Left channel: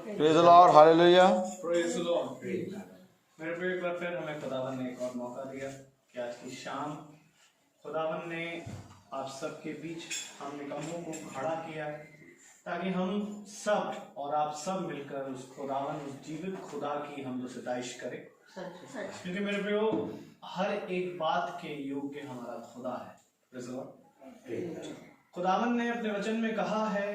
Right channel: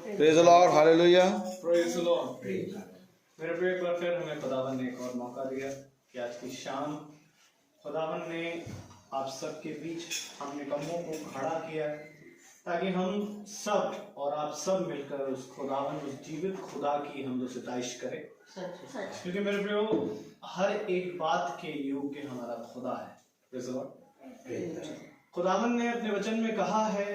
Praise the Lord, hallelujah. Praise the Lord. मेरे प्रिय, एक बार फिर हमें खुदावन ने एक और मौका दिया कि आज की शाम खुदावन ने आप सबके बीच हम निकम्मों को खड़ा किया है ताकि हम सब और आप सब मिलकर उस खुदावन, उस जीवित खुदा की हम सिताइश करें। क्योंकि मेरे प्रियो, हर एक बात के योग्य हमारा खुदा है। Praise the Lord. खुदावन ने अपने वचन में कहा है,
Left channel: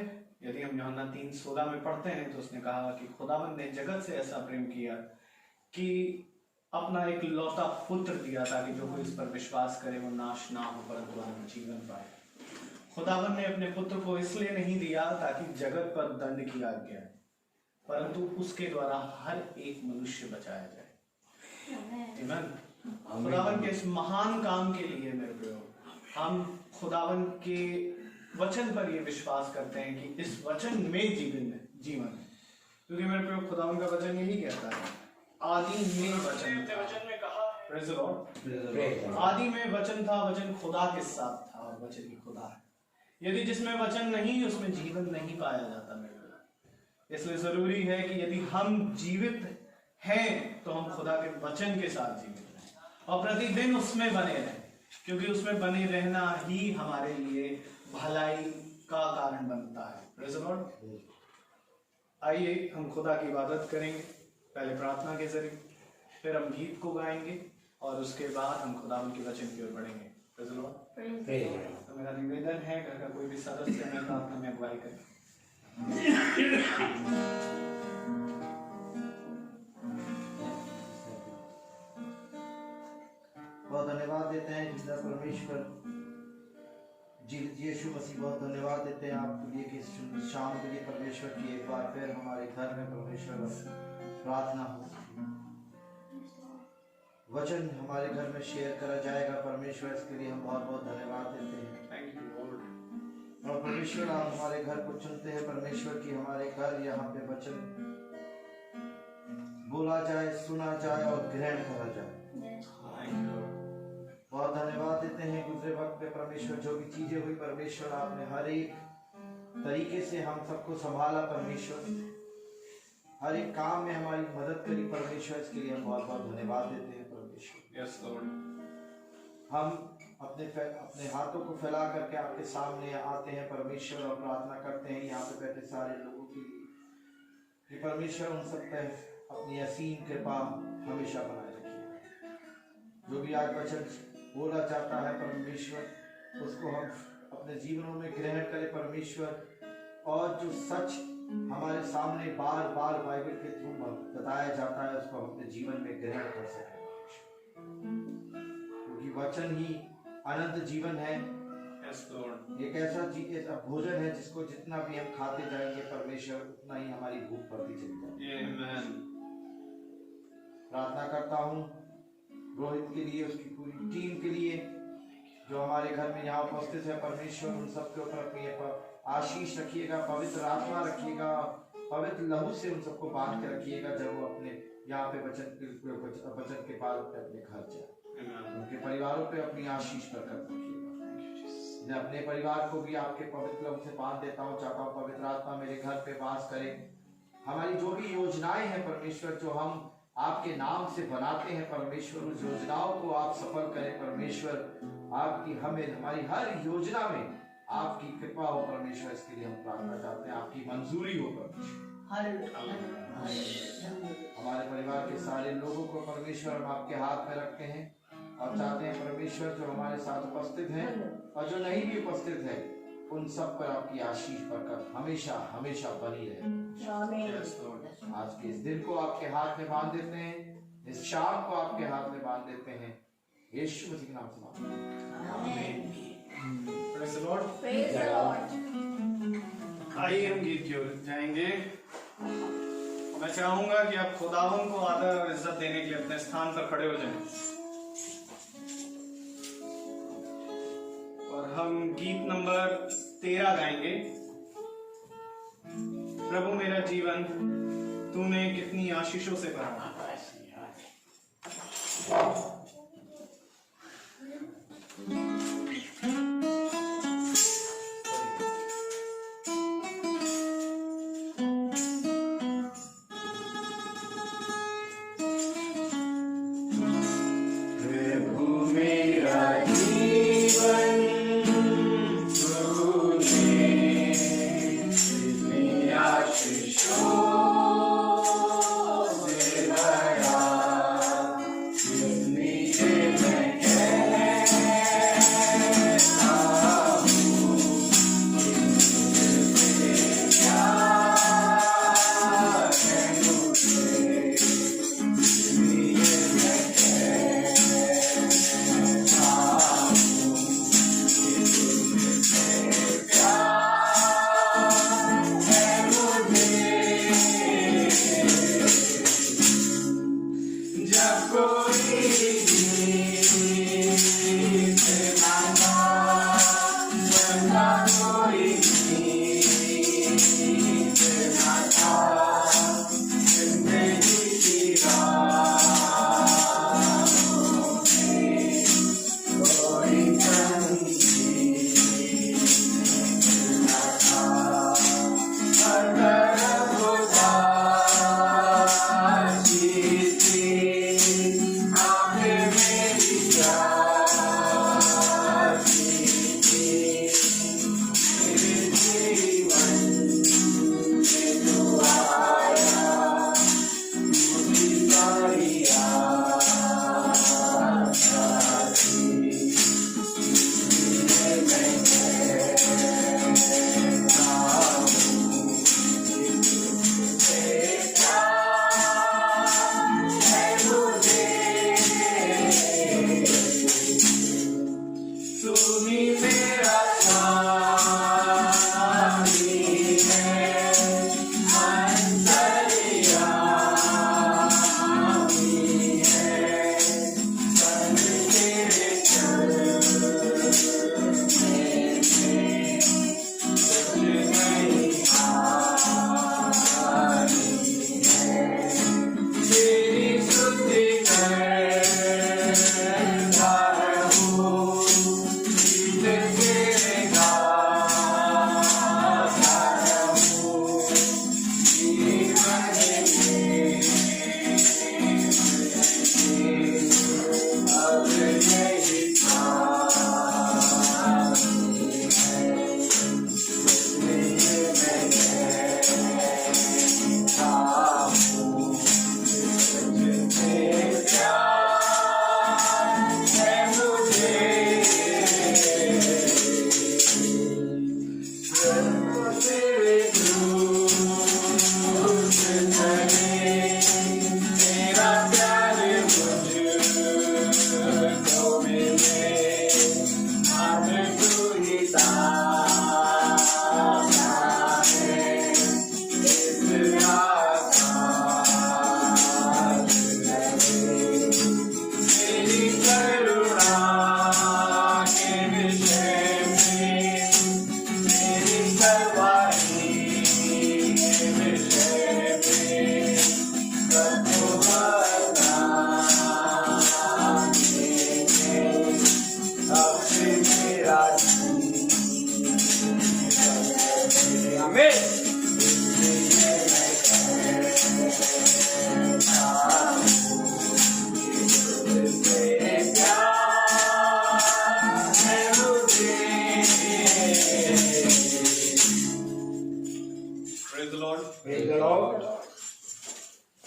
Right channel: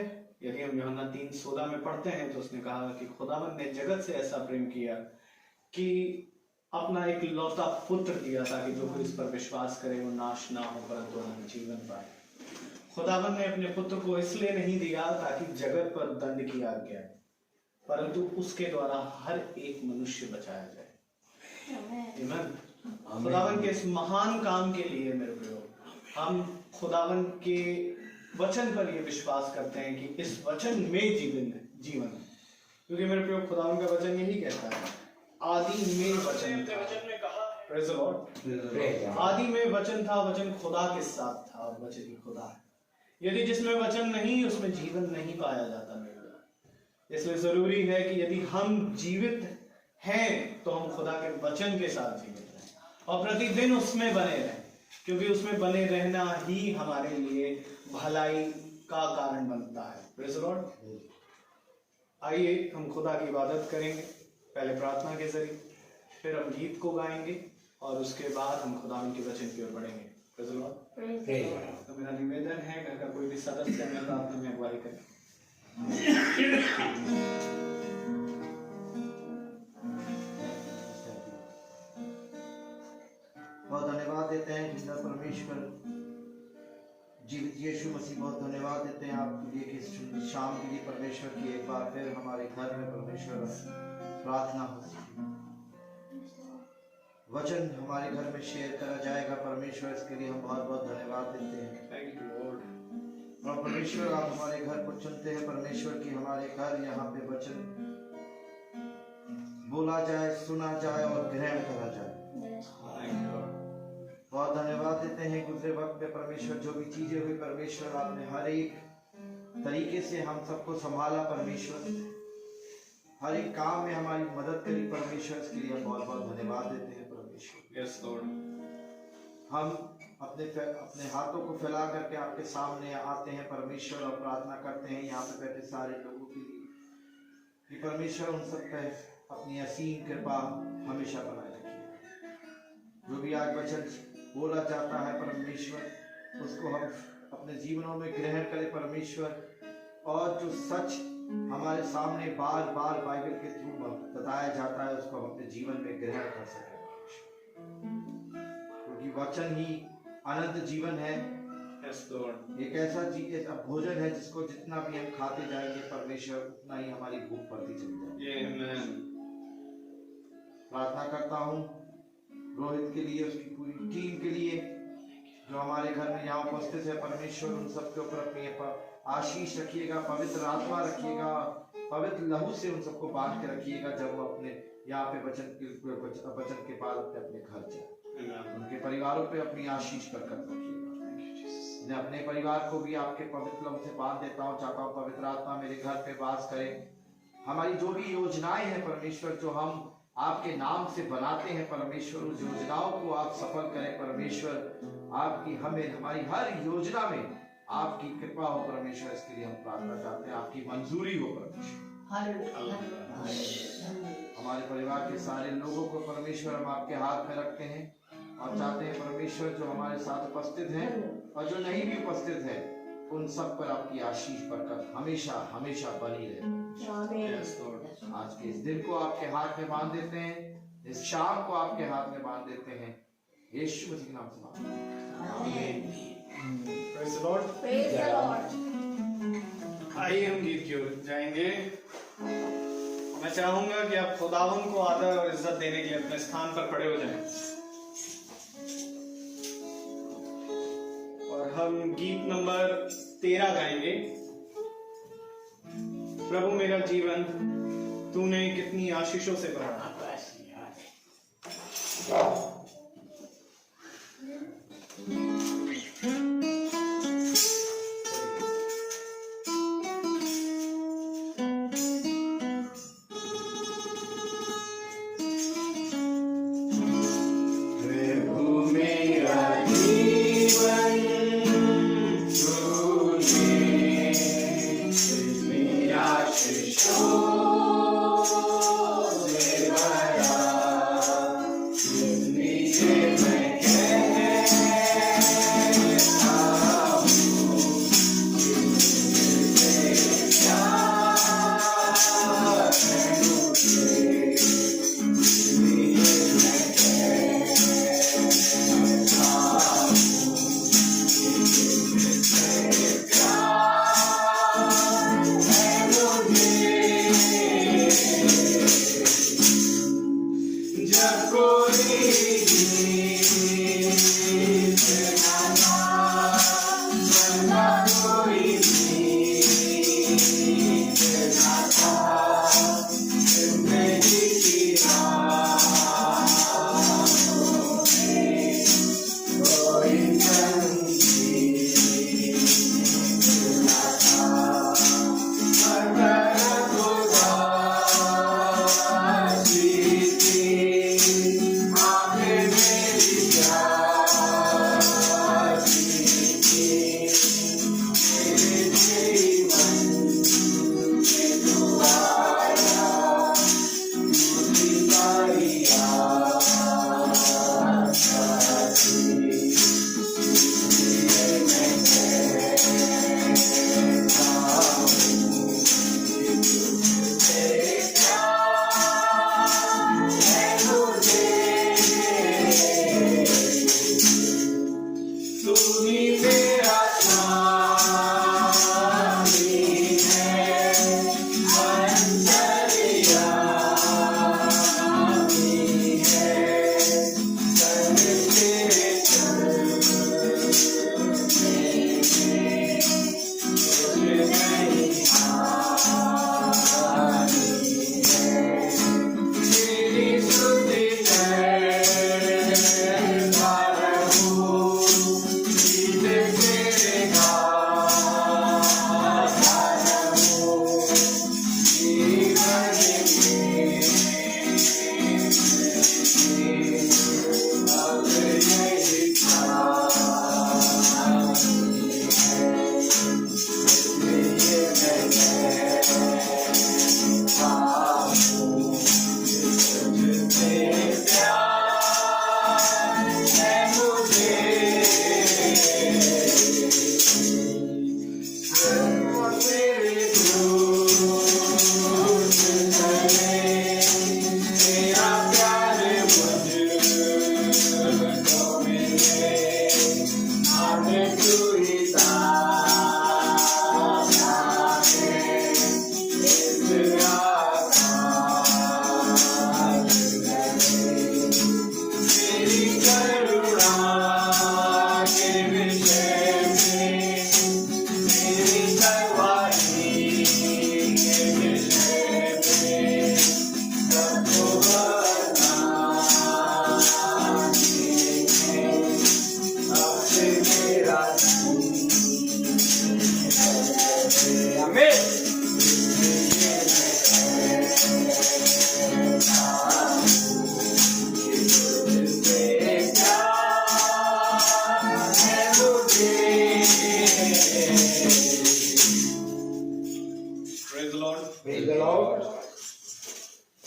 यदि हम यूहन्ना 3:16 में पढ़ते हैं तो उसने कहा कि खुदावन ने जगत से ऐसा प्रेम किया कि अपना एक लौता पुत्र दिया ताकि जो कोई इस पर विश्वास करे वो नाश ना हो परंतु अनंत जीवन पाए। खुदावन ने अपने पुत्र को इसलिए नहीं दिया ताकि जगत पर दंड की आज्ञा है, परंतु उसके द्वारा हर एक मनुष्य बचाया जाए। आमीन। खुदावन के इस महान काम के लिए मेरे प्रियो, हम खुदावन के वचन पर ये विश्वास करते हैं कि इस वचन में जीवन है। क्योंकि मेरे प्रियो, खुदावन का वचन यही कहता है, आदि में वचन में कहा, प्रेज़ द लॉर्ड, आदि में वचन था, वचन खुदा के साथ था और वचन ही खुदा है। यदि जिसमें वचन नहीं उसमें जीवन नहीं पाया जाता मेरे प्रियो। इसलिए जरूरी है कि यदि हम जीवित हैं तो हम खुदा के वचन के साथ जीवित रहें और प्रतिदिन उसमें बने रहें, क्योंकि उसमें बने रहना ही हमारे लिए भलाई का कारण बनता है। Praise the Lord. आइए हम खुदा की इबादत करेंगे, पहले प्रार्थना के जरिए, फिर हम गीत को गाएंगे और उसके बाद हम खुदा के वचन की ओर बढ़ेंगे। Praise the Lord. तो मेरा निवेदन है, घर का कोई भी सदस्य हमें प्रार्थना में अगुवाई करे। बहुत धन्यवाद देते हैं जिसका परमेश्वर यीशु मसीह, बहुत धन्यवाद देते हैं आपके लिए कि शाम के लिए परमेश्वर की एक बार फिर हमारे घर में परमेश्वर प्रार्थना हो सके, वचन हमारे घर में शेयर करा जाएगा। परमेश्वर इसके लिए हम बहुत बहुत धन्यवाद देते हैं। Thank you Lord. और परमेश्वर आप हमारे घर को चुनते हैं परमेश्वर की हमारे घर यहाँ पे वचन बोला जाए, सुना जाए और ग्रहण करा जाए। बहुत धन्यवाद देते हैं गुजरे वक्त में परमेश्वर जो भी चीजें हुई परमेश्वर आपने हर एक तरीके से हम सबको संभाला परमेश्वर, हर एक काम में हमारी मदद करी परमेश्वर, इसके लिए हम बहुत बहुत धन्यवाद देते हैं परमेश्वर। Yes Lord. हम अपने हाथों को फैला करके आपके सामने आते हैं परमेश्वर और प्रार्थना करते हैं यहाँ पे बैठे सारे लोगों के लिए कि परमेश्वर उन सब पर अपनी असीम कृपा हमेशा बनाए रखिए। जो भी आज वचन बोला जाता है परमेश्वर, उसको हम अपने जीवनों में ग्रहण करें परमेश्वर, और जो सच हमारे सामने बार बार बाइबल के थ्रू बताया जाता है उसको हम अपने जीवन में ग्रहण कर सकें, क्योंकि वचन ही अनंत जीवन है। एक ऐसा भोजन है जिसको जितना भी हम खाते जाएंगे परमेश्वर उतना ही हमारी भूख बढ़ती चली जाएगी। प्रार्थना करता हूँ रोहित के लिए, उसकी पूरी टीम के लिए जो हमारे घर में यहाँ उपस्थित है परमेश्वर, उन सबके ऊपर अपनी आशीष रखिएगा, पवित्र आत्मा रखिएगा, पवित्र लहू से उन सबको बांध के रखिएगा जब वो अपने यहाँ पे वचन के बाद अपने घर जाए। उनके परिवारों पे अपनी आशीष बरकत रखिएगा। मैं अपने परिवार को भी आपके पवित्र लहू से बांध देता हूँ, चाहता हूँ पवित्र आत्मा मेरे घर पे वास करे। हमारी जो भी योजनाएं हैं परमेश्वर जो हम आपके नाम से बनाते हैं परमेश्वर, उस योजनाओं को आप सफल करें परमेश्वर। आपकी हमारी हर योजना में आपकी कृपा हो परमेश्वर, इसके लिए हम प्रार्थना चाहते हैं, आपकी मंजूरी हो परमेश्वर। हमारे परिवार के सारे लोगों को परमेश्वर हम आपके हाथ में रखते हैं और चाहते हैं परमेश्वर जो हमारे साथ उपस्थित हैं और जो नहीं भी उपस्थित है उन सब पर आपकी आशीष बरकत हमेशा हमेशा बनी रहे। आज के इस दिन को आपके हाथ में बांध देते हैं, इस शाम को आपके हाथ में बांध देते हैं, यीशु मसीह के नाम से मांगते हैं, आमीन। Praise the Lord. Praise the Lord. आइए हम गीत की ओर जाएंगे। मैं चाहूंगा कि आप खुदावन को आदर और इज्जत देने के लिए अपने स्थान पर खड़े हो जाएं और हम गीत नंबर 13 गाएंगे। प्रभु मेरा जीवन तूने कितनी आशीषों से भरा।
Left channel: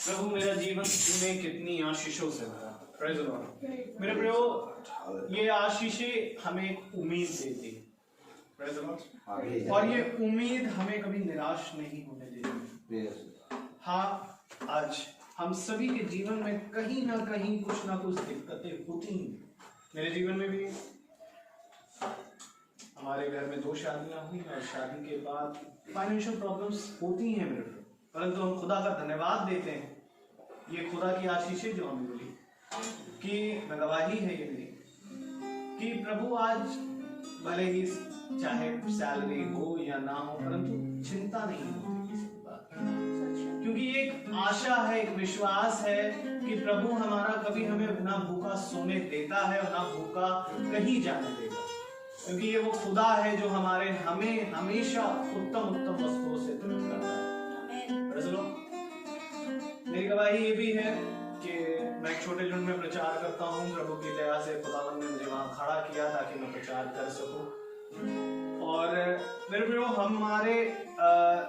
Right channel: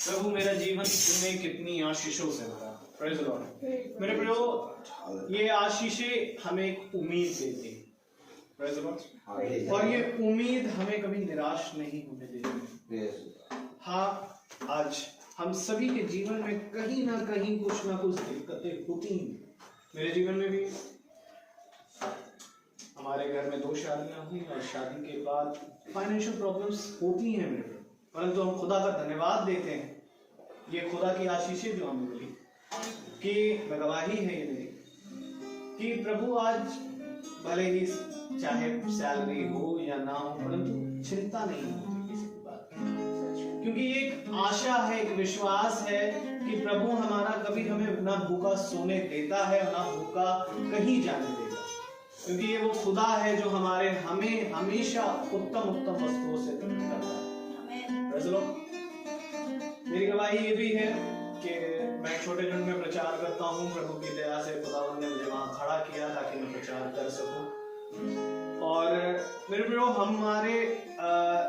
प्रभु मेरा जीवन में कितनी आशीषों से भरा। Praise the Lord. मेरे प्रियो, ये आशीषें हमें एक उम्मीद देती है। Praise the Lord. और ये उम्मीद हमें कभी निराश नहीं होने देती। हाँ, आज हम सभी के जीवन में कहीं ना कहीं कुछ ना कुछ दिक्कतें होती हैं। मेरे जीवन में भी हमारे घर में 2 शादियां हुई और शादी के बाद फाइनेंशियल प्रॉब्लम्स होती हैं मेरे, परंतु हम खुदा का धन्यवाद देते हैं। ये खुदा की आशीषें जो हमें मिली कि गवाही है ये मेरी कि प्रभु आज भले ही चाहे सैलरी हो या ना हो, परंतु चिंता नहीं होती किसी बात की, क्योंकि ये एक आशा है, एक विश्वास है कि प्रभु हमारा कभी हमें ना भूखा सोने देता है और ना भूखा कहीं जाने देगा, क्योंकि ये वो खुदा है जो हमें हमेशा उत्तम वस्तुओं से करता है। मेरी गवाही ये भी है कि मैं छोटे झुंड में प्रचार करता हूँ। प्रभु की दया से खुदावंद ने मुझे वहां खड़ा किया ताकि मैं प्रचार कर सकूं। और मेरे प्रियो, हमारे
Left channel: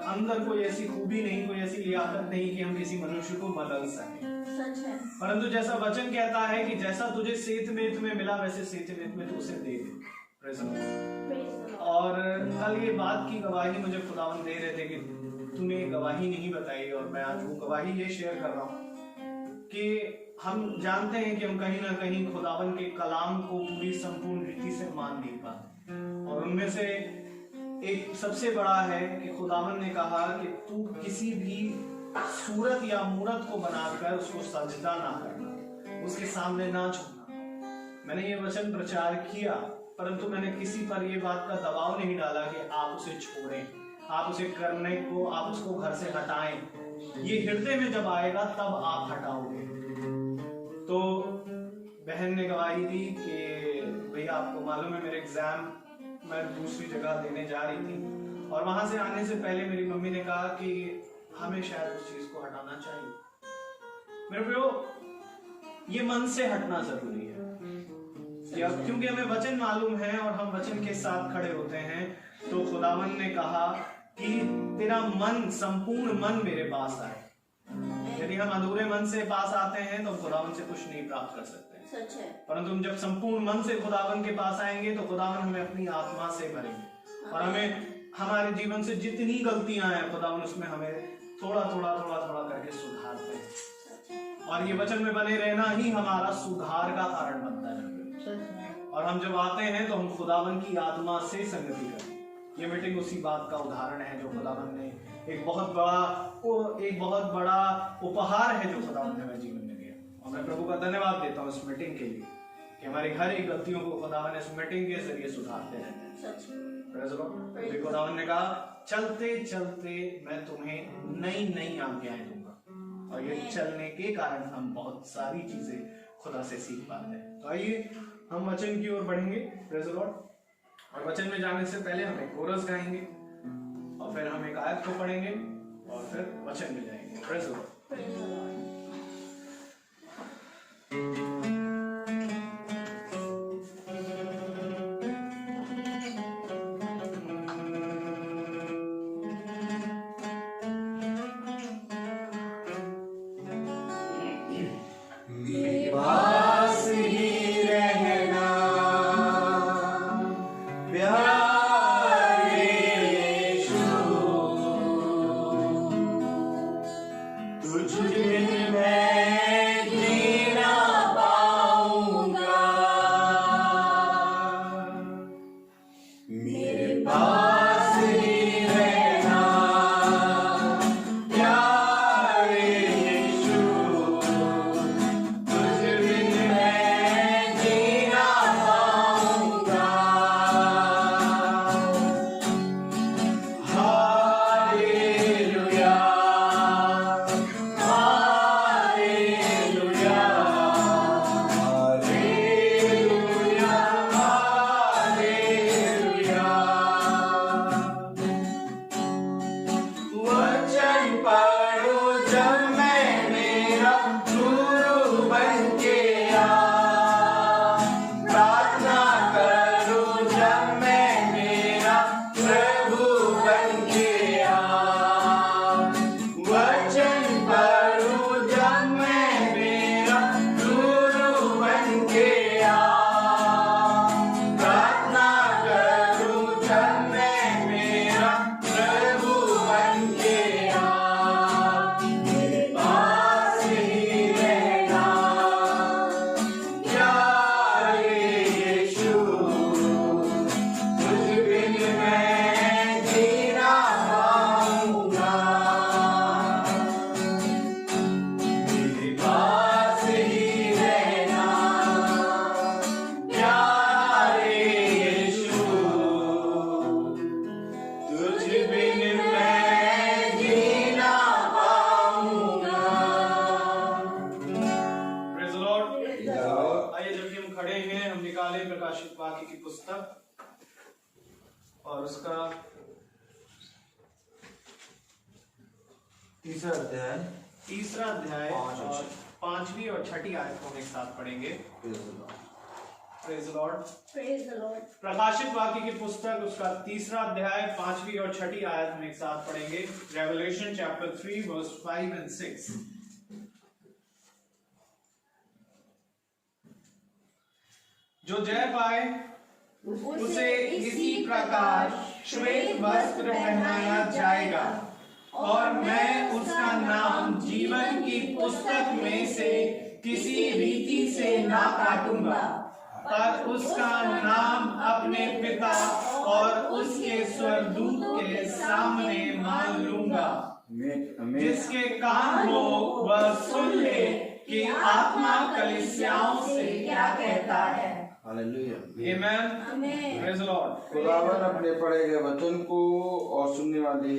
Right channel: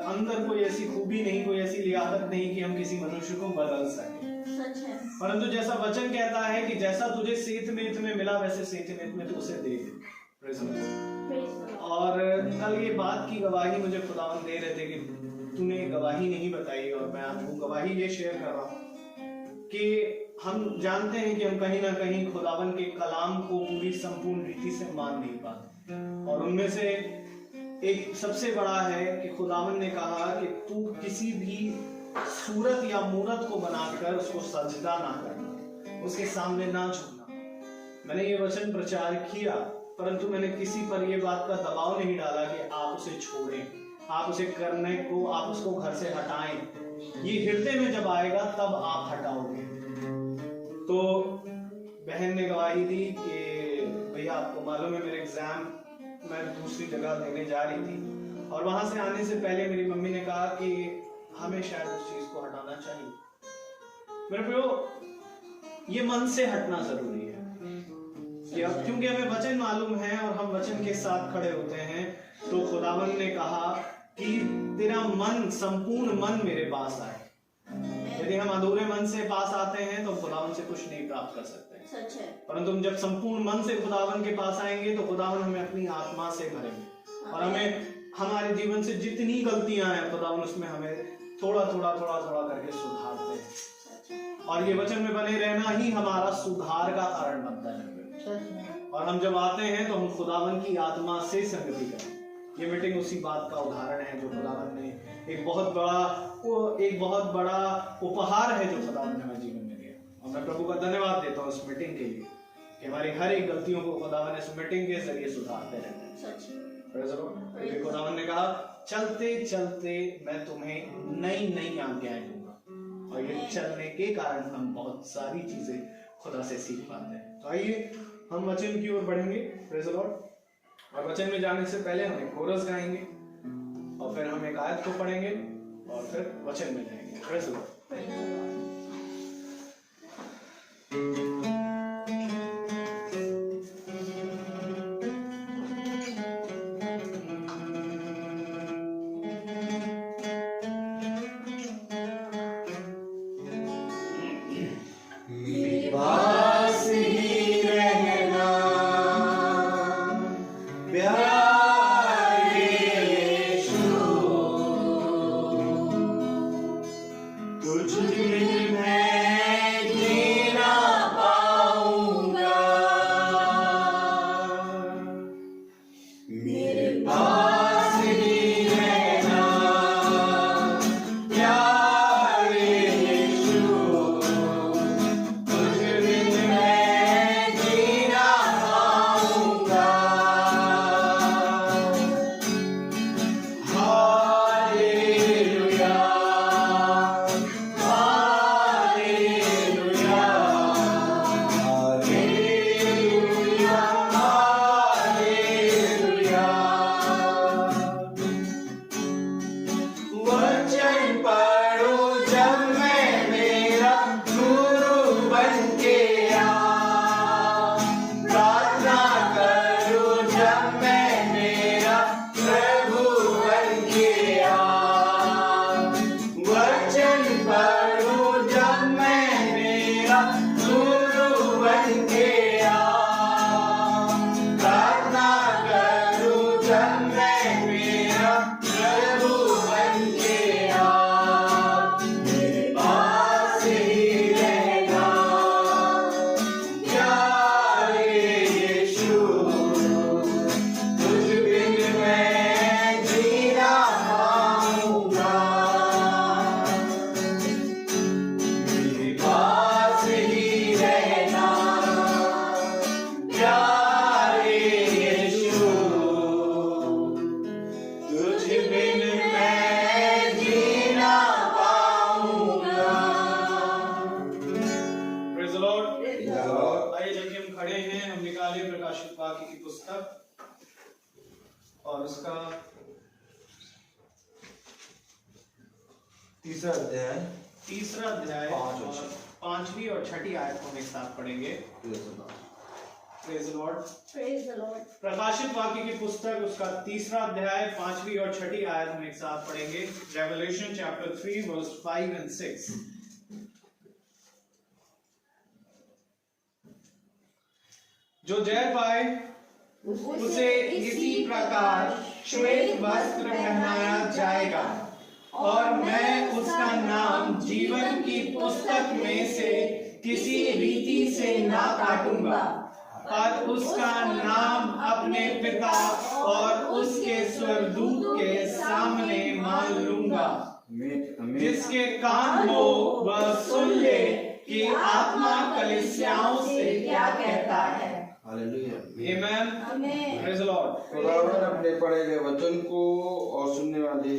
अंदर कोई ऐसी खूबी नहीं, कोई ऐसी लियाकत नहीं कि हम किसी मनुष्य को बदल सके। सच है। परंतु जैसा वचन कहता है कि जैसा तुझे सेठ में मिला वैसे सेठ में तू उसे दे दे। Praise the Lord। और कल ये बात की गवाही मुझे खुदावन दे रहे थे कि तूने गवाही नहीं बताई, और मैं आज वो गवाही ये शेयर कर रहा हूँ कि हम जानते हैं कि हम कहीं ना कहीं खुदावन के कलाम को पूरी संपूर्ण रीति से मान नहीं पाते, और उनमें से एक सबसे बड़ा है कि खुदावन ने कहा कि तू किसी भी सूरत या मूरत को बनाकर उसको सजदा ना करना, उसके सामने ना झुकना। मैंने ये वचन प्रचार किया, परंतु मैंने किसी पर ये बात का दबाव नहीं डाला कि आप उसे छोड़ें, आप उसे करने को, आप उसको घर से हटाएं। ये हृदय में जब आएगा तब आप हटाओगे। तो बहन ने गवाही दी कि भैया आपको मालूम है मेरे एग्जाम मैं दूसरी जगह देने जा रही थी, और वहां से आने से पहले मेरी मम्मी ने कहा कि हमें शायद उस चीज को हटाना चाहिए। मेरे प्रियो, ये मन से हटना जरूरी है, क्योंकि हमें वचन मालूम है और हम वचन के साथ खड़े होते हैं। तो खुदावन ने कहा कि तेरा मन, संपूर्ण मन मेरे पास आए। यदि हम अधूरे मन से पास आते हैं तो खुदावन से कुछ नहीं प्राप्त कर सकते। सच है। परंतु हम जब संपूर्ण मन से खुदावन के पास आएंगे तो खुदावन हमें अपनी आत्मा से भरेंगे, और हमें हमारे जीवन से जितनी गलतियां हैं खुदावन उसमें हमें थोड़ा थोड़ा करके सुधारते हैं, और ये वचन में बने रहना ही हमारा सुधार का कारण बनता है। और हम जब आते हैं तो हम खुदावन की आत्मा से संगति करें। ये मीटिंग उसी बात का उदाहरण है जो खुदावन ने एक बहुत बड़ा उपहार है जो खुदावन ने हमारे जीवन में दिया, और मैं प्रभु का धन्यवाद देता हूँ इस मीटिंग के लिए कि हमारी हर एक गलतियों को खुदावन इस मीटिंग के जरिए सुधारते रहते हैं। खुदावन ने कहा चलते चलते मैं तुम्हें नई नई आज्ञाएं दूंगा, और ये चलने के कारण हम बहुत सारी चीजें खुदा से सीख पाते हैं। तो आइए हम वचन की ओर बढ़ेंगे। Praise the Lord. और वचन में जाने से पहले हम एक कोरस गाएंगे, और फिर हम एक आयत को पढ़ेंगे, और फिर वचन में जाएंगे। Praise the Lord. और उसका तीसरा अध्याय और 5वीं और 6ठी आयत को हम एक साथ पढ़ेंगे। Praise the Lord. Praise the Lord. प्रकाशित वाक्य की पुस्तक उसका 3रा अध्याय 5वीं और 6ठी आयत हम एक साथ पढ़ेंगे। Revelation chapter 3 verse 5 and 6। जो जय पाए उसे इसी प्रकार श्वेत वस्त्र पहनाया जाएगा और मैं उसका नाम जीवन की पुस्तक में से किसी रीति से ना काटूंगा और उसका नाम अपने पिता और उसके स्वर्गदूत के सामने मान लूंगा। जिसके कान हो वह सुन ले कि आत्मा कलीसियाओं से क्या कहता है। Hallelujah. Amen. Amen. Praise the Lord. खुदावन अपने पढ़े गए वचन को और सुनने वाले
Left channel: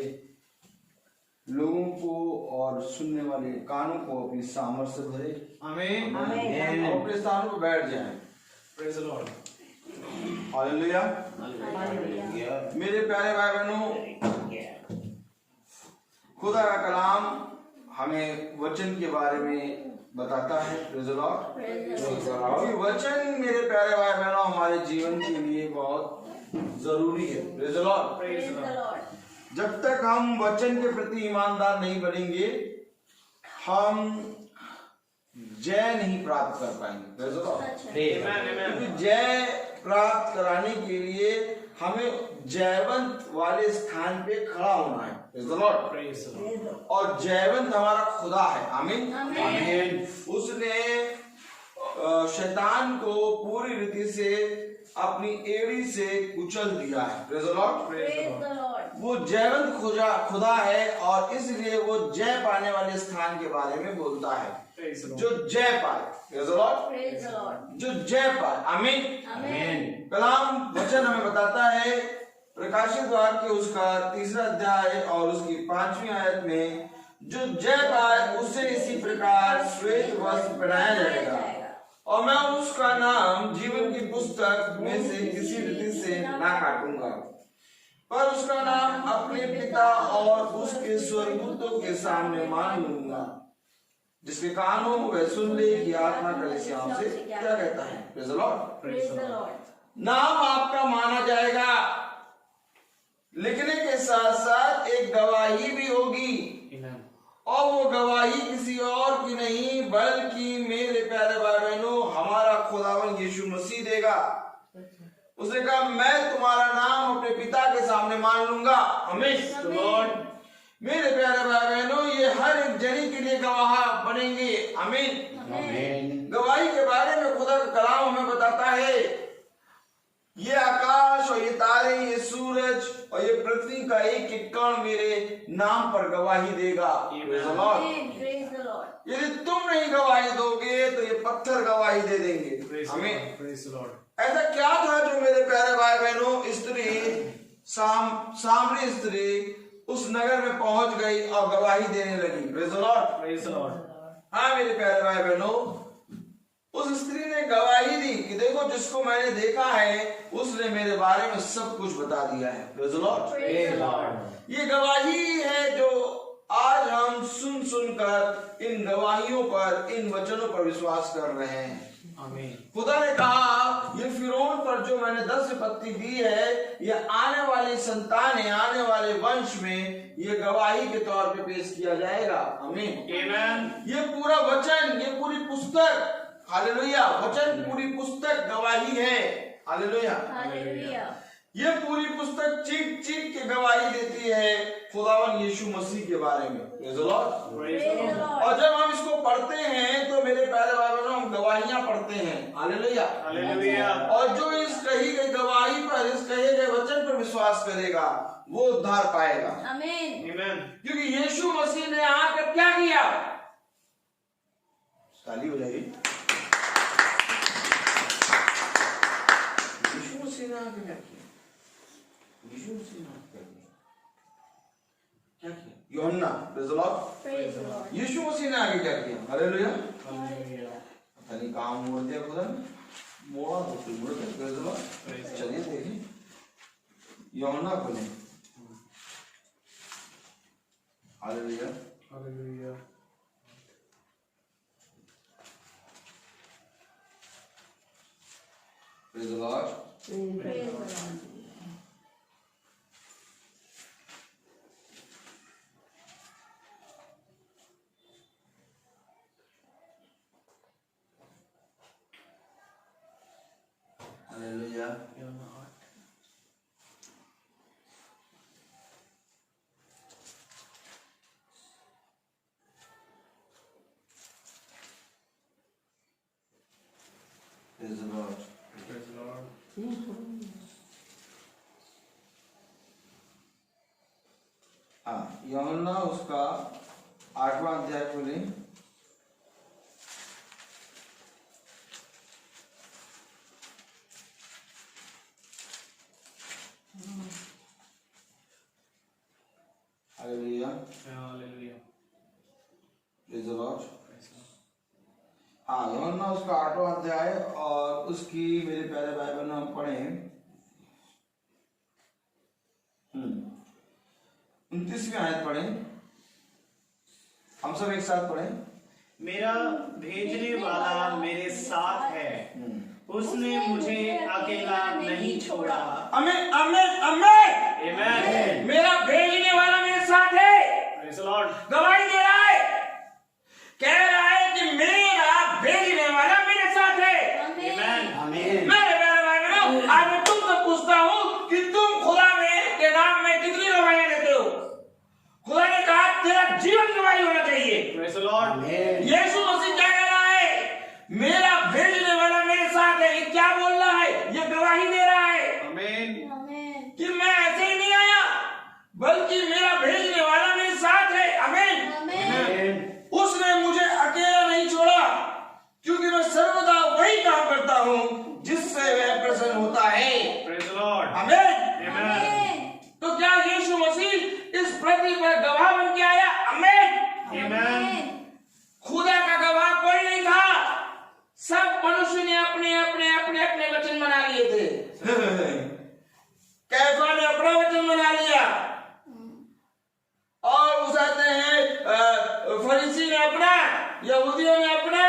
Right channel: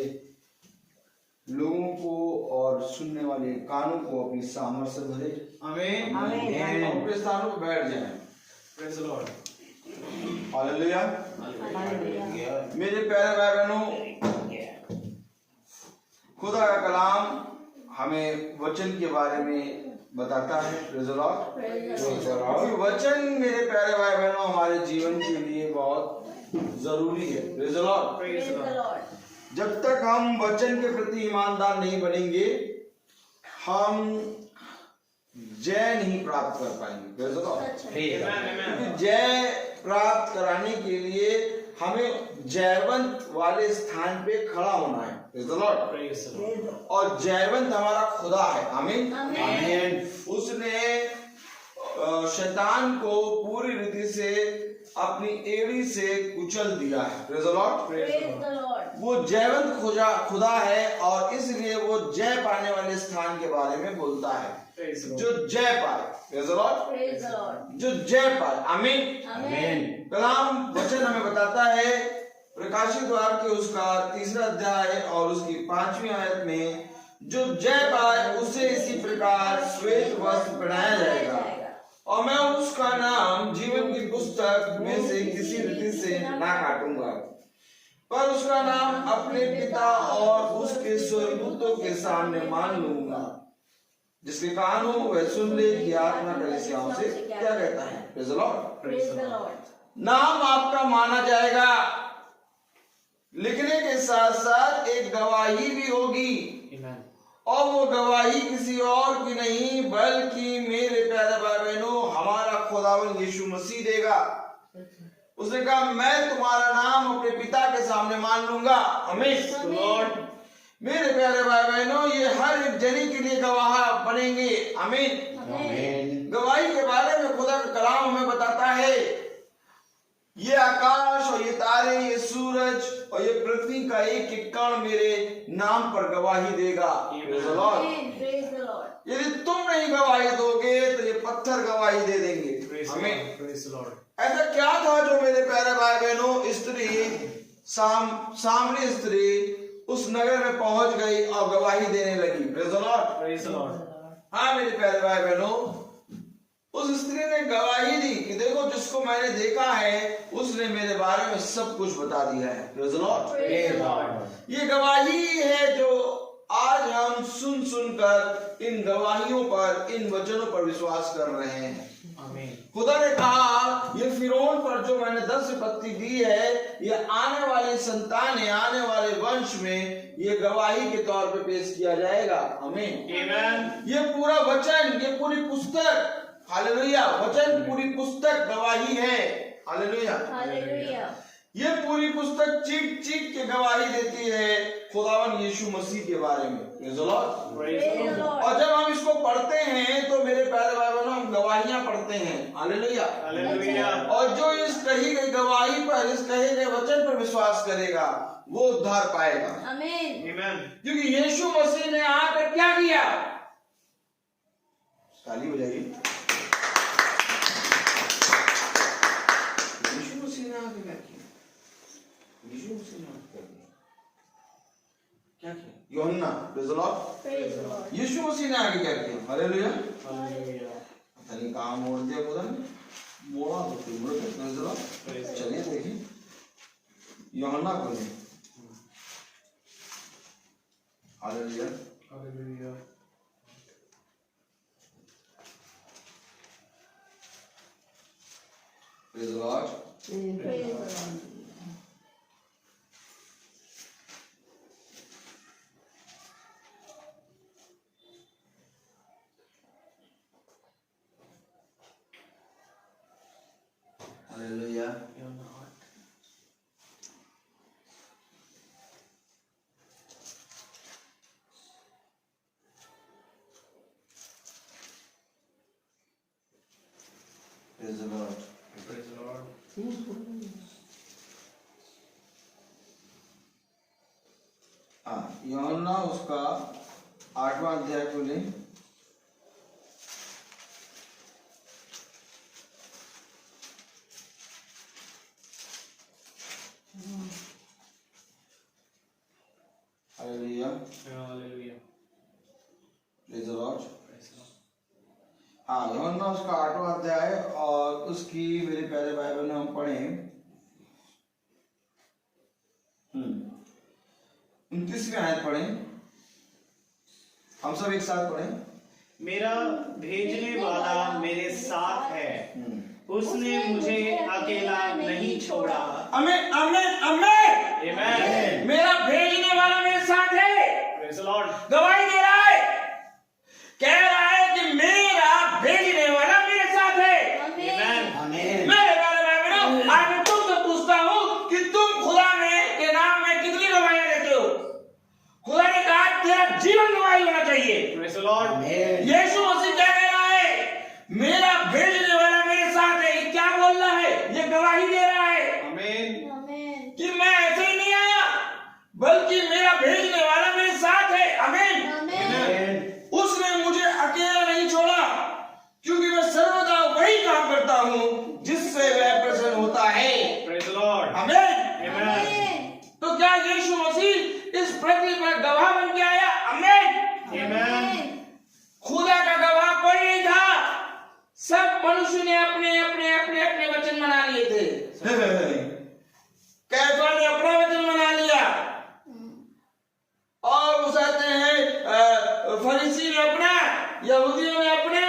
लोगों को और सुनने वाले कानों को अपनी सामर्थ से भरे। आमेन। Amen. और अपने स्थानों पर बैठ जाएं। Praise the Lord. Hallelujah. Hallelujah. मेरे प्यारे भाई बहनों, खुदा का कलाम हमें वचन के बारे में बताता है। Praise the Lord. Praise the Lord. क्योंकि वचन मेरे प्यारे भाई बहनों हमारे जीवन के लिए बहुत जरूरी है। Praise the Lord. Praise Praise the the Lord. Lord. जब तक हम वचन के प्रति ईमानदार नहीं बनेंगे, हम जय नहीं प्राप्त कर पाएंगे। Praise the Lord. अच्छा. आमेन। क्योंकि जय प्राप्त कराने के लिए हमें जयवंत वाले स्थान पे खड़ा होना है। Praise the Lord. Praise the Lord. Praise the Lord. और जयवंत हमारा खुदा है। आमीन। आमीन। उसने शैतान को पूरी रीति से अपनी एड़ी से कुचल दिया है। Praise the Lord. Praise the Lord. वो जयवंत खुदा है और इसलिए वो जय पाने वाले स्थान के बारे में बोलता है। Praise the Lord. जो जय पाए। Praise the Lord. Praise the Lord. जो जय पाए। आमीन। Amen. कलाम वचन हमें बताता है प्रकाशित वाक्य उसका 3रा अध्याय और उसकी 5वीं आयत में, जो जय पाए उसे इसी प्रकार श्वेत वस्त्र पहनाया जाएगा और मैं उसका नाम जीवन की पुस्तक में से किसी रीति से ना काटूंगा पर उसका नाम अपने पिता और उसके स्वर्गदूतों के सामने मान लूंगा। जिसके कान हो वह सुन ले कि आत्मा कलीसियाओं से क्या कहता है। Praise the Lord. Praise the Lord. नाम आपका माना जाएगा, लिखने के साथ साथ एक गवाही भी होगी आमेन। और वो गवाही किसी और की नहीं बल्कि मेरे प्यारे भाई बहनों हमारा खुदावन यीशु मसीह देगा। उसने कहा मैं तुम्हारा नाम अपने पिता के सामने मान लूंगा। आमीन। लॉर्ड। मेरे प्यारे भाई बहनों ये हर एक जनी के लिए गवाह बनेंगे। आमीन। Amen. गवाही के बारे में खुदा का कलाम हमें बताता है, ये आकाश और ये तारे, ये सूरज और ये पृथ्वी का एक एक कण मेरे नाम पर गवाही देगा। Praise the Lord. Amen. Praise the Lord. यदि तुम नहीं गवाही दोगे तो ये पत्थर गवाही दे देंगे। प्रेज हमें द लॉर्ड। ऐसा क्या था जो मेरे प्यारे भाई बहनों स्त्री सामरी स्त्री उस नगर में पहुंच गई और गवाही देने लगी। Praise the Lord. Praise the Lord. हाँ मेरे प्यारे भाई बहनों, उस स्त्री ने गवाही दी कि देखो जिसको मैंने देखा है उसने मेरे बारे में सब कुछ बता दिया है। Praise the Lord. Praise the Lord. ये गवाही है जो आज हम सुन सुनकर इन गवाहियों पर, इन वचनों पर विश्वास कर रहे हैं। आमीन। खुदा ने कहा ये फिरौन पर जो मैंने 10 विपत्ति दी है, ये आने वाली संतानें, आने वाले वंश में ये गवाही के तौर पे पेश किया जाएगा। आमीन। आमेन। ये पूरा वचन, ये पूरी पुस्तक, हालेलुया, वचन पूरी पुस्तक गवाही है। हालेलुया। Hallelujah. ये पूरी पुस्तक चीख चीख के गवाही देती है खुदावन यीशु मसीह के बारे में। Praise the Lord. Praise Praise the the Lord. Lord. और जब हम इसको पढ़ते हैं तो मेरे प्यारे भाई बहनों हम गवाहियां पढ़ते हैं। हालेलुया। हालेलुया। और जो इस कही गई गवाही पर, इस कहे गए वचन पर विश्वास करेगा वो उद्धार पाएगा। Amen. आमेन। क्योंकि यीशु मसीह ने आकर क्या किया? ताली हो जाएगी। यीशु मसीह ने आकर क्या किया? यीशु मसीह ने आकर क्या किया? यूहन्ना, praise the Lord. Praise the Lord. यीशु मसीह ने आगे क्या किया? हालेलुया। हालेलुया। पता नहीं कहाँ मोड़ दिया खुदा ने, मोड़ा तो फिर मुड़ के प्रेज द लॉर्ड। चलिए देखिए यूहन्ना खोले। Hallelujah. Hallelujah. Hallelujah. Give him the heart. Praise the Lord। Praise the Lord. हाँ, यूहन्ना उसका 8वां अध्याय खोलें। Hallelujah. Hallelujah. Praise the Lord. Praise the Lord. हाँ, यूहन्ना उसका 8वां अध्याय और उसकी मेरे पहले बाइबल में हम पढ़े 29वीं आयत पढ़े। हम सब एक साथ पढ़े। मेरा भेजने वाला मेरे साथ है, उसने मुझे अकेला नहीं छोड़ा। आमीन आमीन आमीन। Amen. मेरा भेजने वाला मेरे साथ है। Praise the Lord. गवाही दे रहा है, कह रहा है कि मेरा भेजने वाला मेरे साथ है। Amen. आमीन। मेरे प्यारे भाई बहनों, आज मैं तुमसे पूछता हूँ कि तुम खुदा में के नाम में कितनी गवाहियां देते हो? खुदा ने कहा तेरा जीवन गवाही होना चाहिए। Praise the Lord. आमीन। यीशु मसीह क्या कह रहा है? मेरा भेजने वाला मेरे साथ है। ये क्या बोल रहा है? ये गवाही दे रहा है Amen. Amen. कि मैं ऐसे ही नहीं आया, बल्कि मेरा भेजने वाला मेरे साथ है। आमीन। Amen. उसने मुझे अकेला नहीं छोड़ा, क्योंकि मैं सर्वदा वही काम करता हूँ जिससे वह प्रसन्न होता है। Praise the Lord. आमीन। Amen. Amen. तो क्या यीशु मसीह इस पृथ्वी पर गवाह बन के आया? आमीन। Amen. खुदा का गवाह कोई नहीं था, सब मनुष्य ने अपने अपने अपने अपने वचन बना लिए थे। कैफा ने अपना वचन बना लिया और उसाते हैं फरीसी ने अपना, यहूदियों ने अपना,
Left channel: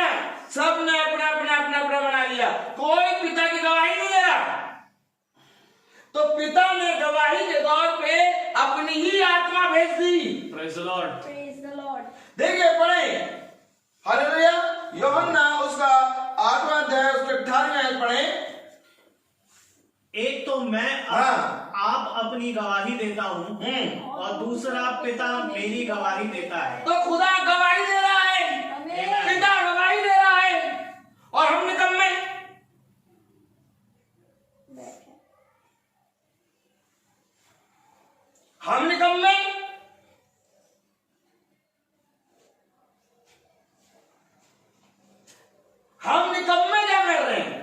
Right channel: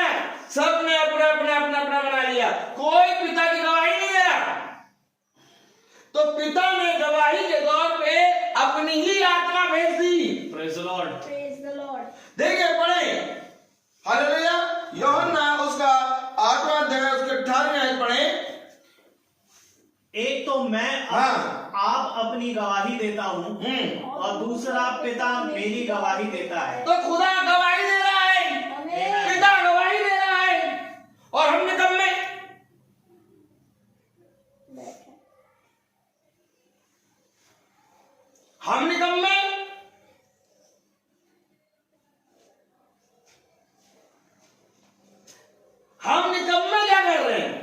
सब ने अपना अपना अपना अपना बना लिया। कोई पिता की गवाही नहीं दे रहा। तो पिता ने गवाही के तौर पे अपनी ही आत्मा भेज दी। Praise the Lord. Praise the Lord. देखिए पढ़े, हालेलुया। यूहन्ना उसका 8वां अध्याय उसके 18वें आयत पढ़े। एक तो मैं हाँ। आप अपनी गवाही देता हूँ और दूसरा पिता मेरी गवाही देता है। तो खुदा गवाही दे रहा है, Amen. पिता गवाही दे रहा है, और हम निकम्मे। हम निकम्मे। हम निकम्मे क्या कर रहे हैं?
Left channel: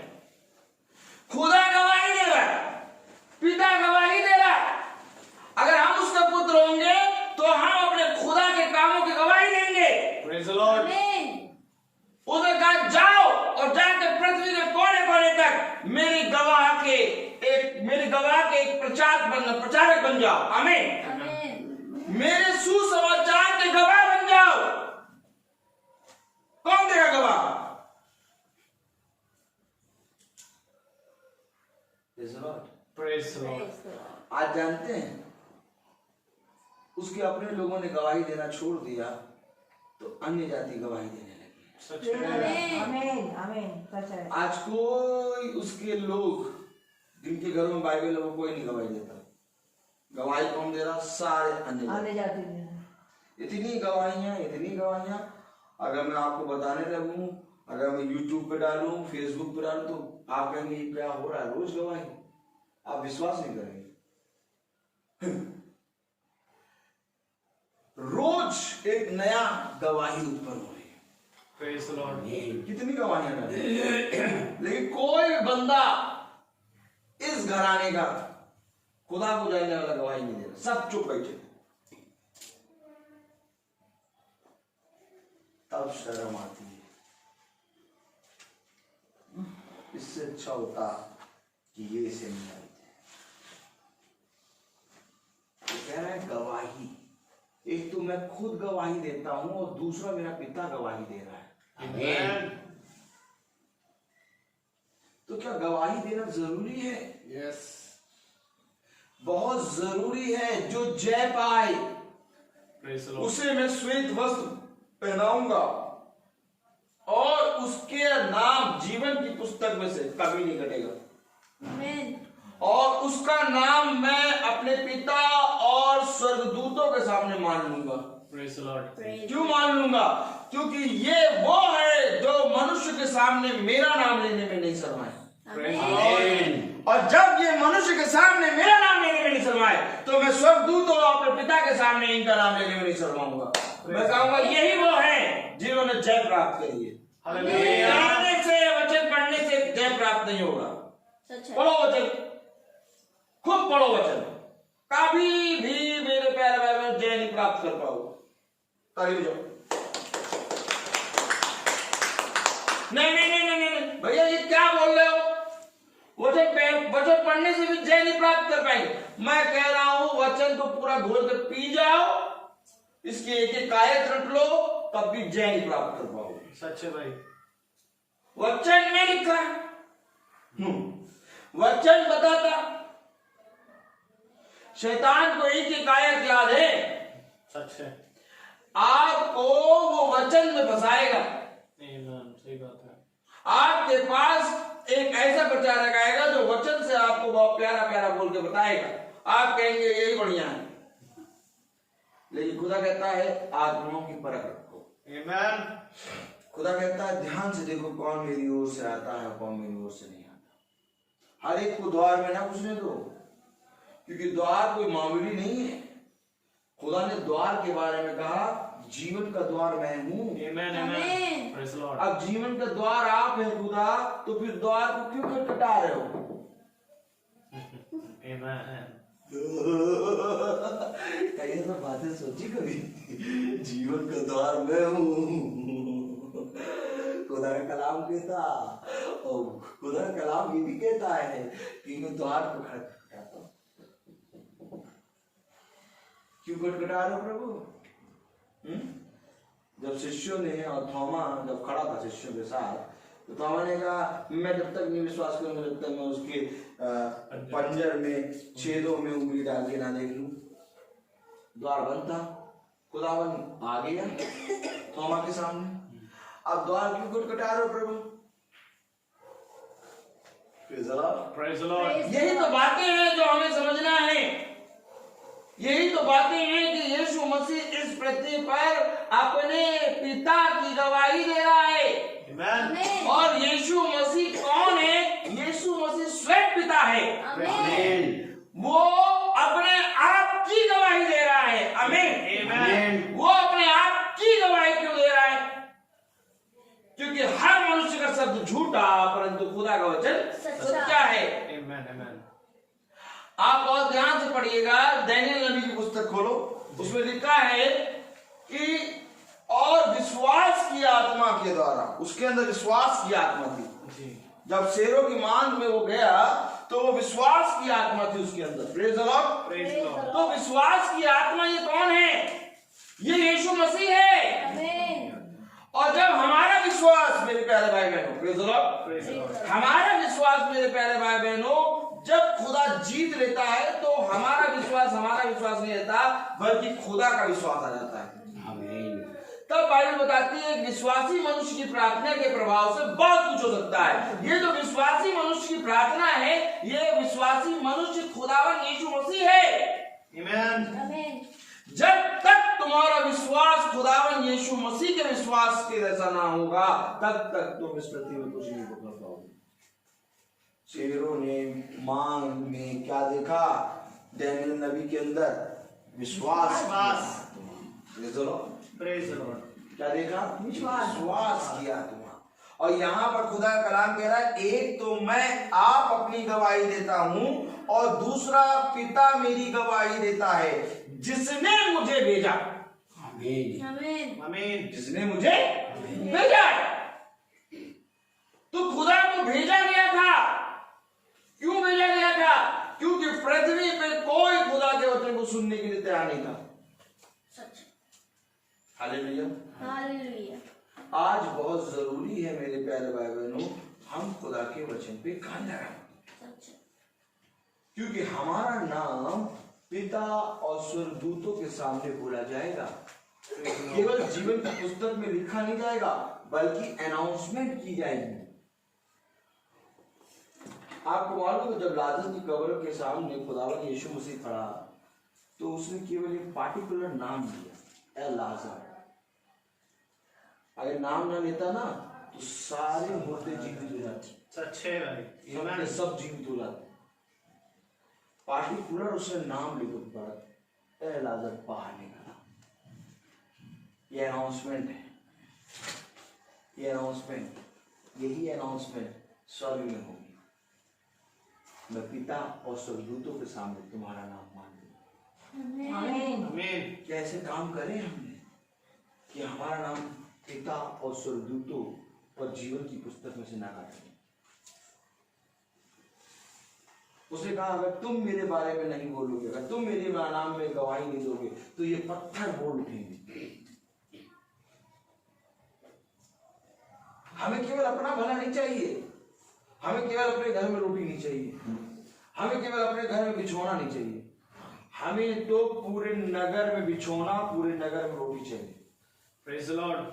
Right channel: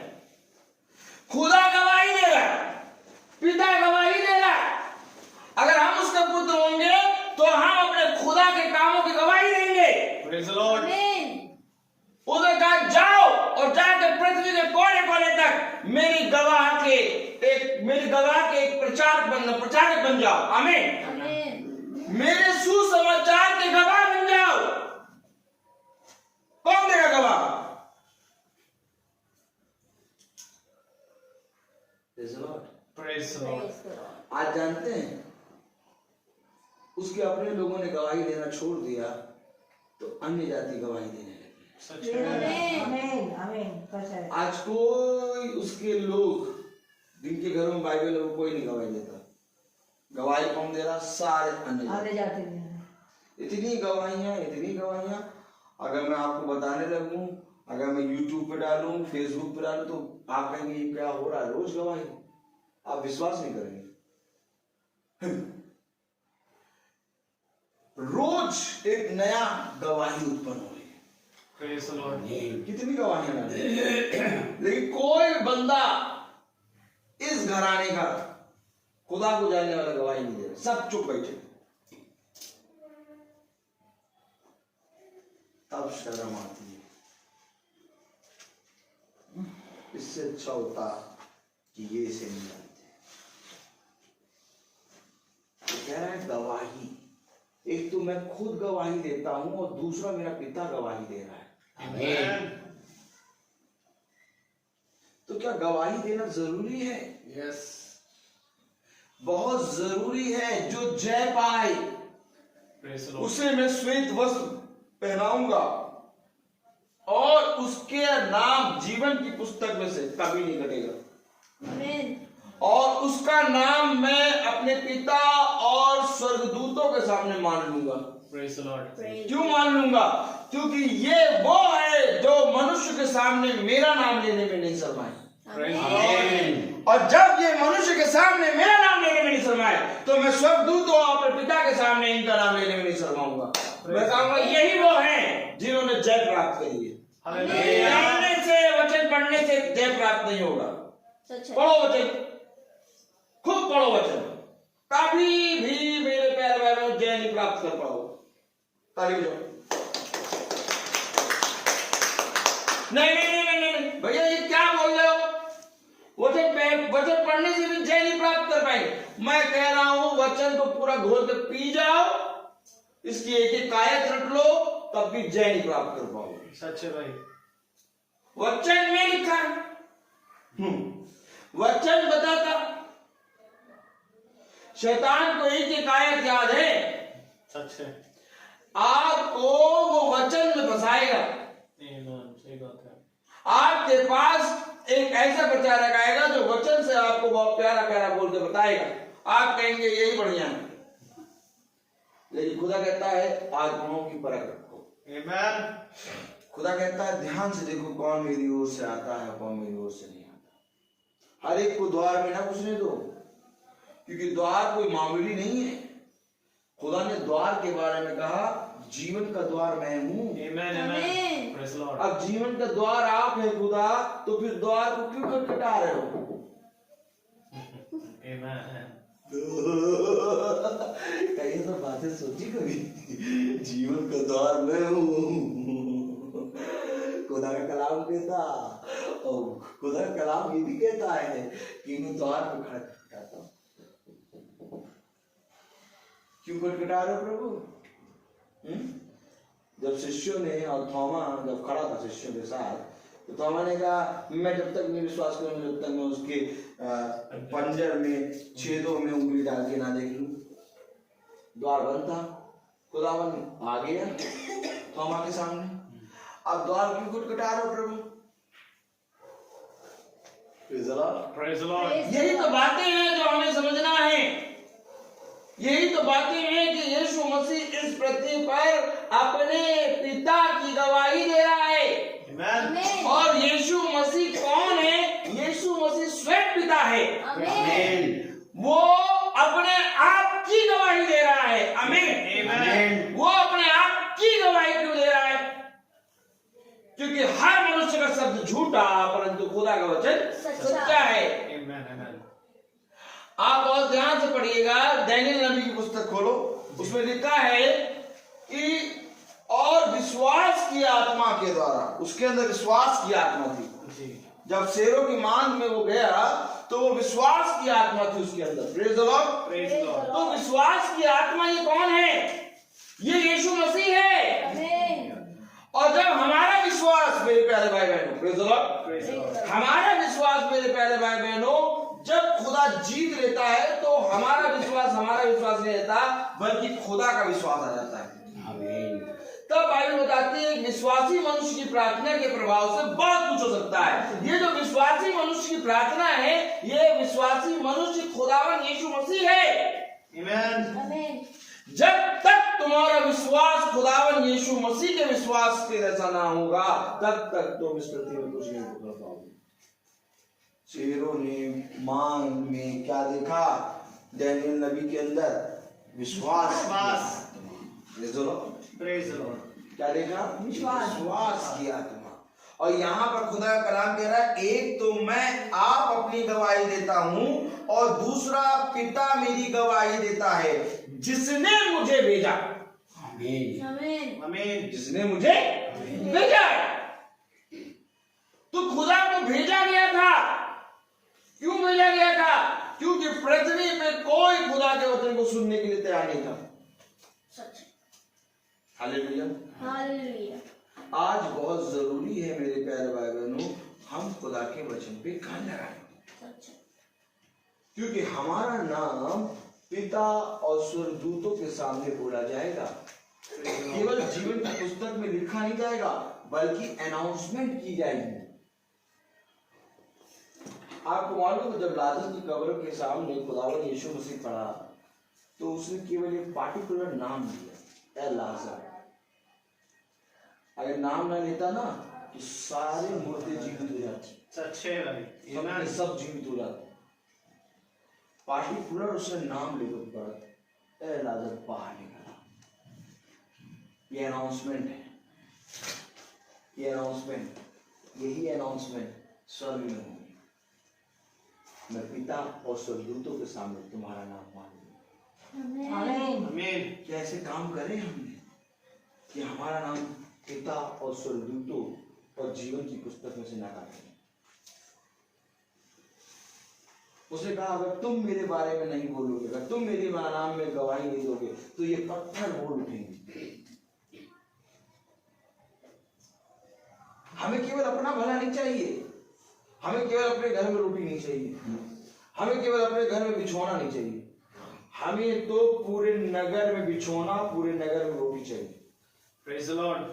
खुदा गवाही दे रहा है, पिता गवाही दे रहा है। अगर हम उसके पुत्र होंगे तो हम अपने खुदा के कामों की गवाही देंगे। Praise the Lord. Amen. उसने कहा जाओ और जाके पृथ्वी के कोने कोने तक मेरी गवाह के एक प्रचारक बन जाओ। आमीन। Amen. मेरे सुसमाचार के गवाह बन जाओ। कौन तेरा गवाह? Praise the Lord। Praise the Lord. Praise the Lord. आज जानते हैं उसके अपने लोगों ने गवाही देना छोड़ दिया तो अन्य जाति गवाही देने लगी। सच है। Amen. आमीन आमीन। सच है। आज कोई उसके लोग जिनके घरों में बाइबल है वो कोई नहीं गवाही देता। गवाही कौन दे रहा? सारे अन्य आने जाति। जाते हैं। इतनी गवाहियां अगर मैं आपको बताने लगूं, अगर मैं YouTube पे डालूं, Facebook पे डालूं, तो आप कहेंगे ये क्या हो रहा है? रोज गवाही, आप विश्वास नहीं करेंगे। रोज एक नया गवाही उत्पन्न हो रही है। Praise the Lord. कितनी गवाहियां डाली, लेकिन कोई बंदा इस घराने का खुदा को जानने वाला गवाही नहीं दे रहा। सब चुप बैठे। तब शर्म आती है। इससे अच्छा होता कि ये इसे नहीं जानते। तो कह रहा है गवाही, एक तो मैं खुद गवाही देता हूं और दूसरा मेरा पिता गवाही दे रहा है। Amen. तो क्या गवाही देना जरूरी है? Yes. बहुत जरूरी है। जो जय पाए Praise the Lord. उसे मैं श्वेत वस्त्र पहनाऊंगा और उसके नाम जीवन की पुस्तक में से कभी नहीं कटेगा। Amen. और उसका नाम मैं अपने पिता और स्वर्गदूतों के सामने मान लूंगा। Praise the Lord. Praise. क्यों मान लूंगा? क्योंकि ये वो है जो मनुष्य के सामने मेरा नाम लेने में नहीं शर्माए। Amen. और जब ये मनुष्य के सामने मेरा नाम लेने में नहीं शर्माए, तो मैं स्वर्गदूतों और अपने पिता के सामने इनका नाम लेने में नहीं शर्माऊंगा। मैं कहूंगा यही वो हैं जिन्होंने जय प्राप्त करी है। Hallelujah. जानने से, वचन पढ़ने से जय प्राप्त नहीं होगा। सच है। पढ़ो वचन, खूब पढ़ो वचन, कभी भी मेरे प्यारे भाई में जय नहीं प्राप्त कर पाओ। ताली बजाओ। नहीं नहीं नहीं नहीं नहीं भैया, ये क्या बोल रहे हो? वचन पढ़ने से भी जय नहीं प्राप्त कर पाएंगे। मैं कह रहा हूं वचन को पूरा घोल कर पी जाओ, इसकी एक एक आयत रट लो, तब भी जय नहीं प्राप्त कर पाओगे। सच है भाई। वचन में लिखा है, वचन बताता। शैतान को एक एक आयत याद है, सच है। आपको वो वचन में फंसाएगा। Amen. सही बात है। आपके पास एक ऐसा प्रचारक आएगा जो वचन से आपको बहुत प्यारा प्यारा बोल के बताएगा। आप कहेंगे यही बढ़िया है, लेकिन खुदा कहता है आत्माओं की परख रखो। Amen. खुदा कहता है ध्यान से देखो कौन मेरी ओर से आता है, कौन मेरी ओर से नहीं आता। हर एक को द्वार में ना घुसने दो, क्योंकि द्वार कोई मामूली नहीं है। खुदा ने द्वार के बारे में कहा जीवन का द्वार मैं हूं। Amen. Amen. Amen. Praise the Lord. अब जीवन का द्वार आप है खुदा, तो फिर द्वार को क्यों खटखटा रहे हो? Amen. कई तो बातें सोची कभी, जीवन का द्वार मैं हूं। खुदा का कलाम कहता, और खुदा का कलाम ये भी कहता है कि मैं द्वार को खटखटाता हूं। क्यों खटखटा रहे हो प्रभु? जब शिष्यों ने और थोमा जब खड़ा था शिष्यों के साथ, तो थोमा ने कहा मैं जब तक नहीं विश्वास करूंगा जब तक मैं उसके पंजर में छेदों में उंगली डाल के ना देख लूं। द्वार बंद था, खुदावन आ गया थोमा के सामने। अब द्वार क्यों खटखटा रहे हो प्रभु? Praise the Lord. Praise the Lord. यही तो बातें हैं जो हमें समझना है। यही तो बातें हैं कि यीशु मसीह इस पृथ्वी पर अपने पिता की गवाही दे रहा है। Amen. Amen. और यीशु मसीह कौन है? यीशु मसीह स्वयं पिता है। Amen. वो अपने आप की गवाही दे रहा है। आमीन। Amen. वो अपने आप की गवाही क्यों दे रहा है? क्योंकि हर मनुष्य का शब्द झूठा, परंतु खुदा का वचन सच्चा है। Amen. Amen. आप बहुत ध्यान से पढ़िएगा, दानियेल नबी की पुस्तक खोलो, उसमें लिखा है कि और विश्वास की आत्मा के द्वारा, उसके अंदर विश्वास की आत्मा थी। जी। जब शेरों की मांग में वो गया तो वो विश्वास की आत्मा थी उसके अंदर। Praise the Lord. Praise the Lord. तो विश्वास की आत्मा ये कौन है? ये यीशु मसीह है। Amen. और जब हमारा विश्वास, मेरे प्यारे भाई बहनों, praise the Lord, Praise the Lord. हमारा विश्वास मेरे प्यारे भाई बहनों जब खुदा जीत लेता है, तो हमारा विश्वास नहीं रहता, बल्कि खुदा का विश्वास आ जाता है। आमीन। तब बाइबल बताती है विश्वासी मनुष्य की प्रार्थना के प्रभाव से बहुत कुछ हो सकता है। ये जो विश्वासी मनुष्य की प्रार्थना है, ये विश्वासी मनुष्य खुदावन यीशु मसीह है। Amen. Amen. जब तक तुम्हारा विश्वास खुदावन यीशु मसीह के विश्वास के जैसा ना होगा, तब तक तुम इस पृथ्वी में कुछ नहीं कर पाओगे। शेरों ने मांग में क्या देखा? दानियेल नबी के अंदर विश्वास। Praise the Lord. क्या देखा? विश्वास की आत्मा। और यहाँ पर खुदा का कलाम कह रहा है, एक तो मैं आप अपनी गवाही देता हूं, और दूसरा पिता मेरी गवाही देता है, जिसने मुझे भेजा। आमीन। Amen. Amen. जिसने मुझे भेजा है। तो खुदा को भेजा गया था। क्यों भेजा गया था? क्योंकि पृथ्वी पे कोई खुदा के वचन को सुनने के लिए तैयार नहीं था। सच। हालेलुया। Hallelujah. आज बहुत जरूरी है मेरे प्यारे भाई बहनों, हम खुदा के वचन पे कान लगाएं, सच। क्योंकि हमारा नाम पिता और स्वर्गदूतों के सामने बोला जाएगा। केवल जीवन की पुस्तक में लिखा नहीं जाएगा, बल्कि अनाउंसमेंट की जाएगी। आपको मालूम है जब लाजर की कब्र के सामने खुदावंद यीशु मसीह खड़ा तो उसने केवल एक पार्टिकुलर नाम दिया, ए लाजर। अगर नाम ना लेता ना तो सारे मुर्दे जीवित हो जाते, सच्चे भाई, इन्होंने सब जीवित हो जाते। पार्टिकुलर उसने नाम लेकर पड़ा, ए लाजर बाहर निकला। ये अनाउंसमेंट है, ये अनाउंसमेंट, यही अनाउंसमेंट स्वर्ग में होगी। मैं पिता और स्वर्गदूतों के सामने तुम्हारा नाम मान लूंगा। आमीन। आमीन। कैसे काम करें हमने कि हमारा नाम पिता और स्वर्गदूतों और जीवन की पुस्तक में से ना काटें। उसने कहा अगर तुम मेरे बारे में नहीं बोलोगे, अगर तुम मेरे नाम में गवाही नहीं दोगे तो ये पत्थर बोल उठेंगे। हमें केवल अपना भला नहीं चाहिए, हमें केवल अपने घर में रोटी नहीं चाहिए, हमें केवल अपने घर में बिछोना नहीं चाहिए, हमें तो पूरे नगर में बिछोना, पूरे नगर में रोटी चाहिए। Praise the Lord.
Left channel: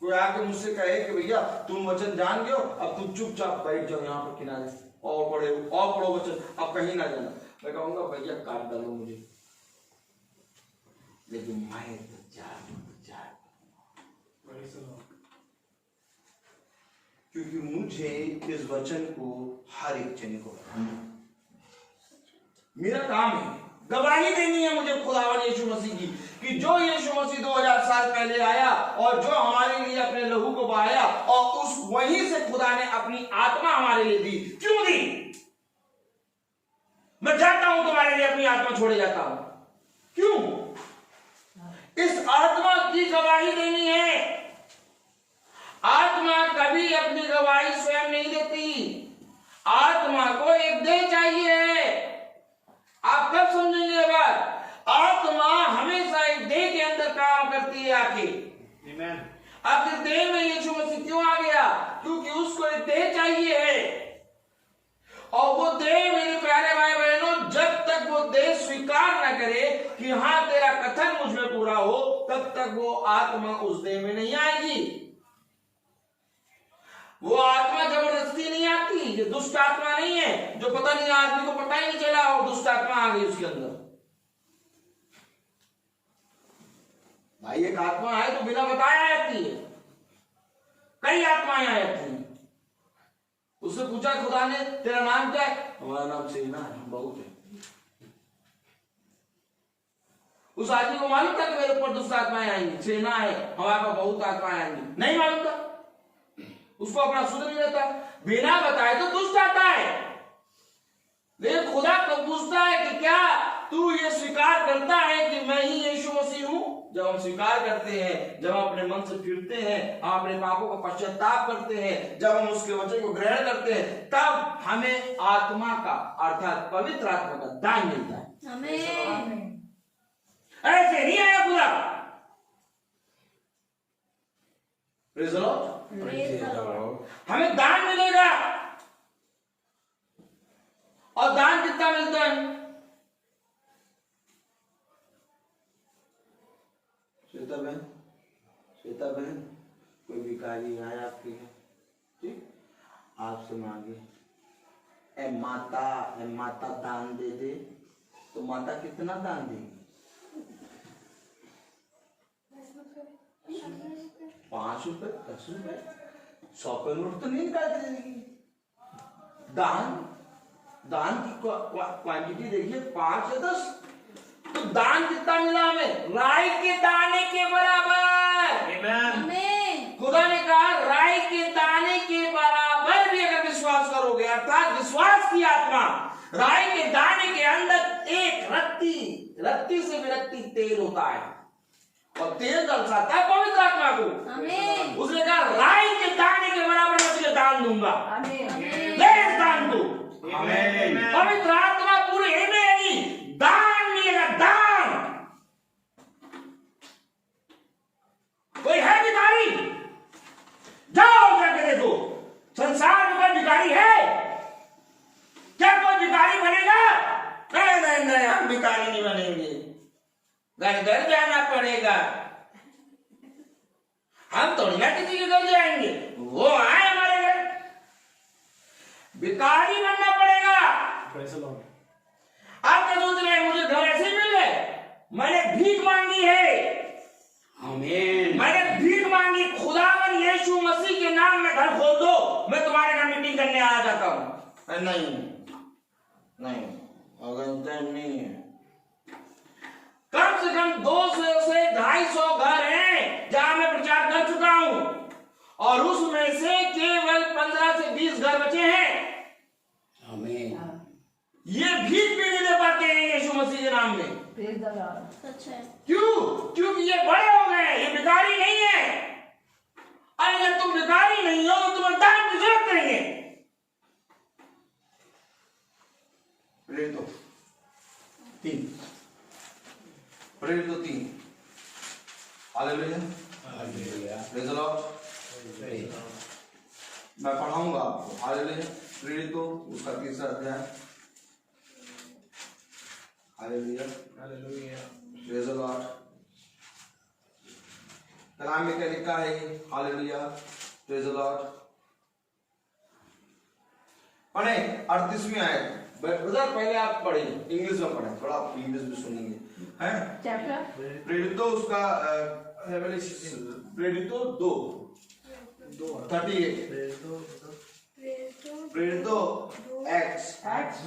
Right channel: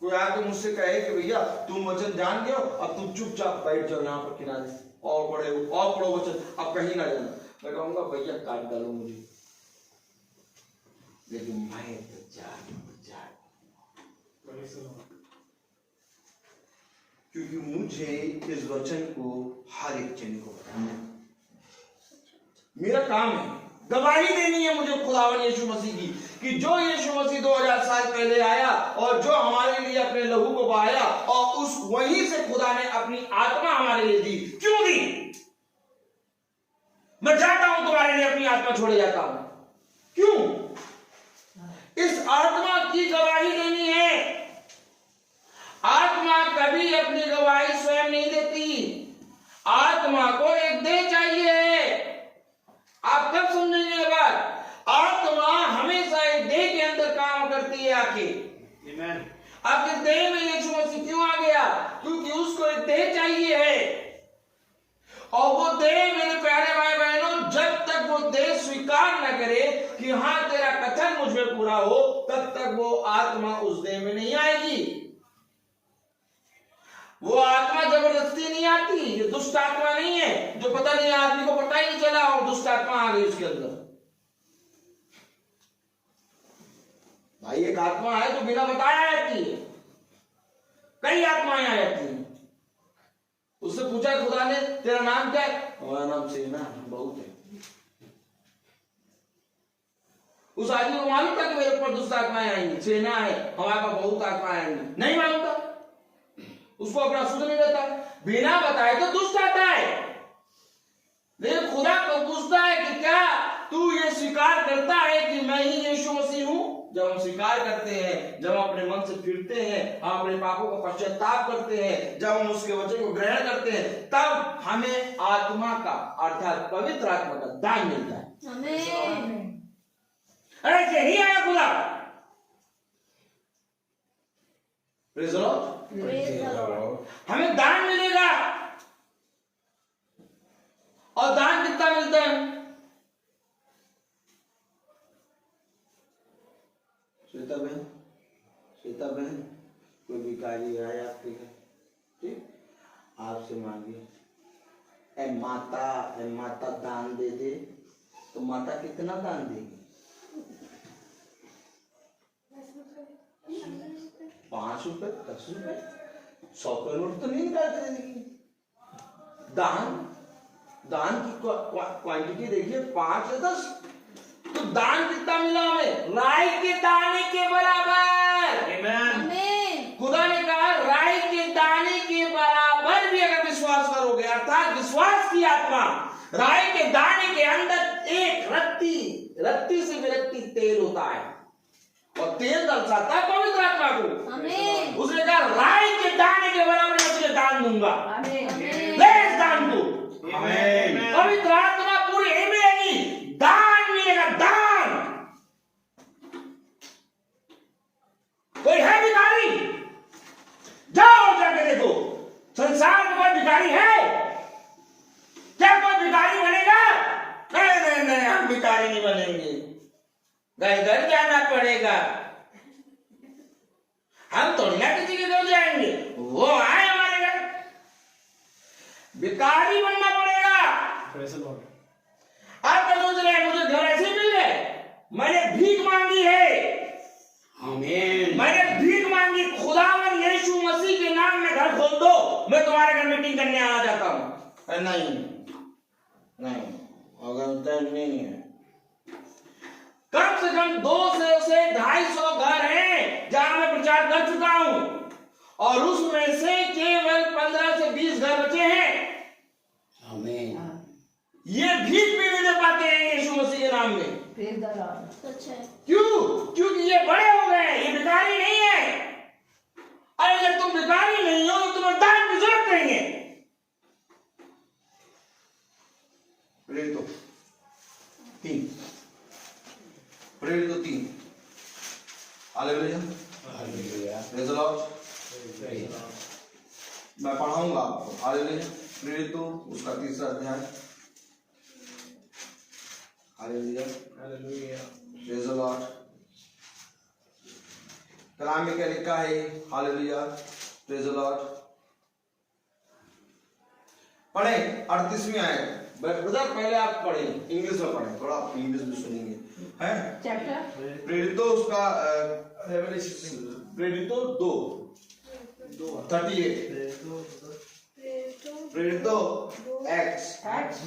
कोई आके मुझसे कहे कि भैया तुम वचन जान गए हो, अब तुम चुपचाप बैठ जाओ यहाँ पर किनारे और पढ़ो वचन, अब कहीं ना जाना। मैं कहूंगा भैया काट डालो मुझे, लेकिन मैं तो प्रेज द लॉर्ड। क्योंकि मुझे इस वचन को हर एक जन को बताना, मेरा काम है। गवाही देनी है मुझे खुदावन यीशु मसीह की कि जो यीशु मसीह 2000 साल पहले आया और जो हमारे लिए अपने लहू को बहाया और उस वहीं से खुदा ने अपनी आत्मा हमारे लिए दी। क्यों दी? मैं जाता हूं तुम्हारे लिए अपनी आत्मा छोड़े जाता हूं। क्यों? इस आत्मा की गवाही देनी है। आत्मा कभी अपनी गवाही स्वयं नहीं देती, आत्मा को एक देह चाहिए। आप कब समझेंगे ये बात? आत्मा हमेशा एक देह के अंदर काम करती है आके। आपके देह में यीशु मसीह क्यों आ गया? क्योंकि उसको एक देह चाहिए है। और वो देह, मेरे प्यारे भाई बहनों, जब तक वो देह स्वीकार न करे कि हाँ तेरा कथन मुझ में पूरा हो, तब तक वो आत्मा उस देह में नहीं आएगी। वो आत्मा जबरदस्ती नहीं आती, ये दुष्ट आत्मा नहीं है जो पता नहीं आदमी को पता ही नहीं चला और दुष्ट आत्मा आ गई उसके अंदर। भाई एक आत्मा है जो बिना बताया आती है, कई आत्माएं आती हैं। उससे पूछा खुदा ने तेरा नाम क्या है? हमारा नाम सेना है, बहुत है। उस आदमी को मालूम था कि मेरे ऊपर दुष्ट आत्माएं आएंगी, सेना है, हमारे पास बहुत आत्माएं आएंगी? नहीं मालूम था, उसको अपना सुध नहीं देता। बिना बताए तो दुष्ट आता है, लेकिन खुदा को पूछता है कि क्या तू ये स्वीकार करता है कि मैं ही यीशु मसीह हूं? जब हम स्वीकार करते हैं, जब हम अपने मन से फिरते हैं, हम अपने पापों का पश्चाताप करते हैं, जब हम उसके वचन को ग्रहण करते हैं, तब हमें आत्मा का अर्थात पवित्र आत्मा का दान मिलता है। आमीन। ऐसे ही आया खुदा। Praise the Lord. हमें दान मिलेगा। और दान कितना मिलता है? श्वेता बहन, कोई भिखारी आए आपके घर, ठीक, आपसे मांगे ए माता दान दे दे, तो माता कितना दान देगी? 5 रुपए, 10 रुपए, 100 का नोट तो नहीं निकाल के देगी। दान की क्वांटिटी देखिए, 5 या 10। तो दान कितना मिला हमें? राई के दाने के बराबर। आमीन। खुदा ने कहा राई के दाने के बराबर भी अगर विश्वास करोगे, अर्थात विश्वास की आत्मा, राई के दाने के अंदर एक रत्ती से भी रत्ती तेल होता है और तेल दर्शाता है पवित्र आत्मा को। आमीन। उसने कहा राई के दाने के बराबर मैं तुझे दान दूंगा। आमीन। ले दान दो। आमीन। पवित्र आत्मा पूरी मिलेगी, दान मिलेगा, दान। कोई है भिखारी? जाओ जाके देखो, संसार में कोई भिखारी है? क्या कोई भिखारी बनेगा? नहीं, हम भिखारी नहीं बनेंगे, घर घर जाना पड़ेगा। हम थोड़ी ना किसी के घर जाएंगे, वो आए हमारे घर। भिखारी बनना Praise the Lord. आप क्या सोच रहे हैं मुझे घर ऐसे ही मिल गए? मैंने भीख मांगी है। आमीन। मैंने भीख मांगी, खुदावन यीशु मसीह के नाम में घर खोल दो, मैं तुम्हारे घर मीटिंग करने आ जाता हूं। नहीं नहीं, अगर नहीं है। कम से कम 200 से 250 घर हैं जहां मैं प्रचार कर चुका हूं, और उसमें से केवल 15 से 20 घर बचे हैं। आमीन। ये भीख भी नहीं दे पाते हैं यीशु मसीह के नाम में। Praise the Lord. सच है। क्यों? क्योंकि ये बड़े हो गए हैं, ये भिखारी नहीं है। अरे अगर तुम भिखारी नहीं हो तो तुम्हें दान की जरूरत नहीं है। प्रेरित 3 प्रेरित 3 hallelujah. Hallelujah. Praise the Lord. मैं पढ़ाऊंगा आपको। हालेलुया। प्रेरित उसका 3रा अध्याय। Hallelujah. Hallelujah. Praise the Lord. कलाम में क्या लिखा है? हालेलुया। Praise the Lord. पढ़े 38वीं आयत। ब्रदर पहले आप पढ़े, इंग्लिश में पढ़े, थोड़ा आप इंग्लिश में सुनेंगे हैं। Chapter. प्रेरित उसका प्रेरित 2 38 प्रेरित एक्ट्स Acts.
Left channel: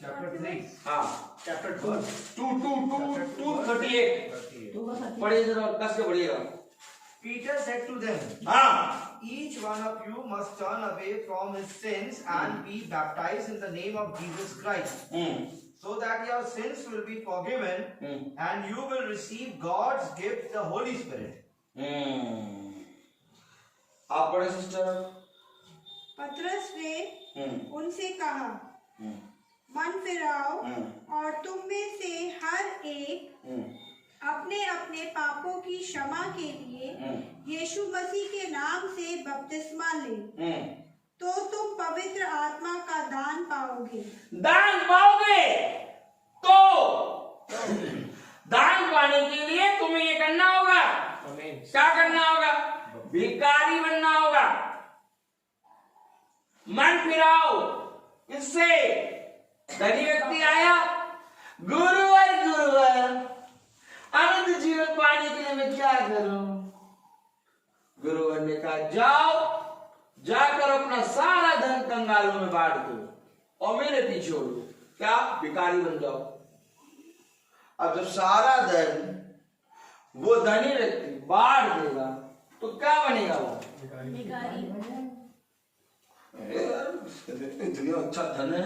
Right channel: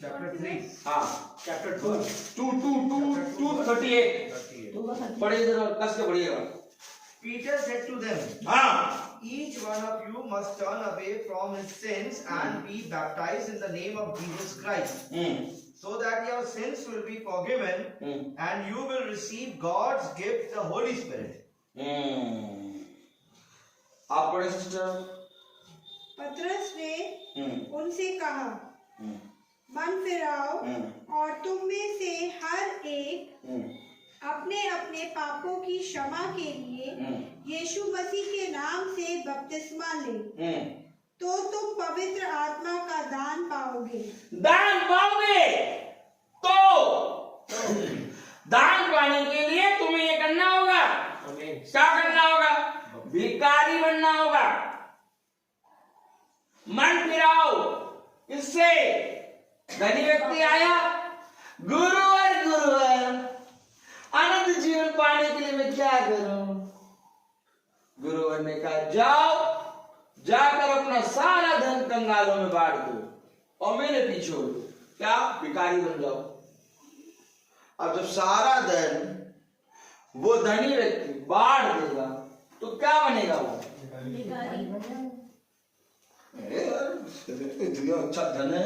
Chapter 3. हाँ Chapter 2. 2:38 पढ़िए जरा, कस के पढ़िएगा। Peter said to them, हाँ each one of you must turn away from his sins and be baptized in the name of Jesus Christ, so that your sins will be forgiven and you will receive God's gift, the Holy Spirit. आप पढ़े sister. पतरस ने उनसे कहा, मन फिराओ और तुम में से हर एक अपने अपने पापों की क्षमा के लिए यीशु मसीह के नाम से बपतिस्मा ले, तो तुम पवित्र आत्मा का दान पाओगे। दान पाओगे। तो दान पाने के लिए तुम्हें ये करना होगा। क्या करना होगा? भिखारी बनना होगा। मन फिराओ। इससे धनी व्यक्ति आया, गुरुवर अनंत जीवन पाने के लिए मैं क्या करूं? गुरुवर ने कहा, जाओ जाकर अपना सारा धन कंगालों में बांट दो और मेरे पीछे हो लो। क्या? भिखारी बन जाओ। अब जब सारा धन वो धनी व्यक्ति बांट देगा तो क्या बनेगा वो? इतनी अच्छा धन है,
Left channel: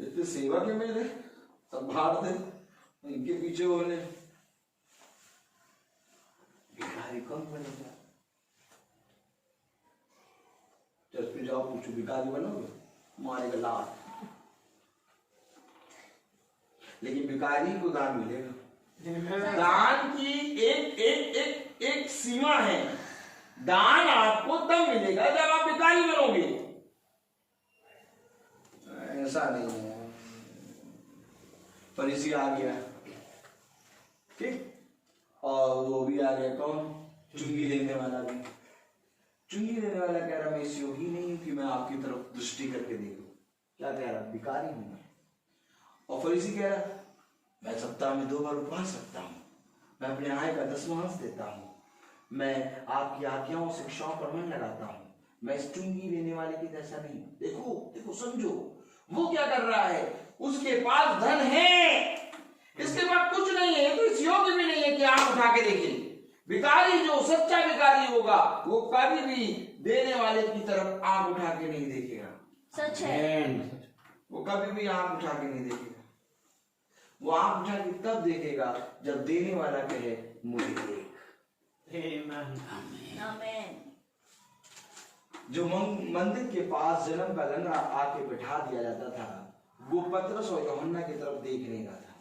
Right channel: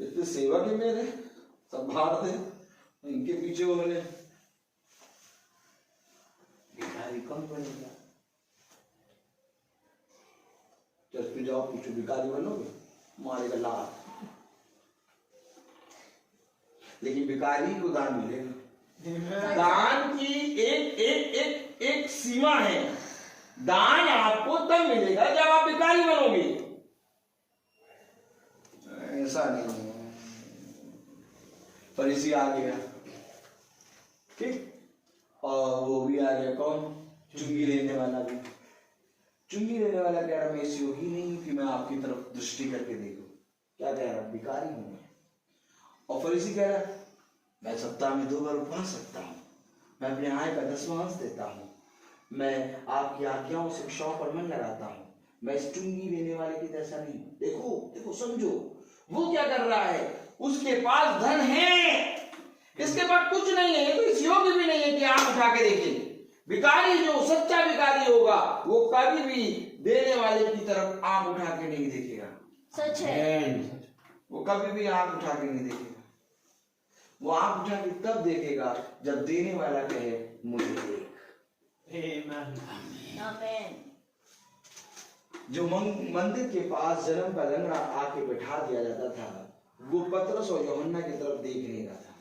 इतने सेवक है मेरे, सब बांट दे, इनके पीछे हो रहे, भिखारी कम बनेगा। चर्च पे जाओ, पूछो भिखारी बनोगे, मारेगा लात। लेकिन भिखारी को दान मिलेगा। दान की एक एक एक एक सीमा है। दान आपको तब मिलेगा जब आप भिखारी बनोगे। ऐसा नहीं है। फरीसी आ गया, ठीक, और वो भी आ गया, कौन? चुंगी लेने वाला भी। चुंगी लेने वाला कह रहा, मैं इस योगी नहीं कि मैं आपकी तरफ दृष्टि करके देखूं। क्या कह रहा? भिखारी हूं मैं। और फरीसी कह रहा, मैं सप्ताह में 2 बार उपवास सकता हूं, मैं अपने आय का 10वांश देता हूं, मैं आपकी आज्ञाओं शिक्षाओं पर मन लगाता हूं, मैं इस चुंगी लेने वाले की जैसा नहीं। देखो देखो, समझो वो क्या कर रहा है। उसके पास धन है, इसके पास कुछ नहीं है, तो इस योग्य भी नहीं है कि आंख उठा के देखे। भिखारी जो सच्चा भिखारी होगा वो कभी भी देने वाले की तरफ आंख उठा के नहीं देखेगा। सच है। वो कभी भी आंख उठा के नहीं देखेगा। वो आंख उठा के तब देखेगा जब देने वाला कहे, मुझे देख। आमीन। जो मंदिर के पास जन्म का लंगड़ा आके बैठा दिया जाता था, वो पतरस और यूहन्ना की तरफ देख नहीं रहा था।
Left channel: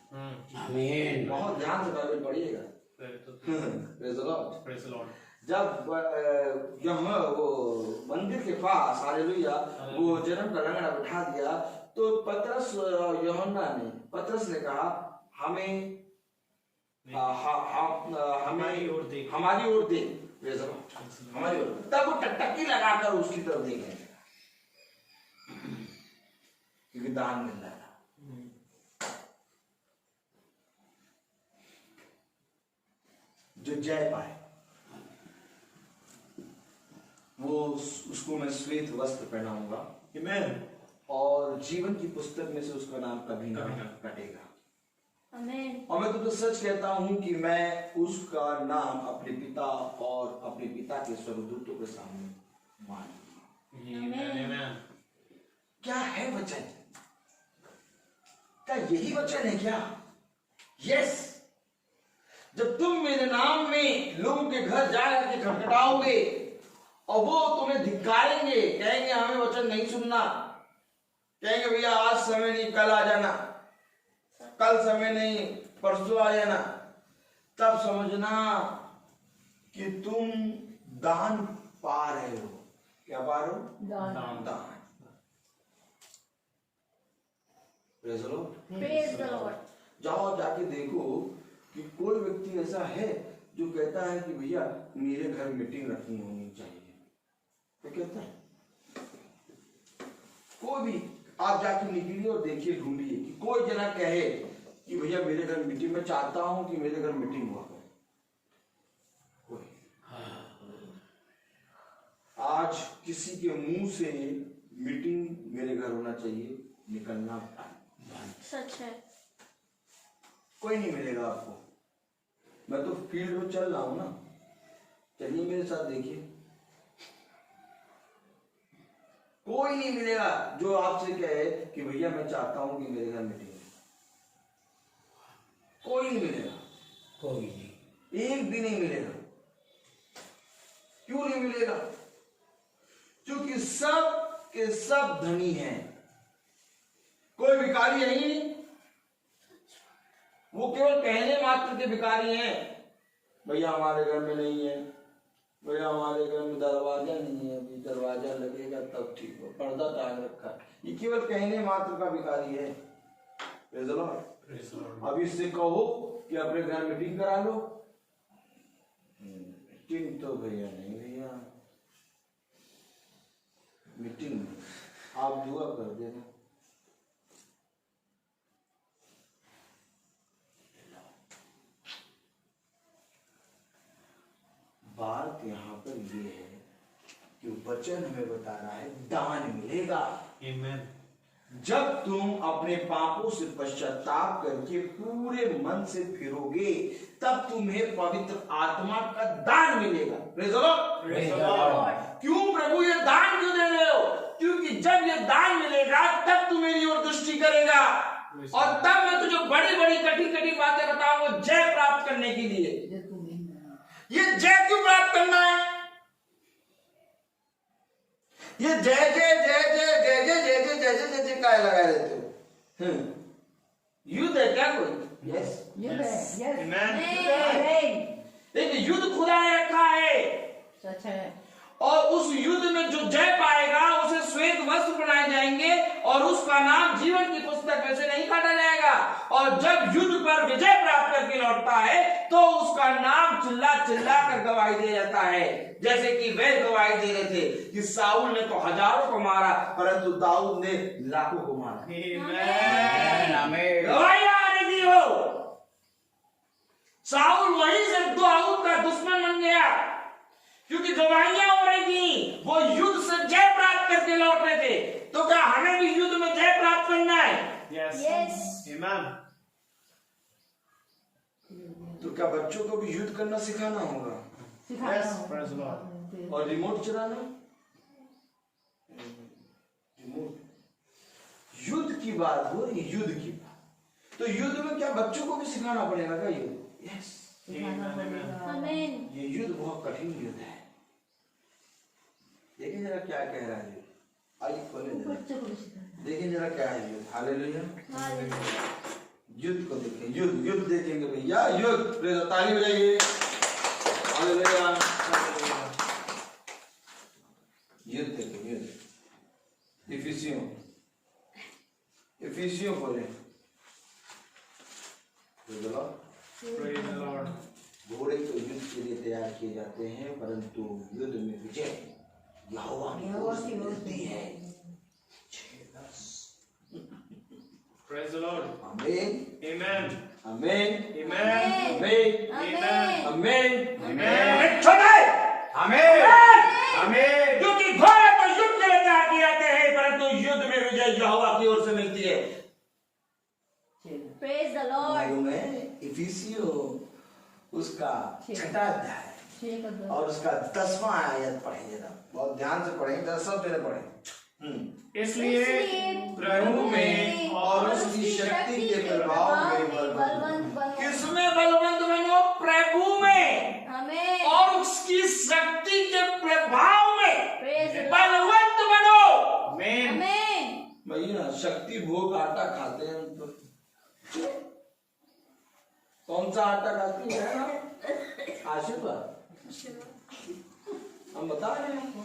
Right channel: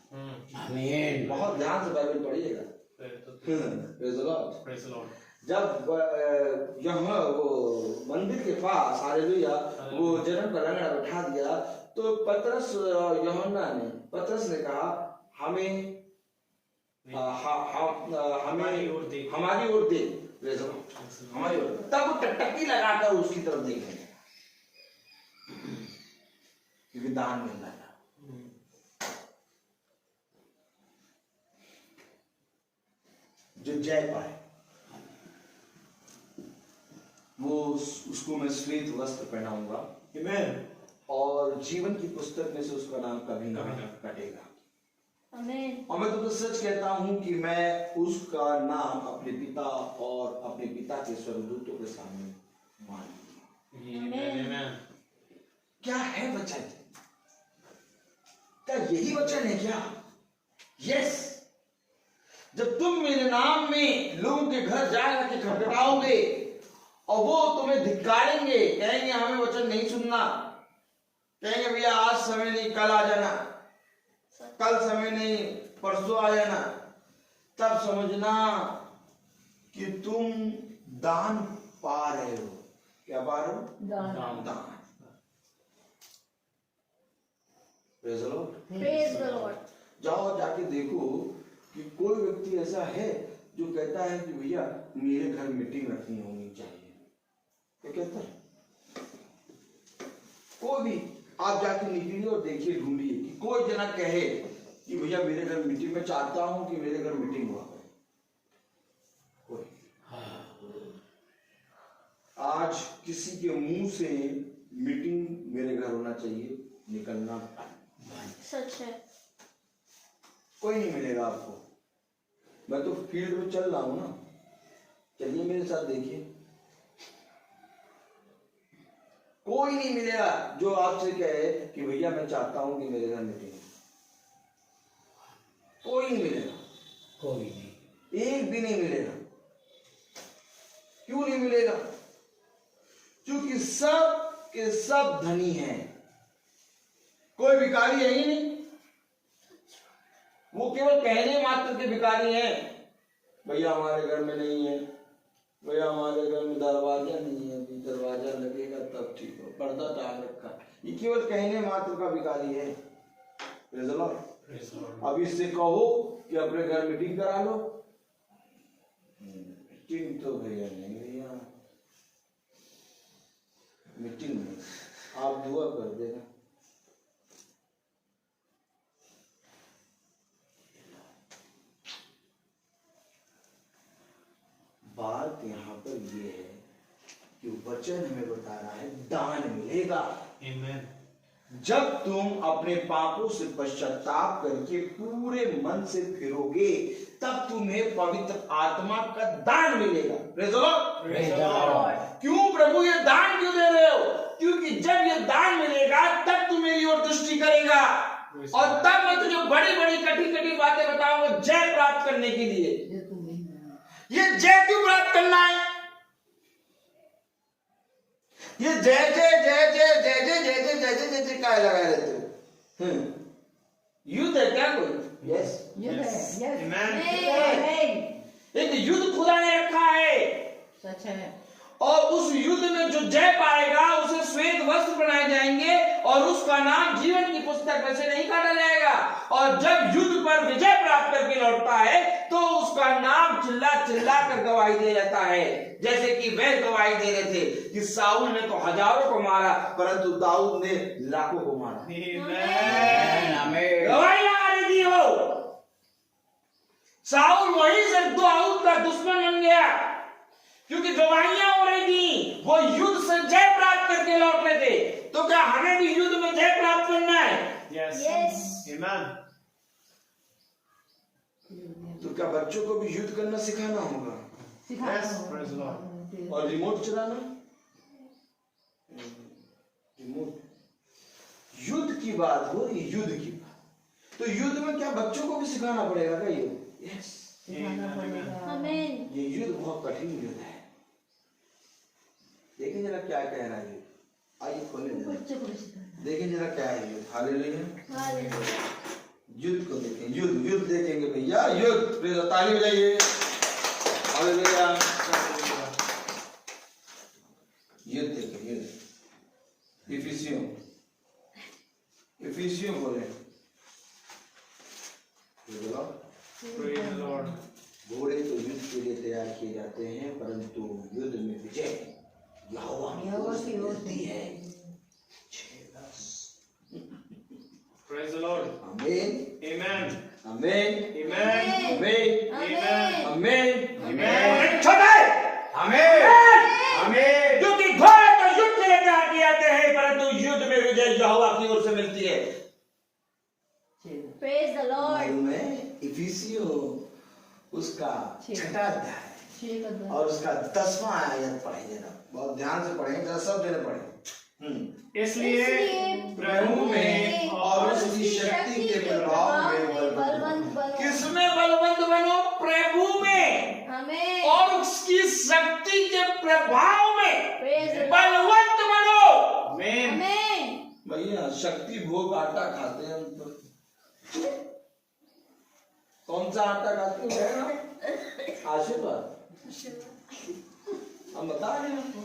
आमीन। बहुत ध्यान से बाइबल पढ़िएगा। Praise the Lord। Praise the Lord. जब यहाँ वो मंदिर के पास, हालेलुया, वो जन्म का लंगड़ा बैठा दिया, तो पतरस यूहन्ना ने, पतरस ने कहा, हमें हमारी ओर देख। हमारी ओर देख। Praise the Lord। हमारी ओर। तब वो टकटकी लगाकर उसकी तरफ देख रहे हैं। क्योंकि दान मिल रहा था। जो जय पाए वो उसको मैं श्वेत वस्त्र पहनाऊंगा और जीवन की पुस्तक में से उसका नाम कभी ना कटेगा। आमीन। और मैं तुमको सच कहता हूं कि मैं उसका नाम अपने पिता और अपने पिता के स्वर्गदूतों के सामने मान लूंगा। क्या है वचन? क्या यही वचन है क्या? यस। जब तुम मेरे नाम में लोगों के घर जाकर के खटखटाओगे और वो तुम्हें धिक्कारेंगे, कहेंगे हमें वचन नहीं सुनना, कहेंगे भैया आज समय नहीं कल आ जाना, कल समय नहीं परसों आ जाना, तब समझना कि तुम दान पा रहे हो। क्या पा रहे हो? दान। Praise the Lord। Praise the Lord। जाओ जाके देखो कि कोई व्यक्ति ऐसा है जो कहता है कि भैया मेरे घर मीटिंग रखनी होनी चाहिए। क्या कहता है? कोई भी आप जाके निकलिए और देखिए, ढूंढिए कि कोई जना कहे कि भैया मेरे घर मीटिंग, मैं चाहता हूं कि मेरे घर मीटिंग हुआ करे। कोई आज किसी के मुंह से मीटिंग मेरे घर होना चाहिए निकलना सच है। कोई नहीं मिलेगा आपको। मैं तो फील्ड में चल रहा हूं ना, चलिए मेरे साथ देखिए, कोई नहीं मिलेगा जो आपसे कहे कि भैया मैं चाहता हूं कि मेरे घर मीटिंग हो। कोई नहीं मिलेगा, कोई नहीं, एक भी नहीं मिलेगा। क्यों नहीं मिलेगा? क्योंकि सब के सब धनी हैं, कोई भिखारी है ही नहीं। वो केवल कहने मात्र के भिखारी हैं। भैया हमारे घर में नहीं है, भैया हमारे घर में दरवाजा नहीं है, अभी दरवाजा लगेगा तब ठीक हो, पर्दा टांग रखा है। ये केवल कहने मात्र का भिखारी है। Praise the Lord। अब इससे कहो कि अपने घर मीटिंग करा लो, मीटिंग तो भैया नहीं, भैया मीटिंग नहीं, आप दुआ कर देना। बात यहाँ पर ये है कि वचन हमें बता रहा है दान मिलेगा। जब तुम अपने पापों से पश्चाताप करके पूरे मन से फिरोगे तब तुम्हें पवित्र आत्मा का दान मिलेगा। Praise the Lord। क्यों प्रभु ये दान क्यों दे रहे हो? क्योंकि जब ये दान मिलेगा तब तू मेरी ओर दृष्टि करेगा और तब मैं तुझे बड़ी बड़ी कठिन कठिन बातें बताऊंगा जय प्राप्त करने के लिए। ये जय क्यों प्राप्त करना है? ये जय जय जय जय जय जय जय जय जय जय जय काय लगाए रहते हो? युद्ध है क्या कोई? यस, एक युद्ध खुदा ने रखा है। सच है। और उस युद्ध में जो जय पाएगा उसे श्वेत वस्त्र बनाए जाएंगे और उसका नाम जीवन की पुस्तक में से नहीं काटा जाएगा। और जब युद्ध पर विजय प्राप्त करके लौटता है तो उसका नाम चिल्ला चिल्ला कर गवाही दे जाता है, जैसे कि वे गवाही दे रहे थे कि साउल ने तो हजारों को मारा परंतु दाऊद ने लाखों को मारा। गवाही आ रही थी हो। साउल वहीं से दाऊद का दुश्मन बन गया क्योंकि गवाहियां हो रही थी, वो युद्ध से जय प्राप्त करके लौट रहे थे। तो क्या हमें भी युद्ध में जय प्राप्त करना है? Yes। तो क्या बच्चों को भी युद्ध करना सिखाना होगा? और रिमोट चलाना? रिमोट, युद्ध की बात हो रही, युद्ध की बात, तो युद्ध में क्या बच्चों को भी सिखाना पड़ेगा क्या ये? यस, आमीन। ये युद्ध बहुत कठिन युद्ध है। देखें जरा क्या कह रहा है युद्ध, आइए खोले देखें जरा क्या है युद्ध। हालेलुया। युद्ध को देखें, युद्ध युद्ध देखेंगे भैया, युद्ध। ताली बजाइए। हालेलुया। युद्ध देखें, युद्ध। इफिसियों बोले घोड़े तो युद्ध के लिए तैयार किए जाते हैं परंतु युद्ध में विजय यहोवा की ओर से होती है। आमीन Amen. आमीन Amen. आमीन आमीन Amen. छोटे Amen. Amen. क्योंकि घोड़े तो युद्ध के लिए आगे आते हैं, परंतु युद्ध में विजय यहोवा की ओर से मिलती है। Praise the Lord. मालूम है इफिसियों उसका छठा अध्याय और उसका 10वां आयत पढ़ेंगे ना, बहुत ध्यान से पढ़ेंगे, सब देने पढ़ेंगे। इसलिए प्रभु में और उसकी शक्ति के प्रभाव में बलवंत बनो। किसमें बलवंत बनो? प्रभु में Amen. और उसकी शक्ति के प्रभाव में Praise the Lord. बलवंत बनो। Amen. Amen. भैया शक्ति भोग आटा खाते हैं हम तो। कौन सा आटा खाते हैं? आशीर्वाद। हम बता रहे हैं आपको,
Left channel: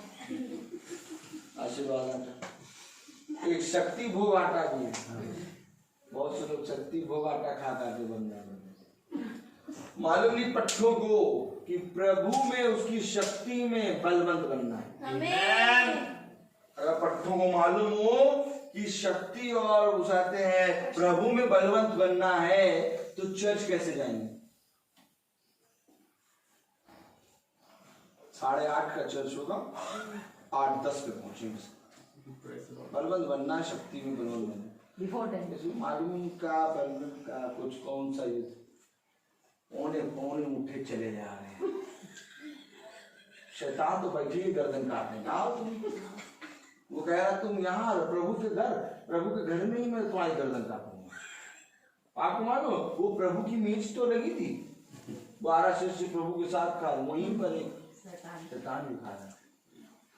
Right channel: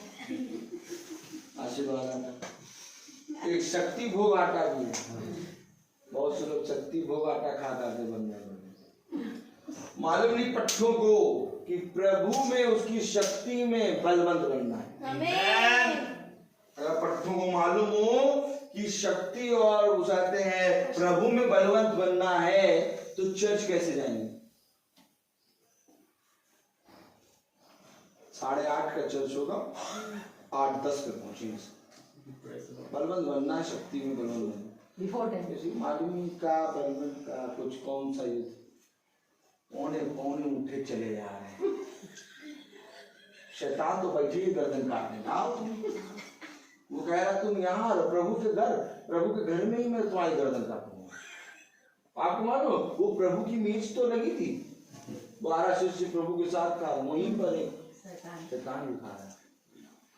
आशीर्वाद आटा एक शक्ति भोग आटा भी है। बहुत से लोग शक्ति भोग आटा खा खाते बन मालूम नहीं पट्टों को कि प्रभु में उसकी शक्ति में बलवंत बनना है। Amen. अगर पट्टों को मालूम हो कि शक्ति और उसाते हैं प्रभु में बलवंत बनना है तो चर्च कैसे जाएंगे? 8:30 का चर्च होगा, 8:10 पे पहुंचेंगे। बलवंत बनना है, शक्ति में बलवंत बनना। बिफोर टाइम किसी मालूम ही का बलवंत का कुछ कौन सा युद्ध, पौने पौने उठे चले जा रहे हैं। शैतान तो बैठी ही गर्दन काटने आओ तुम। वो कह रहा तुम यहाँ प्रभु के घर में ही मैं तुम्हारी गर्दन काटूंगा। आप मानो वो प्रभु की मेज तो लगी थी, 12 शिष्य प्रभु के साथ खा, वहीं पर एक शैतान भी खा रहा।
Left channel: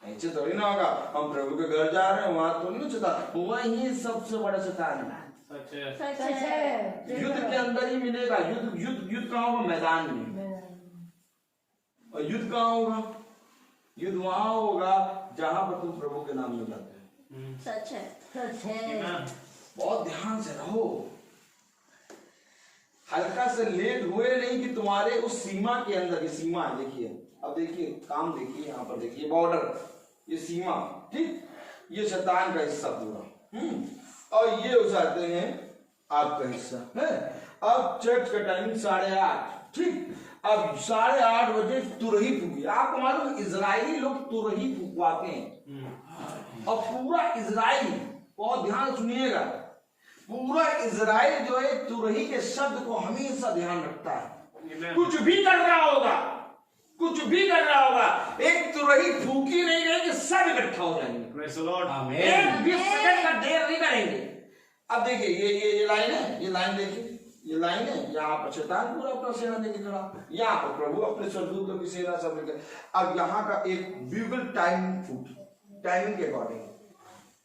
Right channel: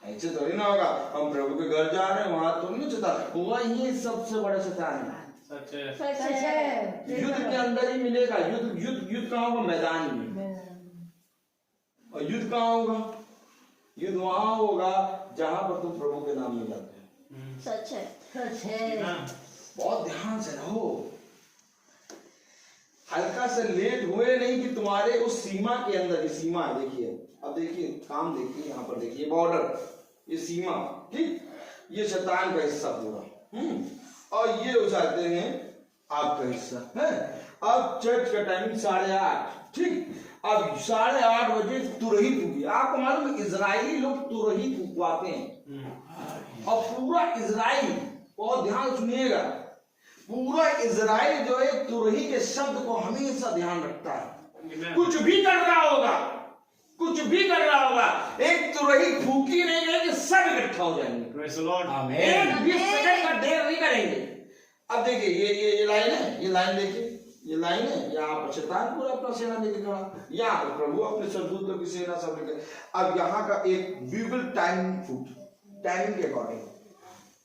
ऐसे थोड़ी ना होगा हम प्रभु के घर जा रहे हैं वहां तो नहीं चलता, वही सबसे बड़ा शैतान है। सच है। सच है। युद्ध के अंदर ही मिलेगा। युद्ध कहाँ होगा? मैदान में। और युद्ध कहाँ होगा? युद्ध वहां होगा जहां पर तुम प्रभु के नाम में जाते हो। सच है। सच है। बहुत ध्यान से रहो, हल्का से लेट हुए नहीं कि तुम्हारे उस सीमा के अंदर, ये सीमा है देखिए, अब देखिए काम देखिए, यहाँ पर देखिए बॉर्डर, ये सीमा, ठीक, ये शैतान का हिस्सा पूरा, और ये उठाते हैं आपका हिस्सा है। अब चर्च का टाइमिंग 8:30, ठीक, अब 8:30 बजे तुरही फूकी। आपको मालूम इजरायली लोग तुरही फूकवाते हैं, और पूरा इजराइल, बहुत ध्यान सुनिएगा, पूरा इजराइल जो है तुरही के शब्द को हमेशा ध्यान रखता है। कुछ भी कर रहा होगा, एक तुरही फूकी नहीं रहेगी, सब इकट्ठा हो जाएंगे। Praise the Lord. एक 20 सेकंड का देर नहीं करेंगे। अब देखिए ये लाइन है, ये लाइन देखिए, ये लाइन है, यहाँ पर शैतान पूरा अपना सेना लेके खड़ा, यहाँ पर प्रभु अपने स्वर्गदूतों की सेना सब लेके। अब यहाँ का एक ब्यूगल टाइमिंग के अकॉर्डिंग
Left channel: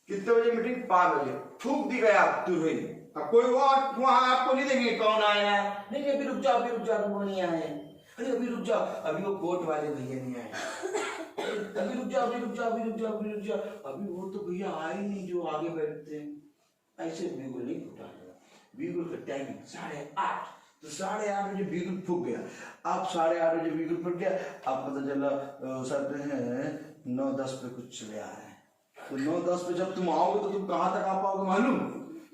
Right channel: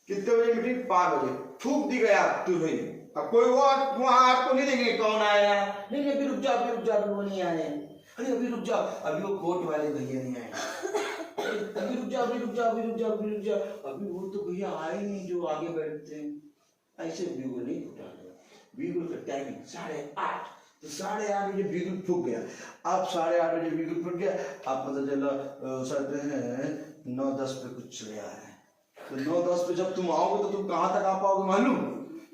कितने बजे मीटिंग? 5 बजे फूक दी गया तुरही। अब कोई वहां आपको नहीं देखेंगे कौन आया, नहीं अभी रुक जाओ वो नहीं आए, अरे अभी रुक जाओ, अभी वो कोर्ट वाले भैया नहीं आए, अभी रुक जाओ, अभी वो तो भैया आए नहीं जो आगे बैठते हैं। ऐसे बिगुल नहीं फूटा, बिगुल का टाइमिंग 8:30, तो 8:30 बजे बिगुल फूक गया। अब 8:30 बजे बिगुल फूक गया, आप पता चला सकते हैं 9:10 पे कुछ चले आ रहे हैं, तो 9:10 पे जब तुम आओगे तो तुम कहां तक आ पाओगे मालूम?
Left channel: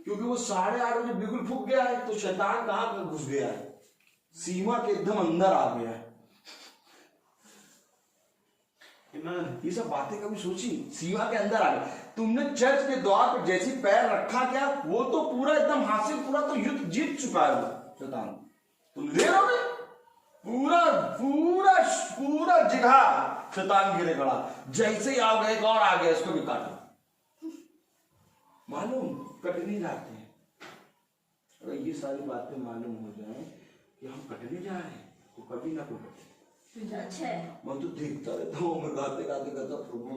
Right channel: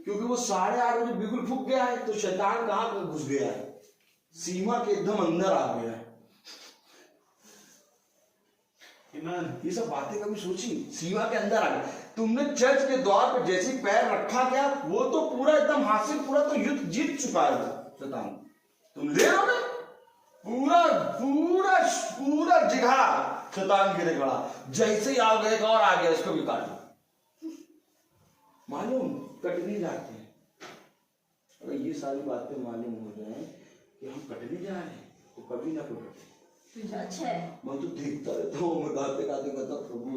क्योंकि वो 8:30 बजे बिगुल फूक गया है, तो शैतान कहां तक घुस गया है? सीमा के एकदम अंदर आ गया है। ये सब बातें कभी सोची? सीमा के अंदर आ गया। तुमने चर्च के द्वार पर जैसे पैर रखा क्या, वो तो पूरा एकदम हासिल, पूरा तो युद्ध जीत चुका है वो शैतान। तुम ले रहोगे पूरा जगह शैतान गिरे खड़ा, जैसे ही आओगे एक और आ गया, इसको भी काटो। मालूम कटने जाते हैं। अगर ये सारी बातें मालूम हो जाए कि हम कटने जा रहे हैं तो कभी ना कटे। सच है। मैं तो देखता रहता हूँ, मैं गाते गाते कहता प्रभु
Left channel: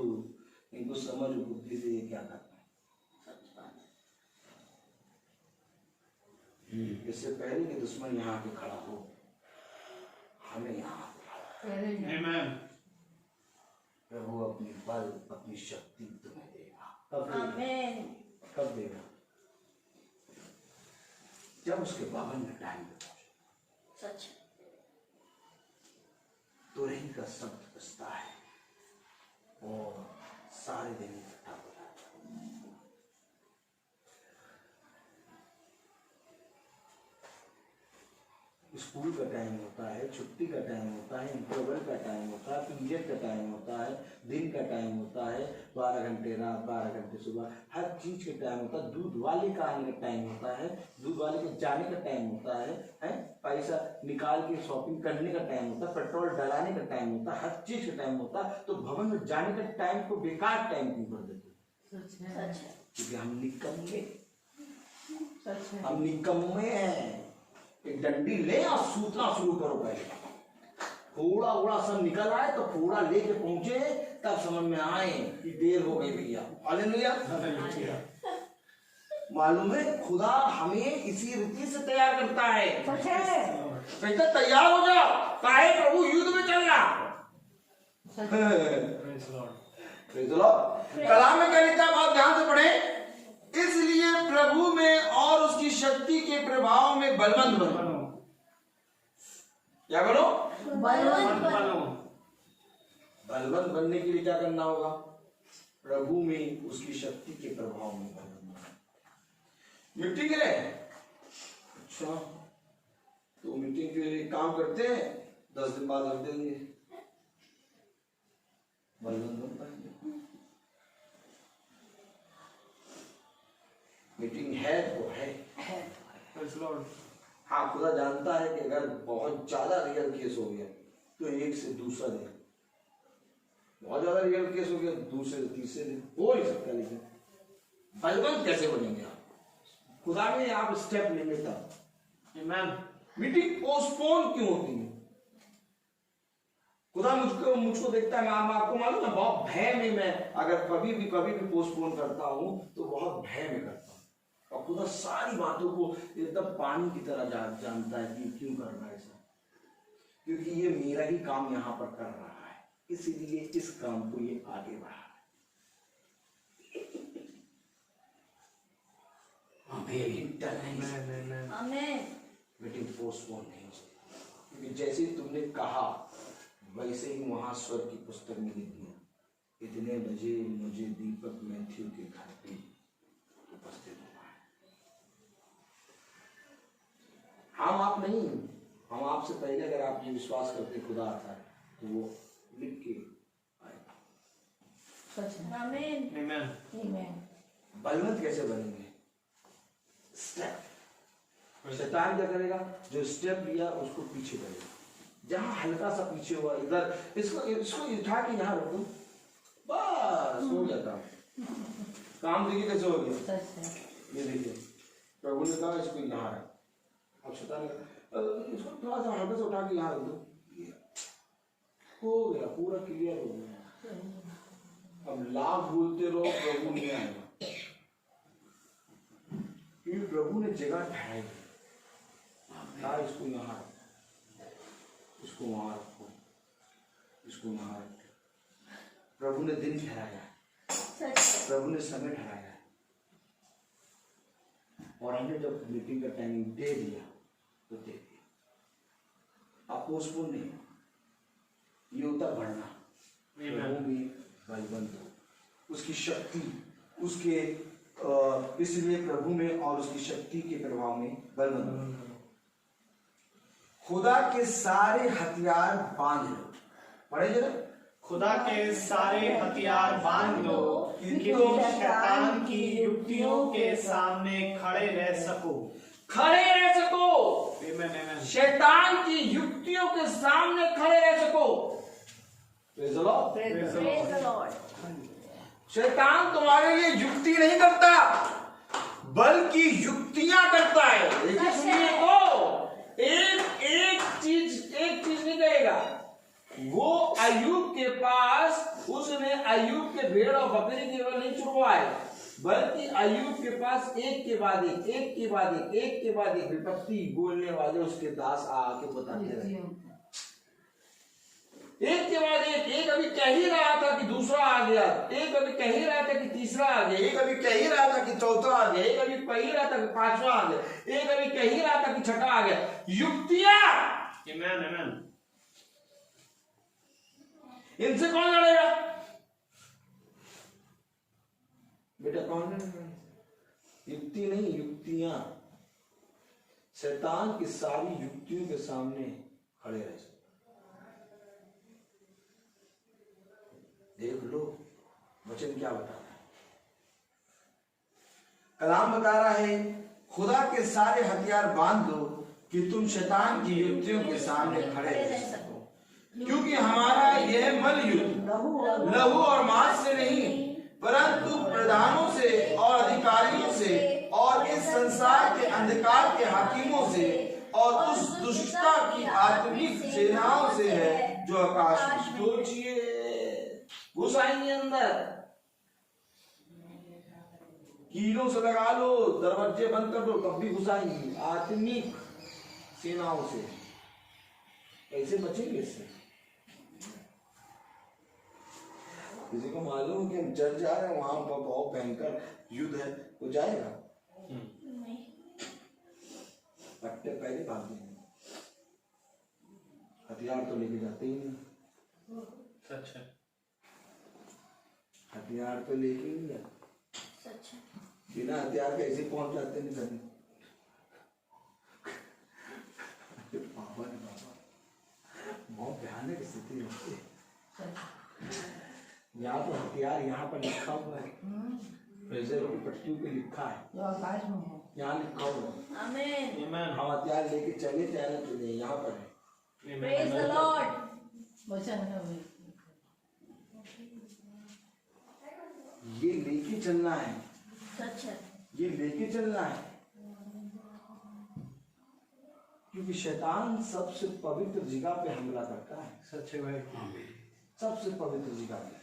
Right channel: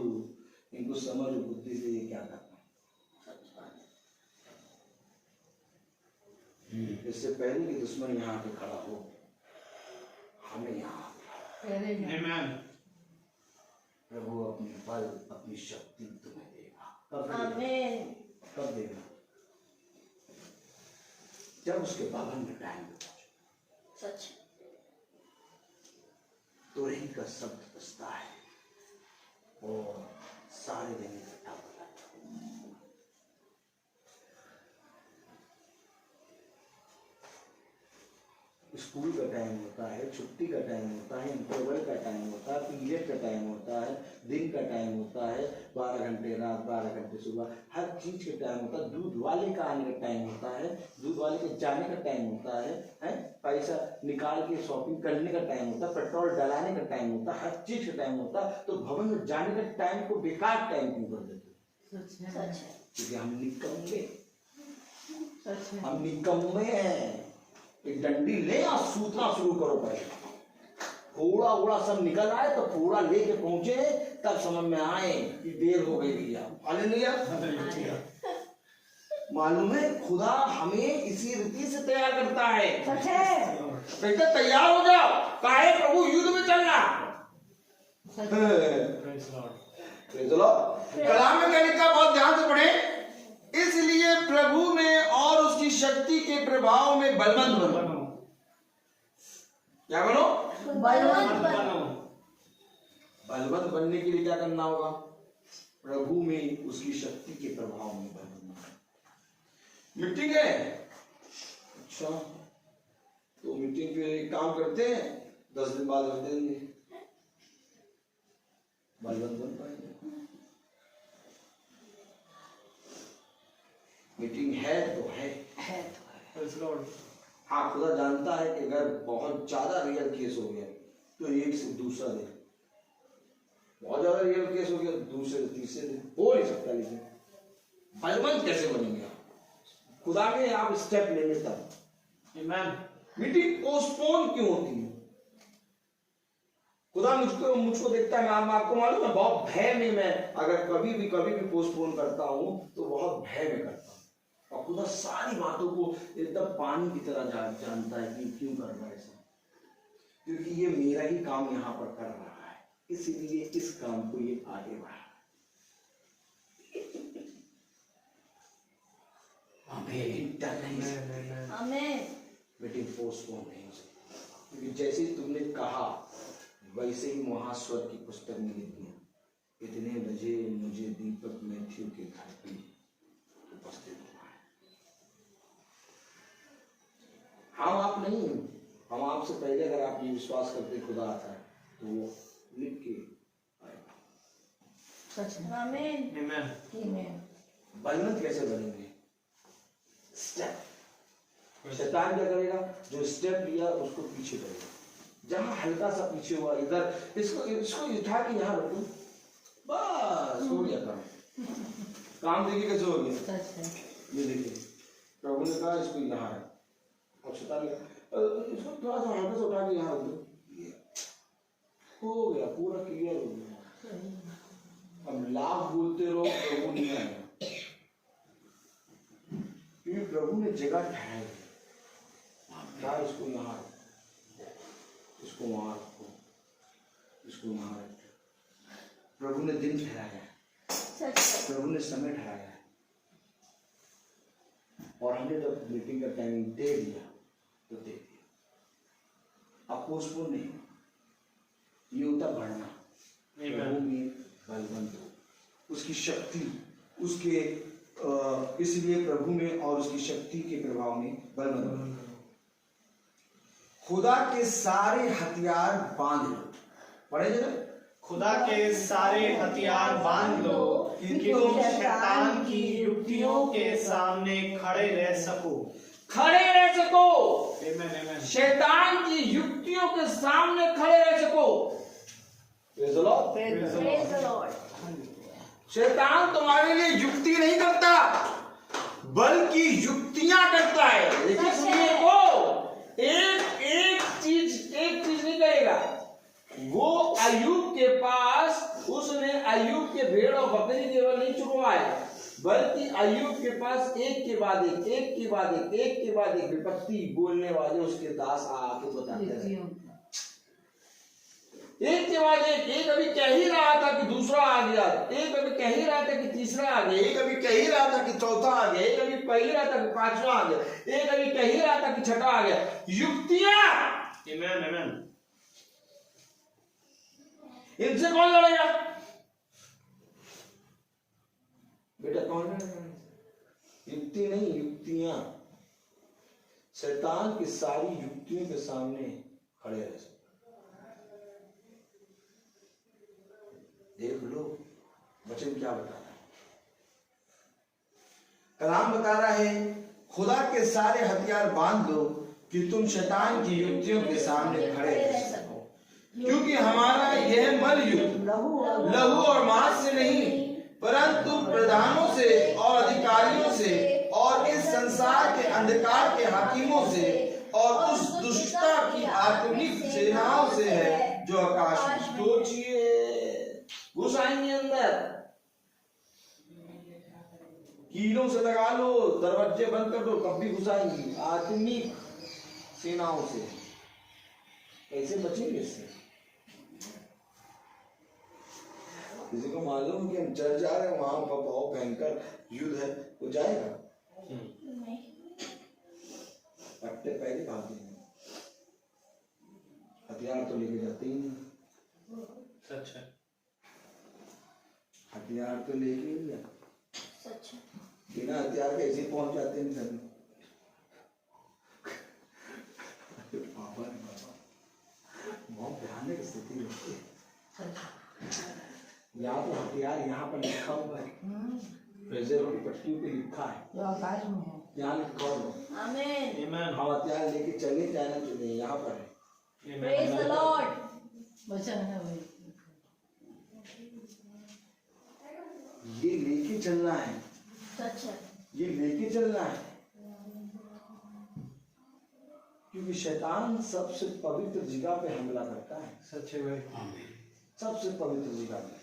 इनको समझ बुद्धि से ये क्या करता है। इससे पहले कि दुश्मन यहाँ के खड़ा हो, हमें यहाँ Amen. प्रभु अपनी बल अपनी शक्ति तुम्हें देगा। आमीन। कब देगा? जब उसके पावन में टाइम पे पहुंचो। सच। तो रही का शब्द बसता है और सारे दिन इकट्ठा होता है। स्कूल का टाइम होता है, छुट्टी का टाइम होता है, इंटरवल का टाइम होता है, पीरियड का टाइम होता है, दिन का टाइम होता है, 12 घंटे रात 12 घंटे सुबह, हर चीज का टाइम होता है। दूध वाले का आने का टाइम होता है, दूध वाले के जाने का टाइम होता है, पैसा निकाल के शॉपिंग करने का टाइम होता है, पेट्रोल डलाने का टाइम होता है, हर चीज का टाइम होता है। तो भवन में जाने का टाइम को बेकार टाइम क्यों कर देते? सच है। क्योंकि हम निकम्मे, सच है। हम निकम्मे हैं। एक डंडी ले और सूतना शुरू करो पहले। फोड़ा ओड़ा सब निकल आए तो फोड़ा लेके पहुंचे, तब समझ में आए कि देर हो गई भैया। हालेलुया। मालूम है खुदा हमें इसी रीति से तैयार करता है। सच है। कहते तैयार हो जाओ, काहे प्रभु युद्ध में चलना। चलो कलाम में क्या लिखा, बहुत ध्यान से पढ़े। इसलिए प्रभु में और उसकी शक्ति के प्रभाव में बलवंत बनो। क्या करो? बलवंत बनो। बलवंत बनने के लिए क्या करना होगा? प्रभु में उसकी शक्ति के प्रभाव में बलवंत। मीटिंग है, अच्छा तो मीटिंग के लिए काम करते हैं, 10 दिन बाद रख देंगे, बलवंत बन पाएंगे। मीटिंग है तो है। हाँ, खुदा जानता है कि अगर बहुत ज्यादा रियल केस हो गया तो एक से दूसरा दिन, बहुत ज्यादा रियल केस हो गया दूसरे से तीसरे दिन हो नहीं सकता। लेकिन बलवंत कैसे बनेंगे आप? खुदा में आप स्टेप लेंगे तब। मीटिंग पोस्टपोन क्यों होती है? खुदा मुझको देखता है। आपको मालूम है, बहुत भय में मैं अगर कभी भी पोस्टपोन करता हूं तो बहुत भय में करता हूं। और खुदा सारी बातों को एकदम पानी की तरह जानता है कि क्यों कर रहा है ऐसा, क्योंकि ये मेरा ही काम यहाँ पर कर रहा है, इसीलिए इस काम को ये आगे बढ़ा। आमीन। मीटिंग पोस्टपोन नहीं हो सकती, क्योंकि जैसे ही तुमने कहा वैसे ही महास्वर की पुस्तक में लिख दिया, इतने बजे मुझे दीपक मैथ्यू के घर पे उपस्थित हुआ है। हम आप नहीं, हम आपसे पहले अगर आप ये विश्वास करते खुदा आता है तो वो लिख के आएगा। सच है। आमीन। आमीन। बलवंत कैसे बनेंगे? स्टेप। शैतान क्या करेगा? जो स्टेप लिया उसको पीछे करेगा। जहां हल्का सा पीछे हुआ, इधर इसको उठा के यहाँ रख दो, बस हो गया काम। देखिए कैसे हो गया। सच है। ये देखिए, प्रभु ने कहा इसको यहाँ रख, और शैतान ने कहा इसको थोड़ा सा हल्का सा उठा के यहाँ रख दो, हो गया, पूरा क्लियर हो गया। अब लाभ बोलते रहो, प्रभु नहीं आएगा, क्योंकि प्रभु ने जगह ठहराई है। इसको यहाँ रखो, इसको वहां रखो, इसको वहां रखो। प्रभु ने दिन ठहराया है, प्रभु ने समय ठहराया है, और हमने जब मीटिंग का टाइमिंग दे दिया तो दे दिया। अब पोस्टपोन नहीं, ये होता बढ़ना। प्रभु में बलवंत हो, उसकी शक्ति, उसके इसलिए प्रभु में और उसकी शक्ति के प्रभाव में बलवंत हो। खुदा के सारे हथियार बांध लो। पढ़े जरा, खुदा के सारे हथियार बांध लो कि तुम शैतान की युक्तियों के सामने खड़े रह सको। खड़े रह सको। आमीन। शैतान की युक्तियों के सामने खड़े रह सको। Praise the Lord। Praise the Lord। शैतान तुम्हारे लिए युक्ति नहीं करता, बल्कि युक्तियां करता है। देखिए सुनिए, तो एक चीज नहीं करेगा। वो अय्यूब के पास, उसने अय्यूब के भेड़ और बकरी केवल नहीं छुड़वाए, बल्कि अय्यूब के पास एक के बाद एक विपत्ति बोलने वाले उसके दास आके बताते रहे। एक के बाद एक अभी कह ही रहा था कि दूसरा आ गया, एक अभी कह ही रहा था कि तीसरा आ गया, एक अभी कह ही रहा था कि चौथा आ गया, एक अभी कह ही रहा था कि पांचवा आ गया, एक अभी कह ही रहा था कि छठा आ गया। युक्तियां। आमीन। इनसे कौन लड़ेगा? बेटा कौन लड़ेगा? युक्ति नहीं, युक्तियां। शैतान शैतान की सारी युक्तियों के सामने खड़े रह सकते। देख लो वचन क्या बताता है। कलाम बता रहा है खुदा के सारे हथियार बांध लो कि तुम शैतान की युक्तियों के सामने खड़े रह सको, क्योंकि हमारा यह मल युद्ध लहू और मांस से नहीं परंतु प्रधानों से और अधिकारियों से और इस संसार के अंधकार के हाकिमों से और उस दुष्टता की आत्मिक सेनाओं से है जो आकाश में। सोचिए, घुसाएंगे अंदर, कीलों से लगा लो, दरवाजे बंद कर दो, तब भी घुसाएंगी आत्मिक सेनाओं से। कैसे बचेंगे इससे? किसी को मालूम है कि हम चर्च जा रहे हैं, वहां का बहुत भयंकर युद्ध है, वो जाएगा? पट्टे पहले भाग देंगे, हथियार तो लेके जाते ही नहीं। सच है, हथियार तो लेके ही नहीं, सच है। बिना हथियार के ऐसे पहुंच जाते नहीं कभी। बहुत भयानक स्थिति होती है। यहाँ तो हथियार यहाँ पर लिखा हुआ है, प्रेजरों की पट्टियों पे लिखा है, यहाँ लिखा हुआ है। आमीन। हम हथियार लेके चले जाना चले, यहाँ पर है। Praise the Lord. ये लेके चलना है, सच है। ये लेके चलना है, क्योंकि शैतान सबसे पवित्र जगह पे हमला करता है। सच है भाई, सबसे पवित्र जगह पे,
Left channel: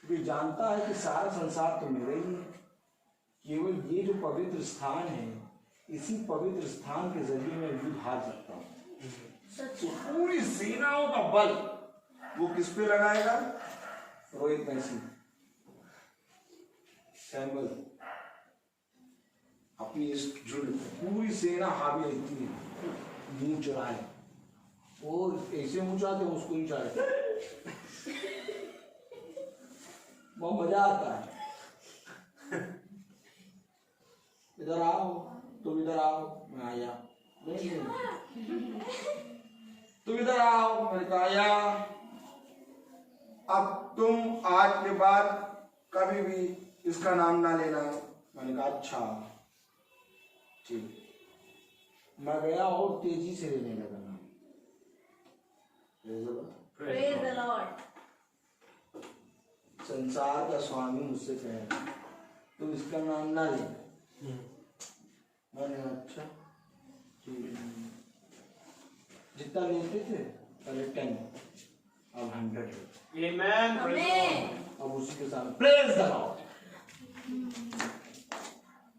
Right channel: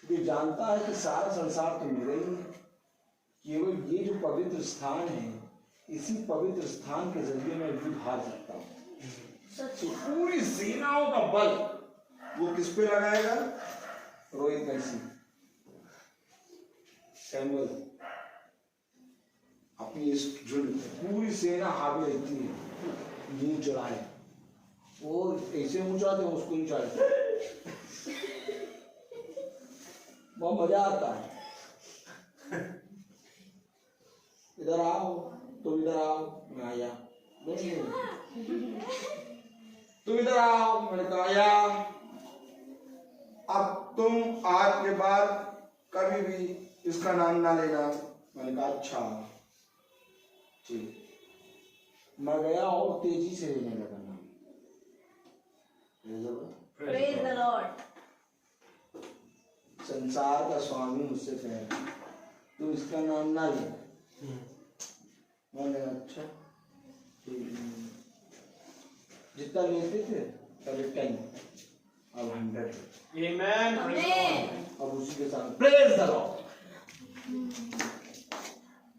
क्योंकि जानता है कि सारा संसार तो मेरा ही है, केवल ये जो पवित्र स्थान है, इसी पवित्र स्थान के जरिए मैं युद्ध हार सकता हूँ। तो पूरी सेनाओं का बल वो किस पे लगाएगा? रोहित मैसी, सैमुअल, अपनी इस झुंड पे पूरी सेना हावी रहती है, मुंह चढ़ाए, वो ऐसे मुंह चढ़ाते हैं, उसको नहीं चढ़ाते, बहुत मजा आता है। इधर आओ, तुम इधर आओ, मैं आया, नहीं तुम इधर आओ, मैंने कहा आया। अब तुम आज के बाद कभी भी इसका नाम ना लेना। मैंने कहा अच्छा ठीक। मैं गया और तेजी से लेने लगा नाम। Praise the Lord. संसार का स्वामी मुझसे कहेगा तू इसका नाम ना ले। मैंने अच्छा ठीक। जितना लेते थे पहले 10, अब 100। आमीन। आमीन। अब उसी के साथ प्रेज द लॉर्ड।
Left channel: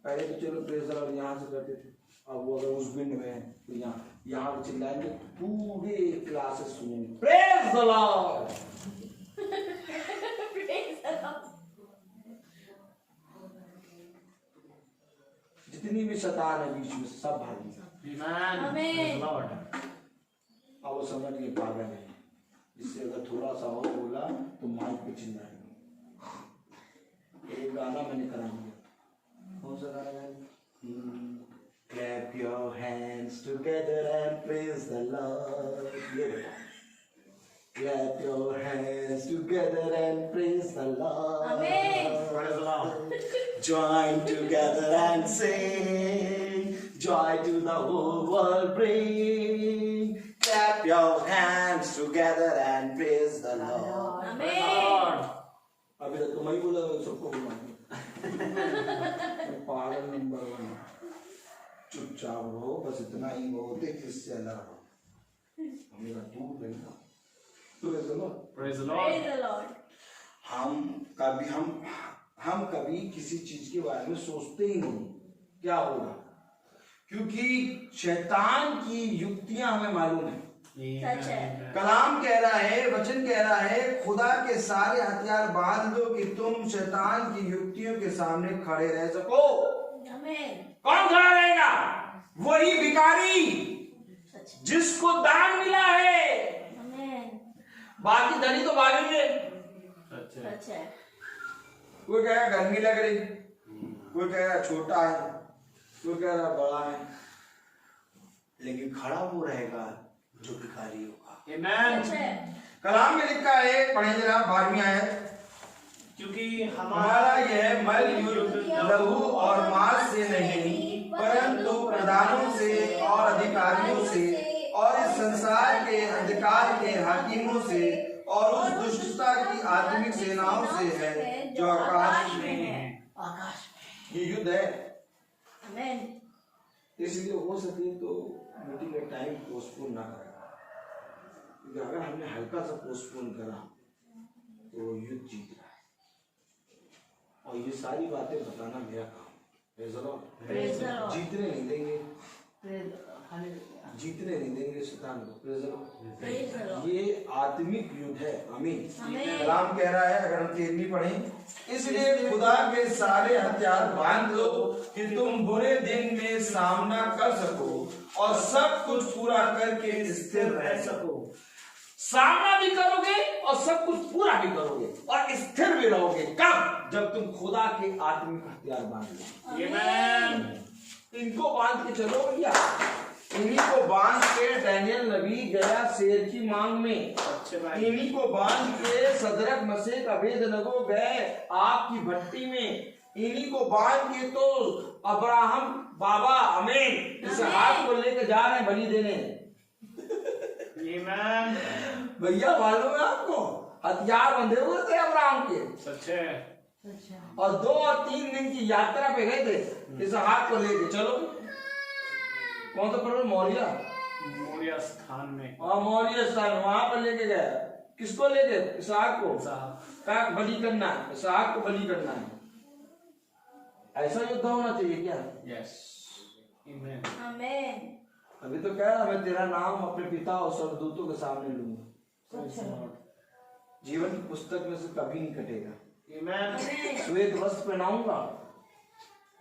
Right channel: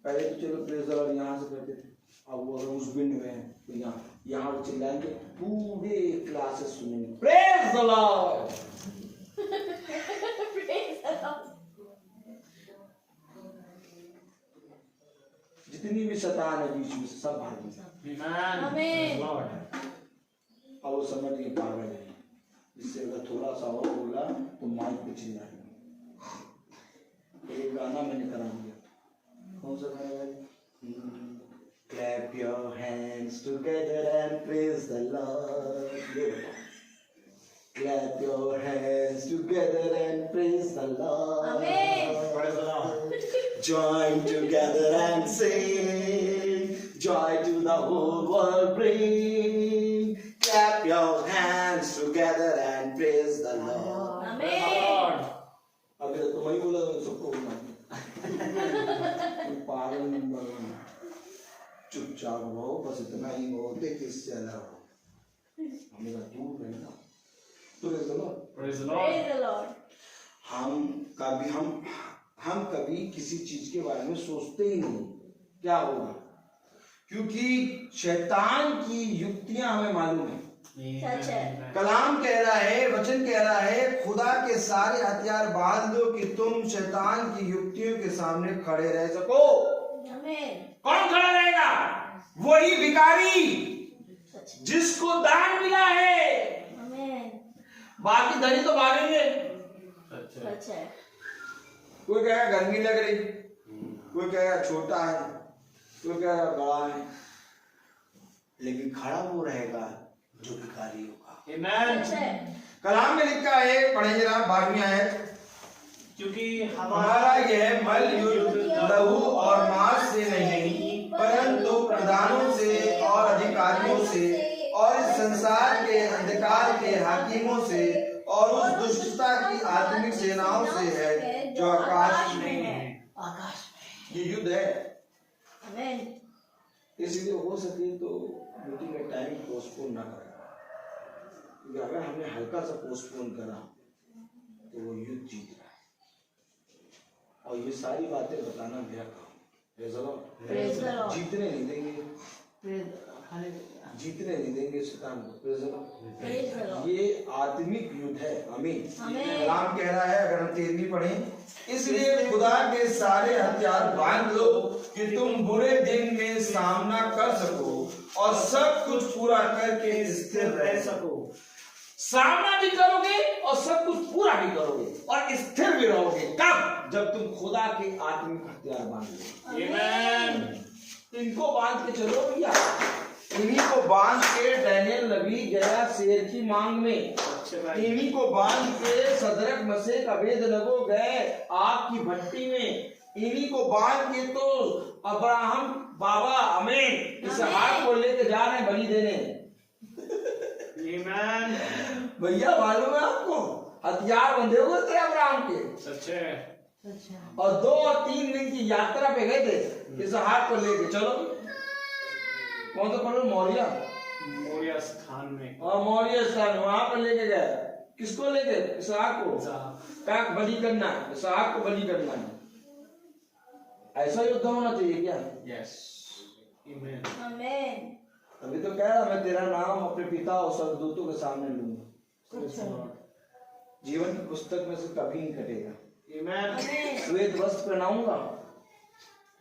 पहले तो चलो प्रेज द लॉर्ड यहाँ से करते थे, अब वो अगर उस बिंड में है तो यहाँ चिल्लाएंगे, पूरे क्लासेस सुनेंगे praise the Lord. Praise the Lord. जितनी भी शैतान है बीच में सब भागी। आमीन। अब वो समझ गए पागल है, इससे अगर थोड़ा सा और बोला तो माइक पे चिल्लाएंगे। एक गाना मैंने करा दिया, कौन सा गाना है? Clap your hands together and praise the Lord. ये बताओ, clap your hands together and praise the Lord. Amen. Praise the Lord. Join together and sing, joy to the whole world bring. Clap your hands together and praise the Lord. आमीन। अभी तो तुम ही बोला, सबको बोला। पागल नंबर 1, चुपचाप रहो, बस इतना ही बहुत है कि इससे अलग रहो। हमने कहा दूर रहना। Praise the Lord. Praise the praise Lord. The Lord. हम कभी किसी चीज के बारे में सोचते ही नहीं क्या होगा, क्योंकि शैतान की युक्तियां हमें मालूम है। सच है। कलाम कह रहा है, वचन कह रहा है, खुदा के सारे हथियार बांध लो कि तुम शैतान की युक्तियों के सामने खड़े रह सको। आमीन। कौन खड़ा रहेगा? वही भिखारी सच है। जिसको दान मिला है। आमीन। बाकी धनी तो भागेंगे। सच है। कोई कहेगा गर्मी लग रही, कोई कहेगा छोटा है, कोई कह रहा बड़ा है। लेकिन खड़ा वो रहेगा जो भिखारी होगा। Amen. सच है। कलाम में लिखा है, पढ़ेंगे जरा 12वीं आयत। क्योंकि हमारा यह बल युद्ध लहू और मांस से नहीं, परंतु प्रधानों से और अधिकारियों से और इस संसार के अंधकार के हाकिमों से और उस दुष्टता की आत्मिक सेनाओं से है जो आकाश में है। आकाश ये युद्ध है। आमीन। में। इसलिए हो सके तो मीटिंग का टाइम पोस्टपोन ना करें, क्योंकि अगर हमने हल्का सा पोस्टपोन करा तो वो युद्ध जीत रहा है। और ये सारी बातें बताना मेरा काम। Praise the Lord. Praise the Lord. जीतने नहीं देंगे, हालेलुया। जीतने नहीं देंगे शैतान को। Praise the Lord. Praise the Lord. ये आत्मिक युद्ध है। आमीन। आमीन। कलाम कह रहा है, अगर हम 13वीं पढ़ें, इसलिए खुदा के सारे हथियार बांध लो कि तुम बुरे दिन में सामना कर सको और सब कुछ पूरा करके स्थिर रह सको। सामना भी करोगे और सब कुछ पूरा भी करोगे और स्थिर भी रहोगे। कब? जब तुम खुदा के आत्मिक हथियार बांध लो। Amen. तो इनको बांध के चलो भैया। इन्हीं को बांध के डैनियल नबी गया शेर की मांग में। अच्छे भाई। इन्हीं को बांध के सदरक मसीह अबेदनगो गए आग की भट्टी में। इन्हीं को बांध के तो अब्राहम बाबा अमीन इसहाक को लेके जा रहे हैं बलि देने। Amen. भैया मालूम है आपको, हथियार बंधे हुए थे अब्राहम के, सच है। सच है। और 2 और 3 दिन की यात्रा पे गए थे इसहाक को लेके। चलो कौन सा पर्वत? मौर्य। मौर्य स्थान में। और मौर्य स्थान वहां पर लेके गए। किसको लेके? इसहाक को। साहब। का बलि करना है, इसहाक को बलि करना है। ऐसा युद्ध होना चाहिए क्या? Yes. Amen. आमीन। अभी तो कह रहा मैं तेरा नाम अपने पिता और स्वर्गदूतों के सामने लूंगा। Praise the Lord. जीवन की पुस्तक में से कभी नहीं कटेगा। Amen. आमीन। श्वेत वस्त्र पहनाऊंगा।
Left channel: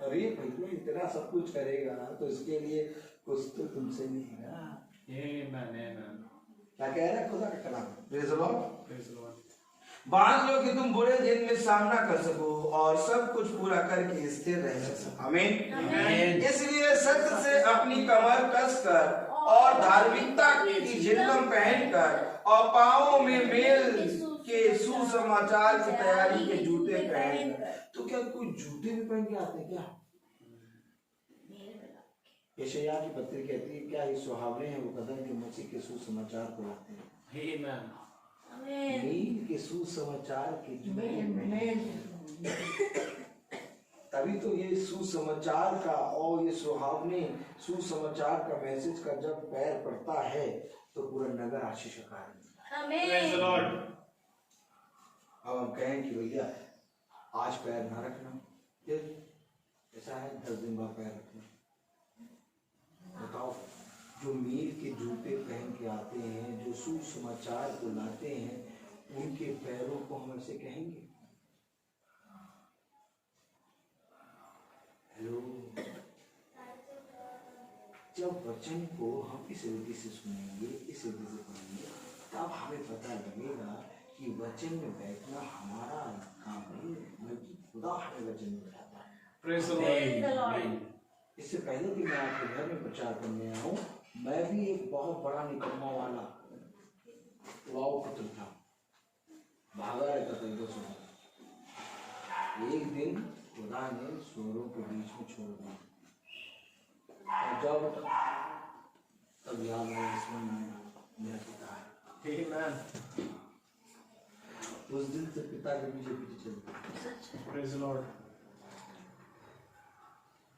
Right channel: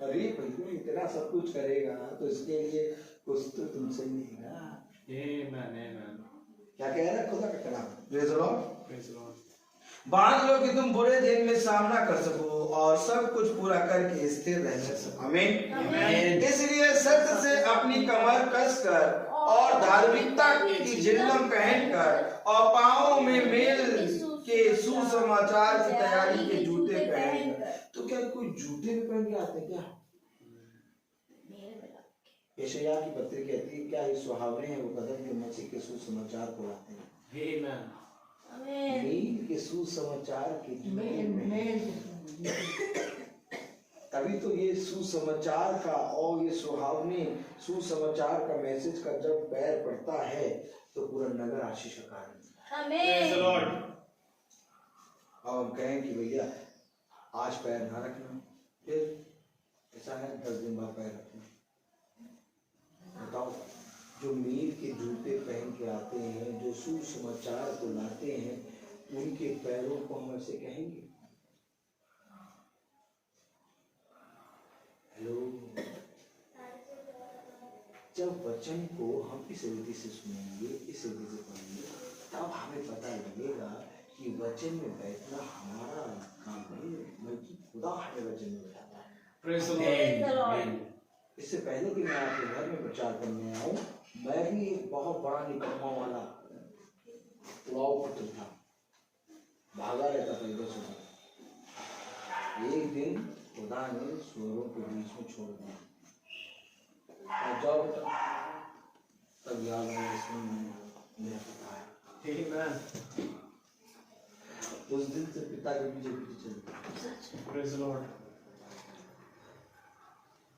अरे भैया इतना सब कुछ करेगा तो इसके लिए कुछ तो तुमसे मिलेगा। Amen. Amen. क्या कह रहा है खुदा का कलाम? Praise the Lord। Praise the Lord. बांध लो कि तुम बुरे दिन में सामना कर सको और सब कुछ पूरा करके स्थिर रह सको। आमीन। आमीन। इसलिए सत्य से अपनी कमर कसकर और धार्मिकता की जिल्लम पहनकर और पांवों में मेल के सुसमाचार की तैयारी के जूते पहनकर। तो क्या कोई जूते भी पहन के आते हैं क्या? यशायाह की पत्री कहती है क्या ये सुहावने हैं वो कदम जो मसीह के सुसमाचार को लाते हैं। Amen. आमीन। नील के सुसमाचार के जूते तभी तो ये सुसमाचार का और ये सुहावने सुसमाचार का मैसेज का जब पैर पड़ता है तो पूरा नगर आशीष का कारण होता है। Praise the आमीन। Lord. अब हम कहें कि भैया आज पैर ना रखना, फिर ऐसा है 10 दिन बाद पैर रखना। बताओ, जो मील के जूते पहन के आते हैं, जो सुसमाचार को लाते हैं, उनके पैरों को हम ऐसे कहेंगे। हेलो, जब वचन को हम इस रीति से सुनेंगे, इस रीति से पढ़ेंगे, तब हमें पता लगेगा कि वचन में बैठना हमारा काम नहीं है, बल्कि खुदा हमें वचन में बैठाता है। Praise the Praise the Lord. Lord. इससे पहले कि मैं आपके घर में प्रचार करने आऊं, मैं भी एक बहुत बड़ा निकम्मा वाला उड़ाऊ पुत्र था, भागा रहता था इधर से। एक दिन खुदा ने सूरों के बीच में छोड़ दिया और जाओ बेटा, तब याद आया इसमें मेरा पिता है। Amen. उस दिन से पिता के पीछे पीछे चलता। Praise the Lord.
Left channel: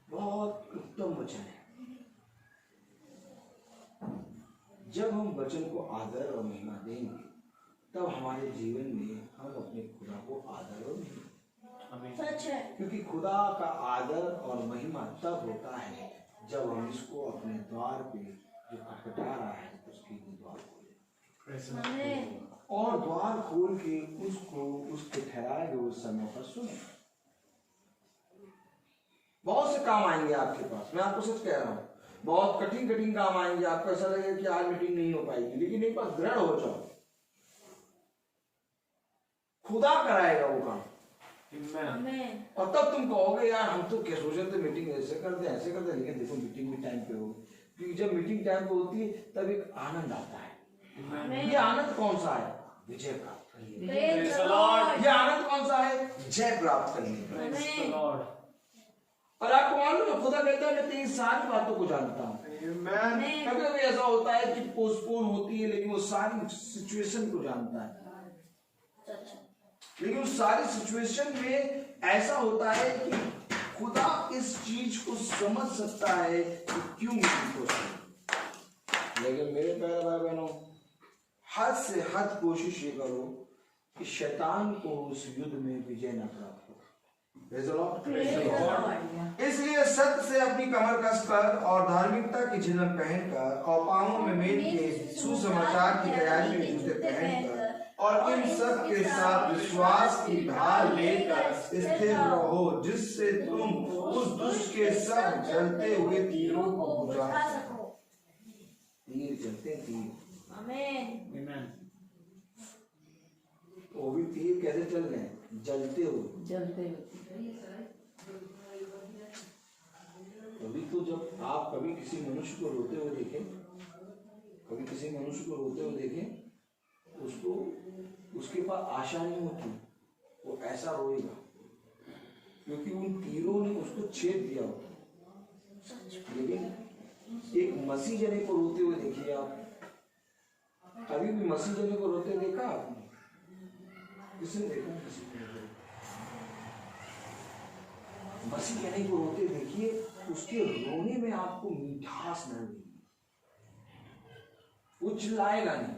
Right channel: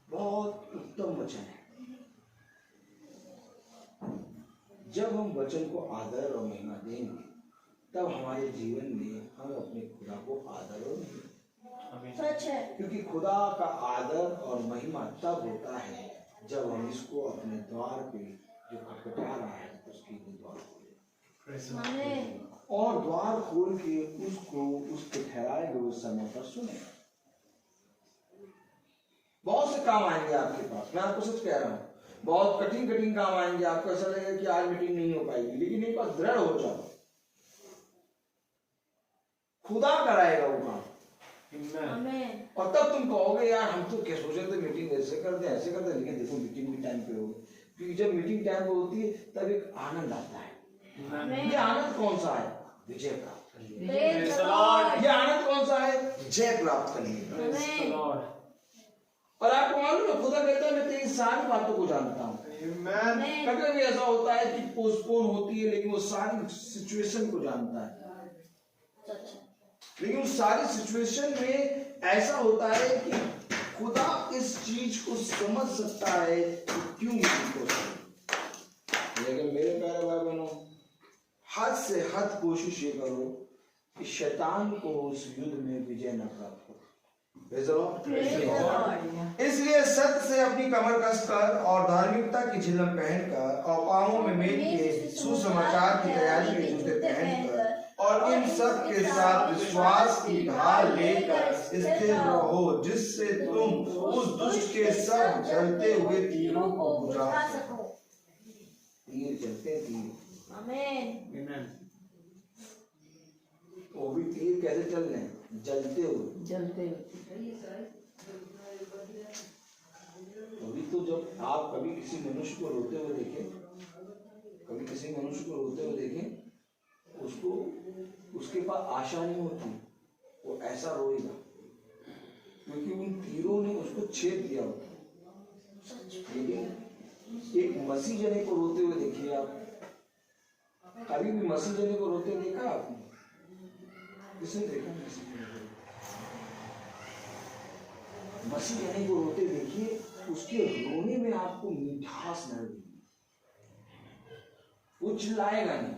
बहुत उत्तम वचन है। जब हम वचन को आदर और महिमा देंगे, तब हमारे जीवन में हम अपने खुदा को आदर और महिमा, Amen. सच है। क्योंकि खुदा का आदर और महिमा तब होता है जब हम इसको अपने द्वार पे जो खटखटा रहा है उसके लिए द्वार खोलें Praise the Lord. आमीन। और द्वार खोल के उसको उसके ठहराए हुए समय पर सुने। बहुत से काम आएंगे आपके पास, मैं आपको सच कह रहा हूँ, बहुत कठिन कठिन काम आएंगे। आपको ऐसा लगेगा कि आज मीटिंग नहीं हो पाएगी, लेकिन एक बार दृढ़ हो जाओ, खुदा कराएगा वो काम। Amen. आमीन। और तब तुम कहोगे यार हम तो क्या सोचे थे मीटिंग ऐसे कर दे ऐसे कर दे, लेकिन देखो मीटिंग भी टाइम पे होगी। क्योंकि जब मीटिंग टाइम पे होती है तब एक आनंद आता है। ये आनंद कौन सा है? विजय प्राप्त करने। Praise the Lord. ये आनंद कौन सा है? जय प्राप्त करने। Amen. और आपको मालूम है खुदा कहता है मैं तेरी सारी बातों को जानता हूँ। Amen. कभी कभी ऐसा होता है कि पोस्टपोन होती है लेकिन वो सारी सिचुएशन को जानता है। लेकिन उस सारी सिचुएशन में ऐसा होता है कि खुदा इस चीज को समझ सकता है कि क्यों मीटिंग हो रही। लेकिन मेरे प्यारे भाई बहनों, हद से हद कोशिश ये करो कि शैतान को उस युद्ध में विजय न प्राप्त हो। Praise the Lord. इसलिए सत्य से अपनी कमर कसकर और धार्मिकता की झिलम पहनकर और पांवों में मेल के सुसमाचार की तैयारी में जूते पहनकर और इन सब के साथ विश्वास की ढाल लेकर स्थिर रहो, जिससे तुम उस दुष्ट के सब जलते हुए तीरों को बुझा सको। तीर चलते तीर, Amen. वो भी तीर कैसे चल रहे हैं? जलते हुए। जलते अभी तो जब आप कभी किसी मनुष्य को रोते हुए देखें, कभी किसी मनुष्य को रोते हुए देखें, उसको उसके पास आशा नहीं होती, वो ऐसा रोएगा क्योंकि उन तीरों ने उसको छेद दिया होता। लेकिन एक मसीह जने को रोते हुए देखिए आप, कभी भी मसीह जने को रोते देखा आपने? किसने देखा? मसीह जने को रोते देखिए, उसके रोने में आपको मिठास मिलेगी। वो चिल्लाएगा नहीं,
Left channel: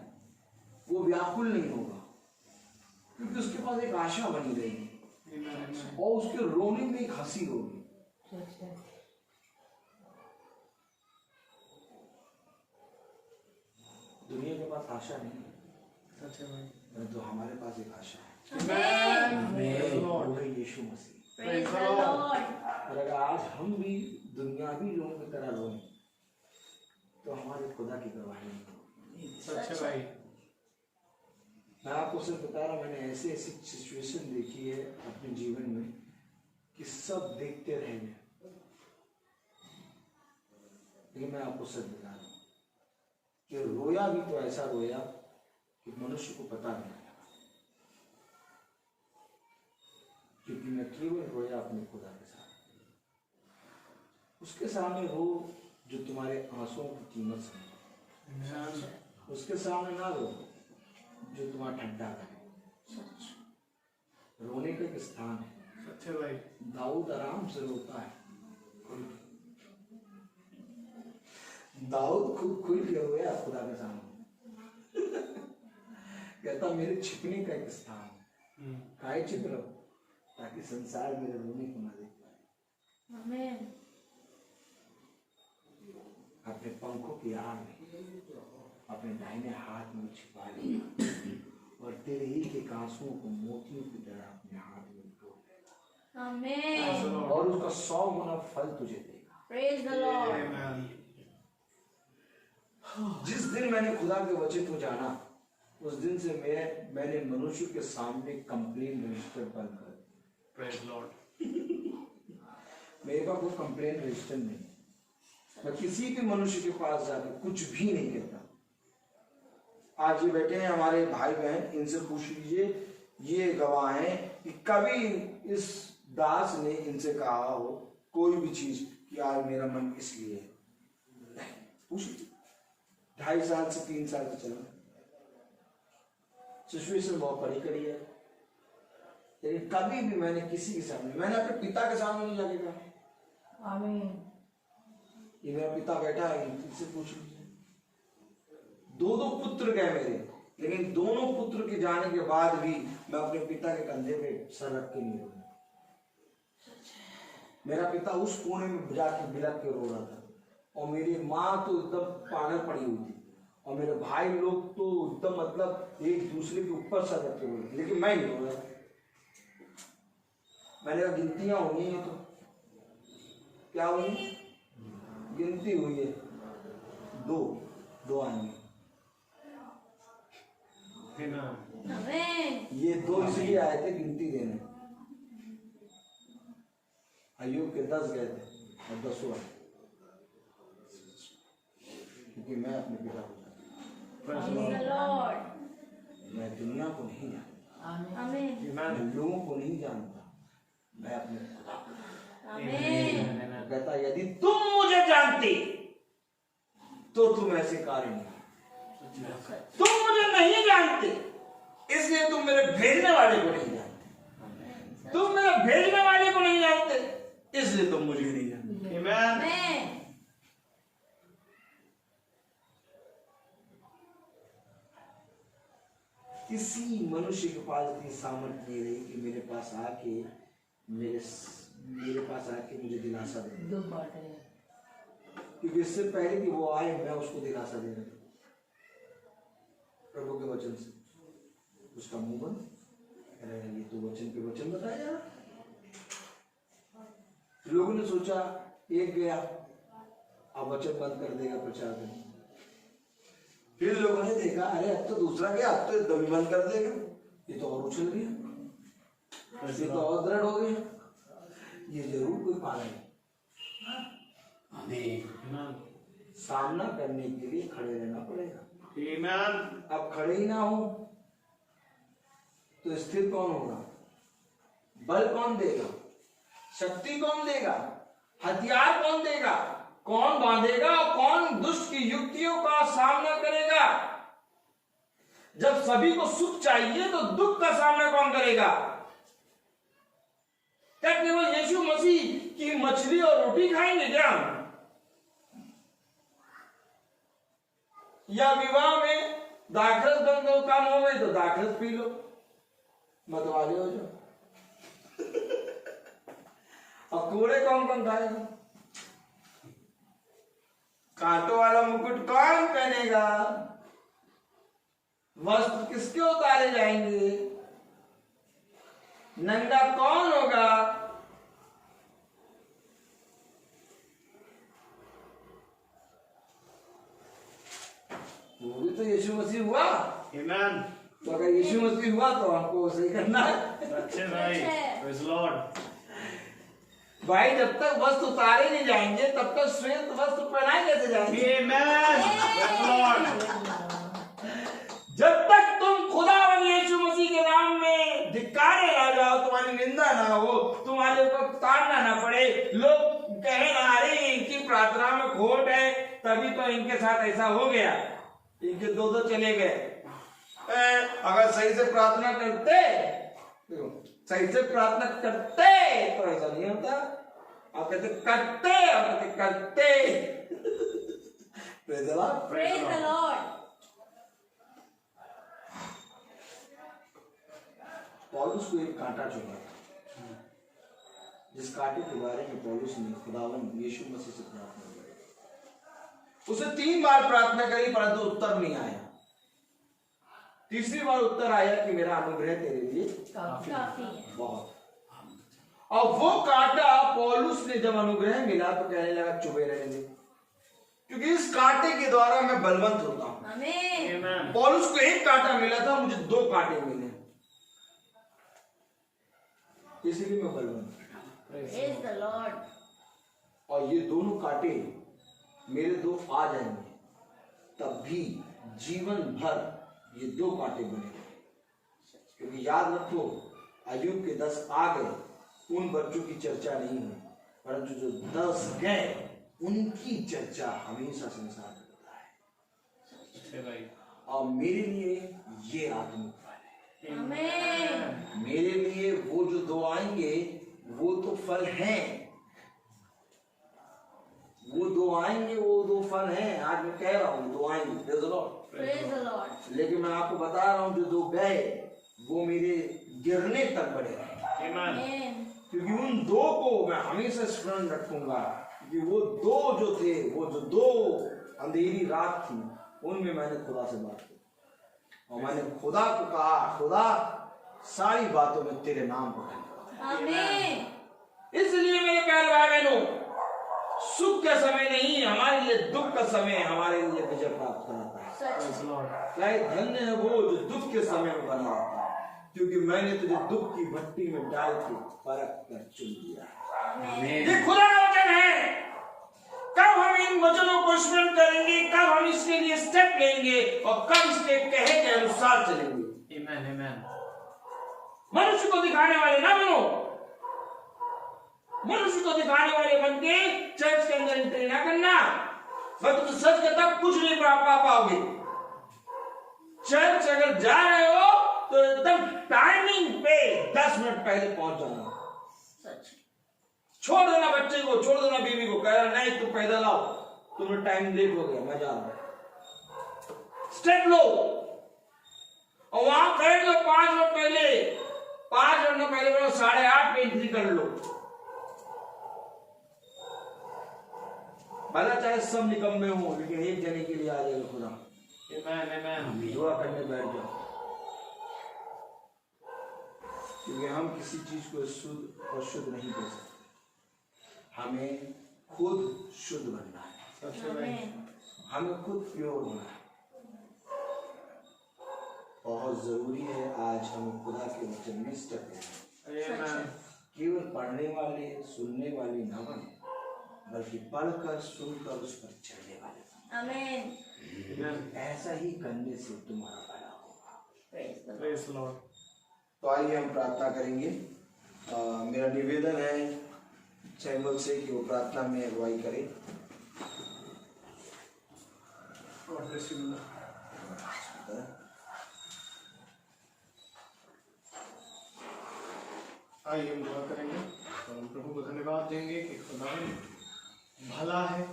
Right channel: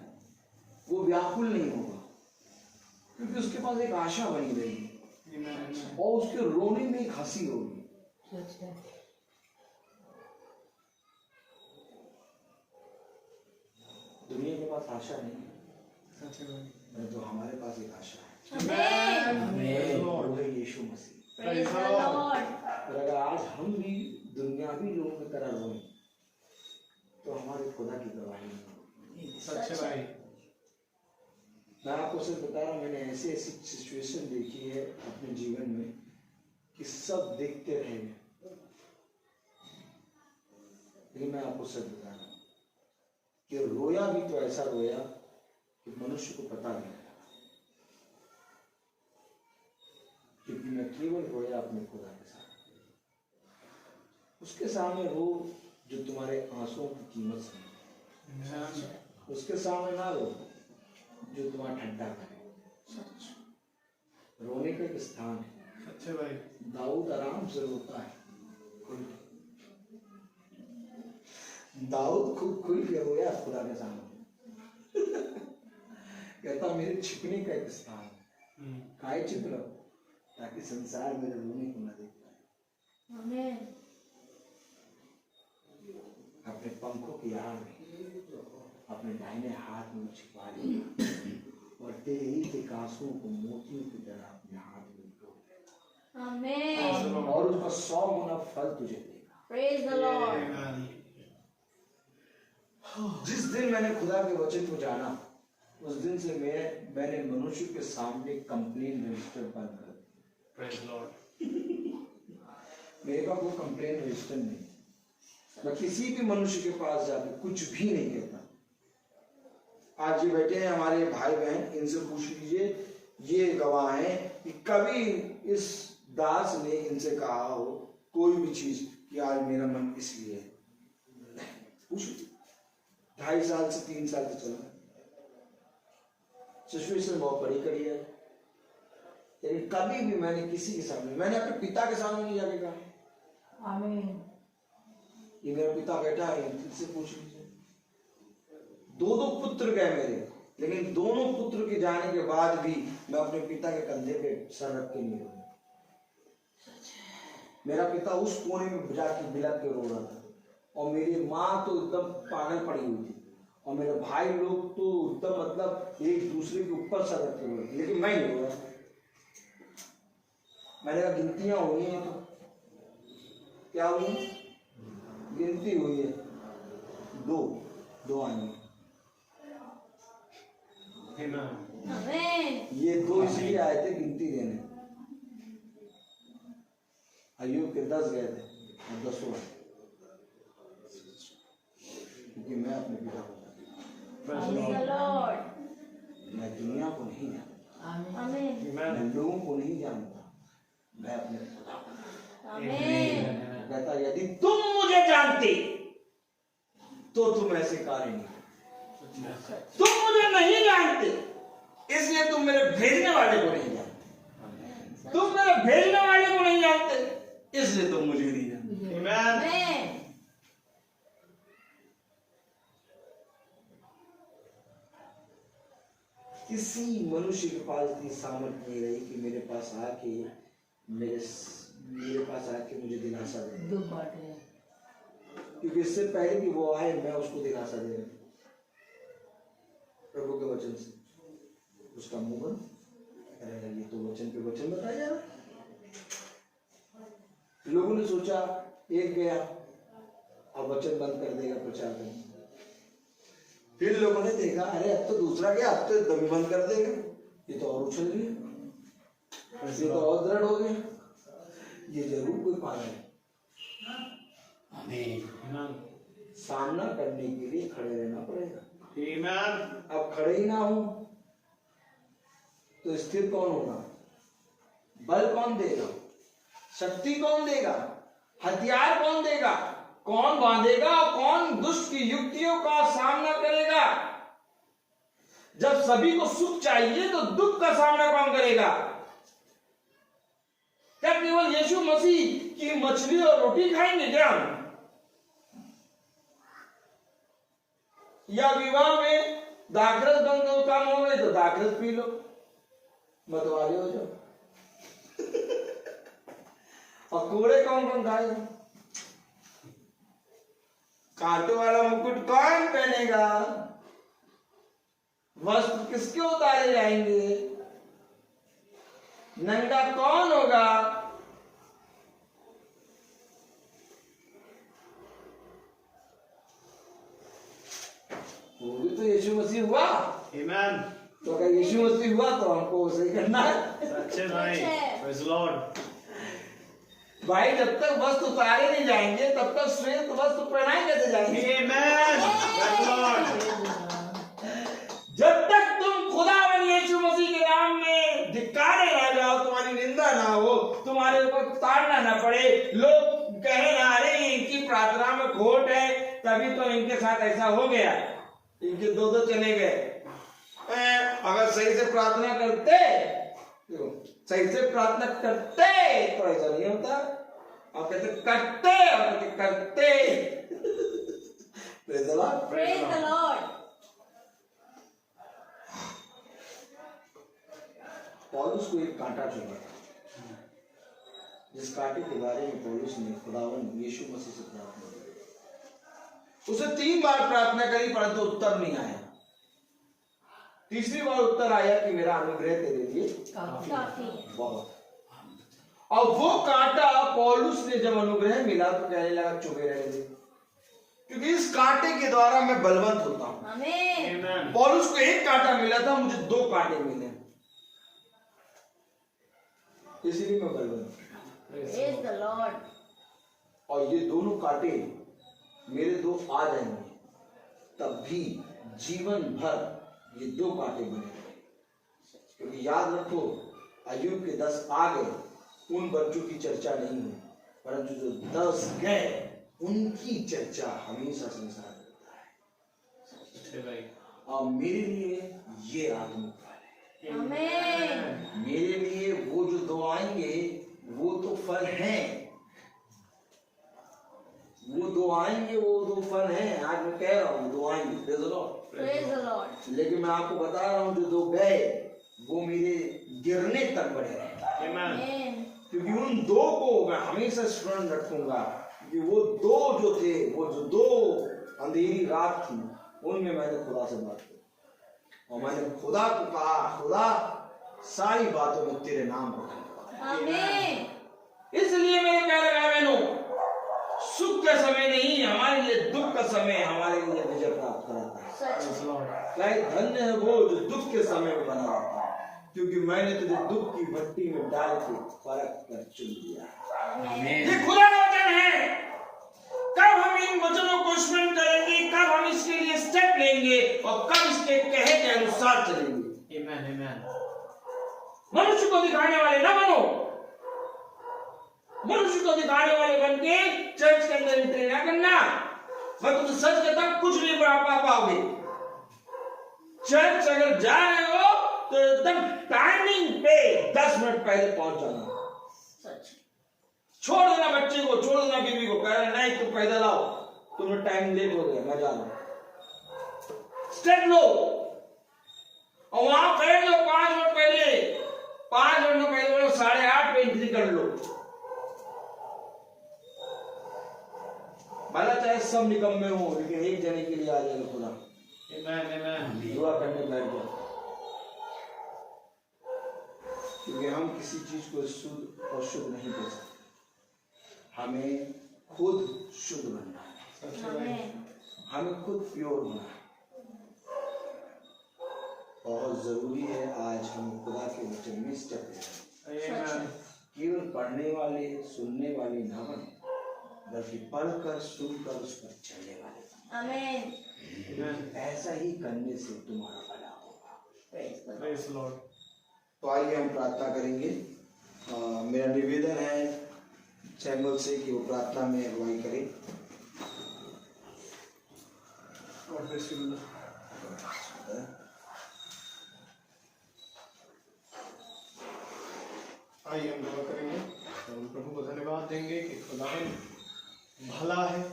वो व्याकुल नहीं होगा, क्योंकि उसके पास एक आशा बनी रहेगी और उसके रोने में एक हंसी होगी। दुनिया के पास आशा नहीं है, जो हमारे पास एक आशा है, वो है यीशु मसीह। Praise the Lord. और अगर आज हम भी दुनियावी लोगों की तरह रोएं तो हमारे खुदा की गवाही नहीं होगी। सच है भाई। मैं आपको सिर्फ बता रहा हूँ, मैंने ऐसी ऐसी सिचुएशन देखी है अपने जीवन में कि सब देखते रह गए, लेकिन मैं आपको सच बता रहा हूँ कि रोया भी तो ऐसा रोया कि मनुष्य को पता नहीं लगा, क्योंकि मैं केवल रोया अपने खुदा के साथ। उसके सामने रो जो तुम्हारे आंसुओं की कीमत समझे, उसके सामने ना रो जो तुम्हारा ठंडा करे। रोने का एक स्थान है। सच है भाई। दाऊद आराम से रोता है, दाऊद खूब खुल के रोया खुदा के सामने। कहता मेरे छिपने का एक स्थान है, काहे छिप रहो ताकि संसार मेरे रोने को न देख पाए। Amen. अपने पंखों की आड़ में अपने दाहिने हाथ में छिपा लिया और तेरे ही के आंसुओं को मोतियों की तरह अपने हाथ में ढो Amen. और उसका 100 गुना फल तुझे देगा। Praise the Lord. जिस दिन मैंने खुदा के वचन को जाना, उस दिन से मैंने मनुष्य के सामने कंप्लेन रजिस्टर बंद कर दिया। Praise Lord. मेरे पास कोई कंप्लेन रजिस्टर नहीं, मैं किसी भी मनुष्य के पास जाकर कुछ भी नहीं कहता। आज ये बैठे हैं हमारे भाई बहन, इनसे पूछ लीजिए, ये गवाह हैं कि कभी इस दास ने इनसे कहा हो कोई भी चीज कि आज मेरा मन इसलिए है। पूछ 2.5 साल से 3 साल से चल रहा है, सिचुएशन बहुत बड़ी कड़ी है, लेकिन कभी भी मैंने किसी के सामने, मैंने अपने पिता के सामने नहीं जाके कहा आमीन। कि मेरा पिता बैठा है, इससे पूछ लीजिए। 2 पुत्र गए मेरे, लेकिन दोनों पुत्र के जाने के बाद भी मैं अपने पिता के कंधे पे सर रख के नहीं रोया। मेरा पिता उस कोने में जाके बिलक के रो रहा था और मेरी माँ तो एकदम पागल पड़ी हुई थी और मेरे भाई लोग तो एकदम मतलब एक दूसरे के ऊपर सर रख के रो रहे थे, लेकिन मैं नहीं रो रहा। मैंने कहा गिनतियां हुई हैं, तो क्या हुई? गिनती हुई है, 2 आएंगे। Amen. ये 2 इसलिए आए थे गिनती देने। अय्यूब के 10 गए थे और 10 आए। कि मैं अपने पिता को जानता Praise the Lord. हूं। मैं दुनिया को नहीं जानता, Amen. मैं लोगों को नहीं जानता, मैं अपने खुदा को जानता Amen. हूं। कहता यदि तुम मुझे जानते तो तुम ऐसे कार्य नहीं करते। तुम मुझे नहीं जानते इसलिए तुम मेरे भेजने वाले को नहीं जानते। तुम मेरे भेजने वाले को नहीं जानते इसलिए तुम मुझे नहीं जानते। Amen. किसी मनुष्य के पास इतनी सामर्थ्य नहीं रही कि मेरे पास आके मेरे पास आके मुझे दिलासा दे, दो बात है। क्योंकि इससे पहले कि वो आए मैं उसको दिलासा दे रहा प्रभु के वचन से। उसका मुंह बंद, अरे ये तो वचन पे वचन बताया जा रहा। लोगों ने सोचा एक गया अब वचन बंद कर देगा प्रचार करना। फिर लोगों ने देखा अरे अब तो दूसरा गया, अब तो दमी बंद कर देगा, ये तो और उछल रही है, ये तो और दृढ़ हो गया, ये जरूर कोई पागल है। सामना करने के लिए खड़े रहना पड़ेगा। अब खड़े ही ना हो तो स्थिर कौन होगा? बल कौन देगा? शक्ति कौन देगा? हथियार कौन देगा? कौन बांधेगा? कौन दुष्ट की युक्तियों का सामना करेगा? जब सभी को सुख चाहिए तो दुख का सामना कौन करेगा? क्या केवल यीशु मसीह की मछली और रोटी खाएंगे क्या? या विवाह में दाखरस बन दो काम हो गई तो दाखरस पी लो, मतवाले हो जाओ। और कूड़े कौन कौन खाएगा? कांटों वाला मुकुट कौन पहनेगा? वस्त्र किसके उतारे जाएंगे? नंगा कौन होगा? वो भी तो यीशु मसीह हुआ। Amen. तो अगर यीशु मसीह हुआ तो हमको सही करना है। सच्चे भाई, praise the Lord. भाई जब तक वस्त्र उतारे नहीं जाएंगे तब तक श्रेष्ठ वस्त्र पहनाए कैसे जाएंगे? Amen. Praise the Lord. जब तक तुम खुदावन यीशु मसीह के नाम में धिक्कारे ना जाओ, तुम्हारी निंदा ना हो, तुम्हारे ऊपर ताड़ना ना पड़े, लोग कहे ना अरे इनकी प्रार्थना में खोट है तभी तो इनके साथ ऐसा हो गया, इनके दो चले गए। अगर सही से प्रार्थना करते, सही से प्रार्थना करते तो ऐसा नहीं होता। आप कहते करते, आप कहते करते। Praise the Lord. Praise the Lord. पौलुस को एक कांटा चुभा था, जिस कांटे के बारे में पौलुस ने खुदावन यीशु मसीह से प्रार्थना की। उसे 3 बार प्रार्थना करी परंतु उत्तर नहीं आया। तीसरी बार उत्तर आया कि मेरा अनुग्रह तेरे लिए काफी है। बहुत। और वो कांटा पौलुस ने जब अनुग्रह मिला तो कहने लगा चुभे रहेंगे, क्योंकि इस कांटे के द्वारा मैं बलवंत होता हूं। Amen. पौलुस को एक कांटा मिला था, मुझे 2 कांटे मिले, इसलिए मैं बलवंत। Praise the Lord. और ये दोनों कांटे मेरे 2 आ जाएंगे तब भी जीवन भर ये 2 कांटे बने रहे। क्योंकि याद रखो अय्यूब के 10 आ गए, उन बच्चों की चर्चा नहीं हुई, परंतु जो 10 गए उनकी चर्चा हमेशा संसार में होता है। और मेरे लिए ये आत्मिक फल है। Amen. मेरे लिए वो जो 2 आएंगे वो तो फल हैं, वो 2 आएंगे, वो 2 फल हैं। आज मैं कह रहा हूँ 2 आएंगे, Praise the Lord. Praise the Lord. लेकिन मैं आपको बता रहा हूँ जो 2 गए वो मेरे गिरने तक बढ़े रहे, Amen. क्योंकि उन 2 को मैं हमेशा स्मरण रखूंगा। कि वो 2 जो थे, वो जो 2 अंधेरी रात थी, उनमें मैंने खुदा से बात की और मैंने खुदा को कहा खुदा सारी बातों में तेरे नाम को धन्यवाद। Amen. इसलिए मेरे प्यारे भाई बहनों, सुख का समय नहीं, हमारे लिए दुख का समय हमारे लिए विजय प्राप्त कराता है। सच। चाहे धन्य है वो जो दुख के समय में बना रहता है, क्योंकि मैंने तुझे दुख की भट्टी में डाल के परख कर चुन लिया। ये खुदा का वचन है। कब हम इन वचनों को स्मरण करेंगे, कब हम इसके लिए स्टेप लेंगे और कब इसके कहे के अनुसार चलेंगे। आमेन आमेन। मनुष्य को दिखाने वाले ना बनो, मनुष्य को दिखाने वाले बन के चर्च के अंदर एंट्री ना करना। मैं तो सच कहता कुछ नहीं पा पाओगे। चर्च अगर जा रहे हो तो एकदम टाइमिंग पे 10 मिनट पहले पहुंच जाना। सच। छोड़ देना बच्चे को, छोड़ देना बीवी को, कह रहा नहीं तुम पैदल आओ, तुम्हें टाइम लेट हो गया, मैं जा रहा हूं। स्टेप लो और वहां बैठ लो 5 मिनट पहले, 5 मिनट पहले बोलो 8:30 पे एंट्री कर लो। भला चाहे सब निकम्मे हो, लेकिन एक जने के लिए आ जाएगा खुदा। आमेन आमेन। दुआ करने बैठ जाओ, क्योंकि हम किसी चीज को शुद्ध और शुद्ध नहीं कर सकते। हमें खुद शुद्ध बनना है, आमेन। हमें खुद प्योर होना है। बहुत जरूरी है आज हम खुदा के वचन में स्टेप लें। आमेन। केवल पढ़ने वाले, सुनने वाले न बने, बल्कि पढ़कर सुनकर उस पर चलने वाले। आमेन। ऐसा ही करने से तुम्हारा भला होगा। Praise the Lord. Praise Lord. तो आइए हम प्रार्थना करेंगे। मेरा निवेदन है सैमुअल से कि वो प्रार्थना में अगुवाई करे। God bless you. आइए हम दुआ करेंगे और हम प्रभु को धन्यवाद देंगे कि खुदावन भला है।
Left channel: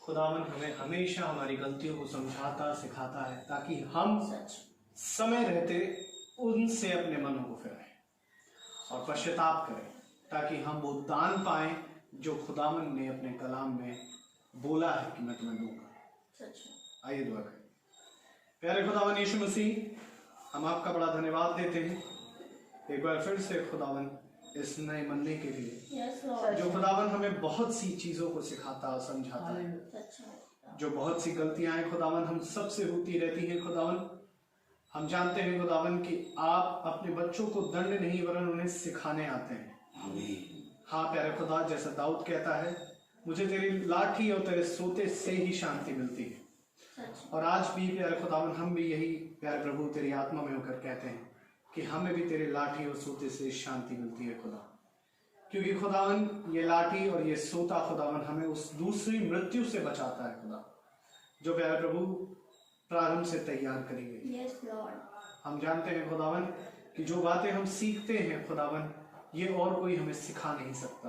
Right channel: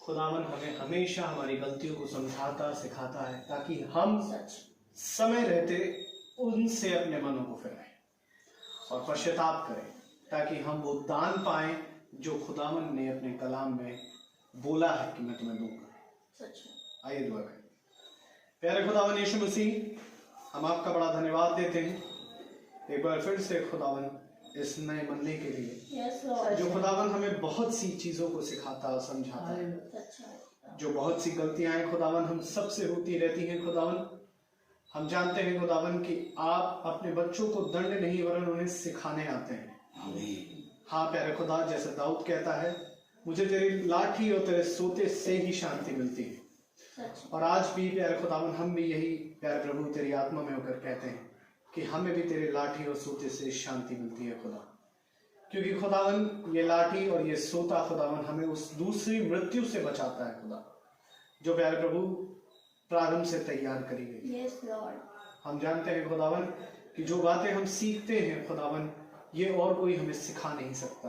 खुदावन हमें हमेशा हमारी गलतियों को समझाता सिखाता है, ताकि हम सच। समय रहते उनसे अपने मनों को फिराएं और पश्चाताप करें, ताकि हम वो दान पाएं जो खुदावन ने अपने कलाम में बोला है कि मैं तुम्हें दूंगा। सच। आइए दुआ करें। प्यारे खुदावन यीशु मसीह, हम आपका बड़ा धन्यवाद देते हैं एक बार फिर से खुदावन इस नए महीने के लिए, Yes, Lord. जो खुदावन हमें बहुत सी चीजों को सिखाता और समझाता है। सच है। जो बहुत सी गलतियां हैं खुदावन हम सबसे होती रहती हैं खुदावन, हम जानते हैं खुदावन कि आप अपने बच्चों को दंड नहीं वरन उन्हें सिखाने आते हैं। हाँ प्यारे खुदा, जैसा दाऊद कहता है, मुझे तेरी लाठी और तेरे सोते से ही शांति मिलती है। सच। और आज भी प्यारे खुदावन हम भी यही प्यारे प्रभु तेरी आत्मा में होकर कहते हैं कि हमें भी तेरे लाठी और सोते से शांति मिलती है खुदा, क्योंकि खुदावन ये लाठी और ये सोता खुदावन हमें उस दूसरी मृत्यु से बचाता है खुदा, जो प्यारे प्रभु प्रारंभ से तैयार करी गई। Yes, Lord. हम जानते हैं खुदावन कि जो बातें हम सीखते हैं खुदावन, ये और कोई हमें सिखा नहीं सकता।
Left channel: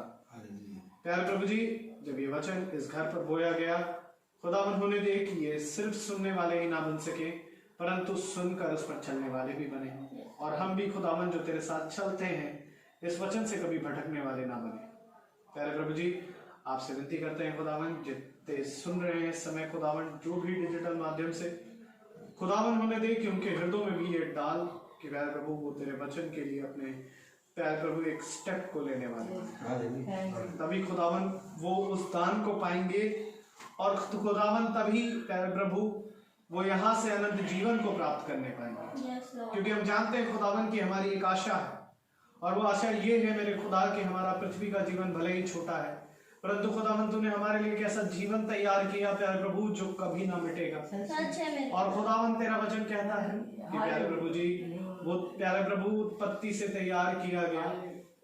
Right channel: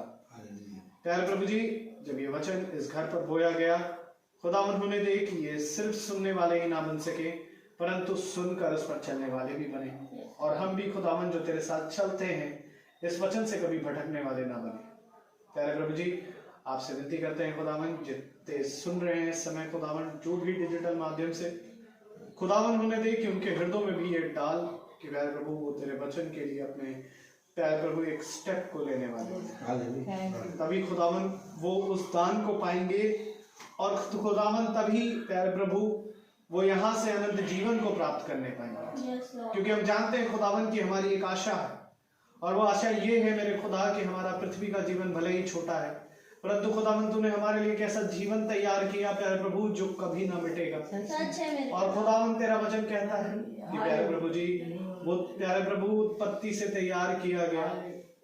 प्यारे प्रभु जी, जब ये वचन इस घर पर बोया गया, खुदावन होने दे कि ये सिर्फ सुनने वाले ही ना बन सके, परंतु सुनकर उस पर चलने वाले भी बने, और हम भी खुदावन जो तेरे साथ चलते हैं इस वचन से कभी भटकने वाले ना बने। प्यारे प्रभु जी, आपसे विनती करते हैं खुदावन, जितने सुन रहे हैं इस समय खुदावन, जो भी डिजिटल माध्यम से खुदावन होने दे कि उनके हृदयों में भी ये डाल कि प्यारे प्रभु वो तेरे वचन के लिए अपने प्यारे प्रभु एक स्टेप को लेने वाले हैं। तभी खुदावन वो उस दान को पाएंगे, और खुदावन तभी प्यारे प्रभु वो यहाँ से अनंत जीवन को प्राप्त करने पाएंगे। Yes, Lord. क्योंकि हम जानते हैं खुदावन की हमारी एक आशा है, और वो आशा ये है मेरे खुदा कि हमारा पृथ्वी का जीवन भले ही छोटा है, परंतु खुदावन तूने हमारे लिए एक ऐसा जीवन तैयार किया प्यारे प्रभु जो कभी ना मिटेगा। सच है मेरे। और खुदावन तेरा वचन कहता है कि प्यारे प्रभु जी, वो प्यारे प्रभु उत्पत्ति से तैयार किया गया,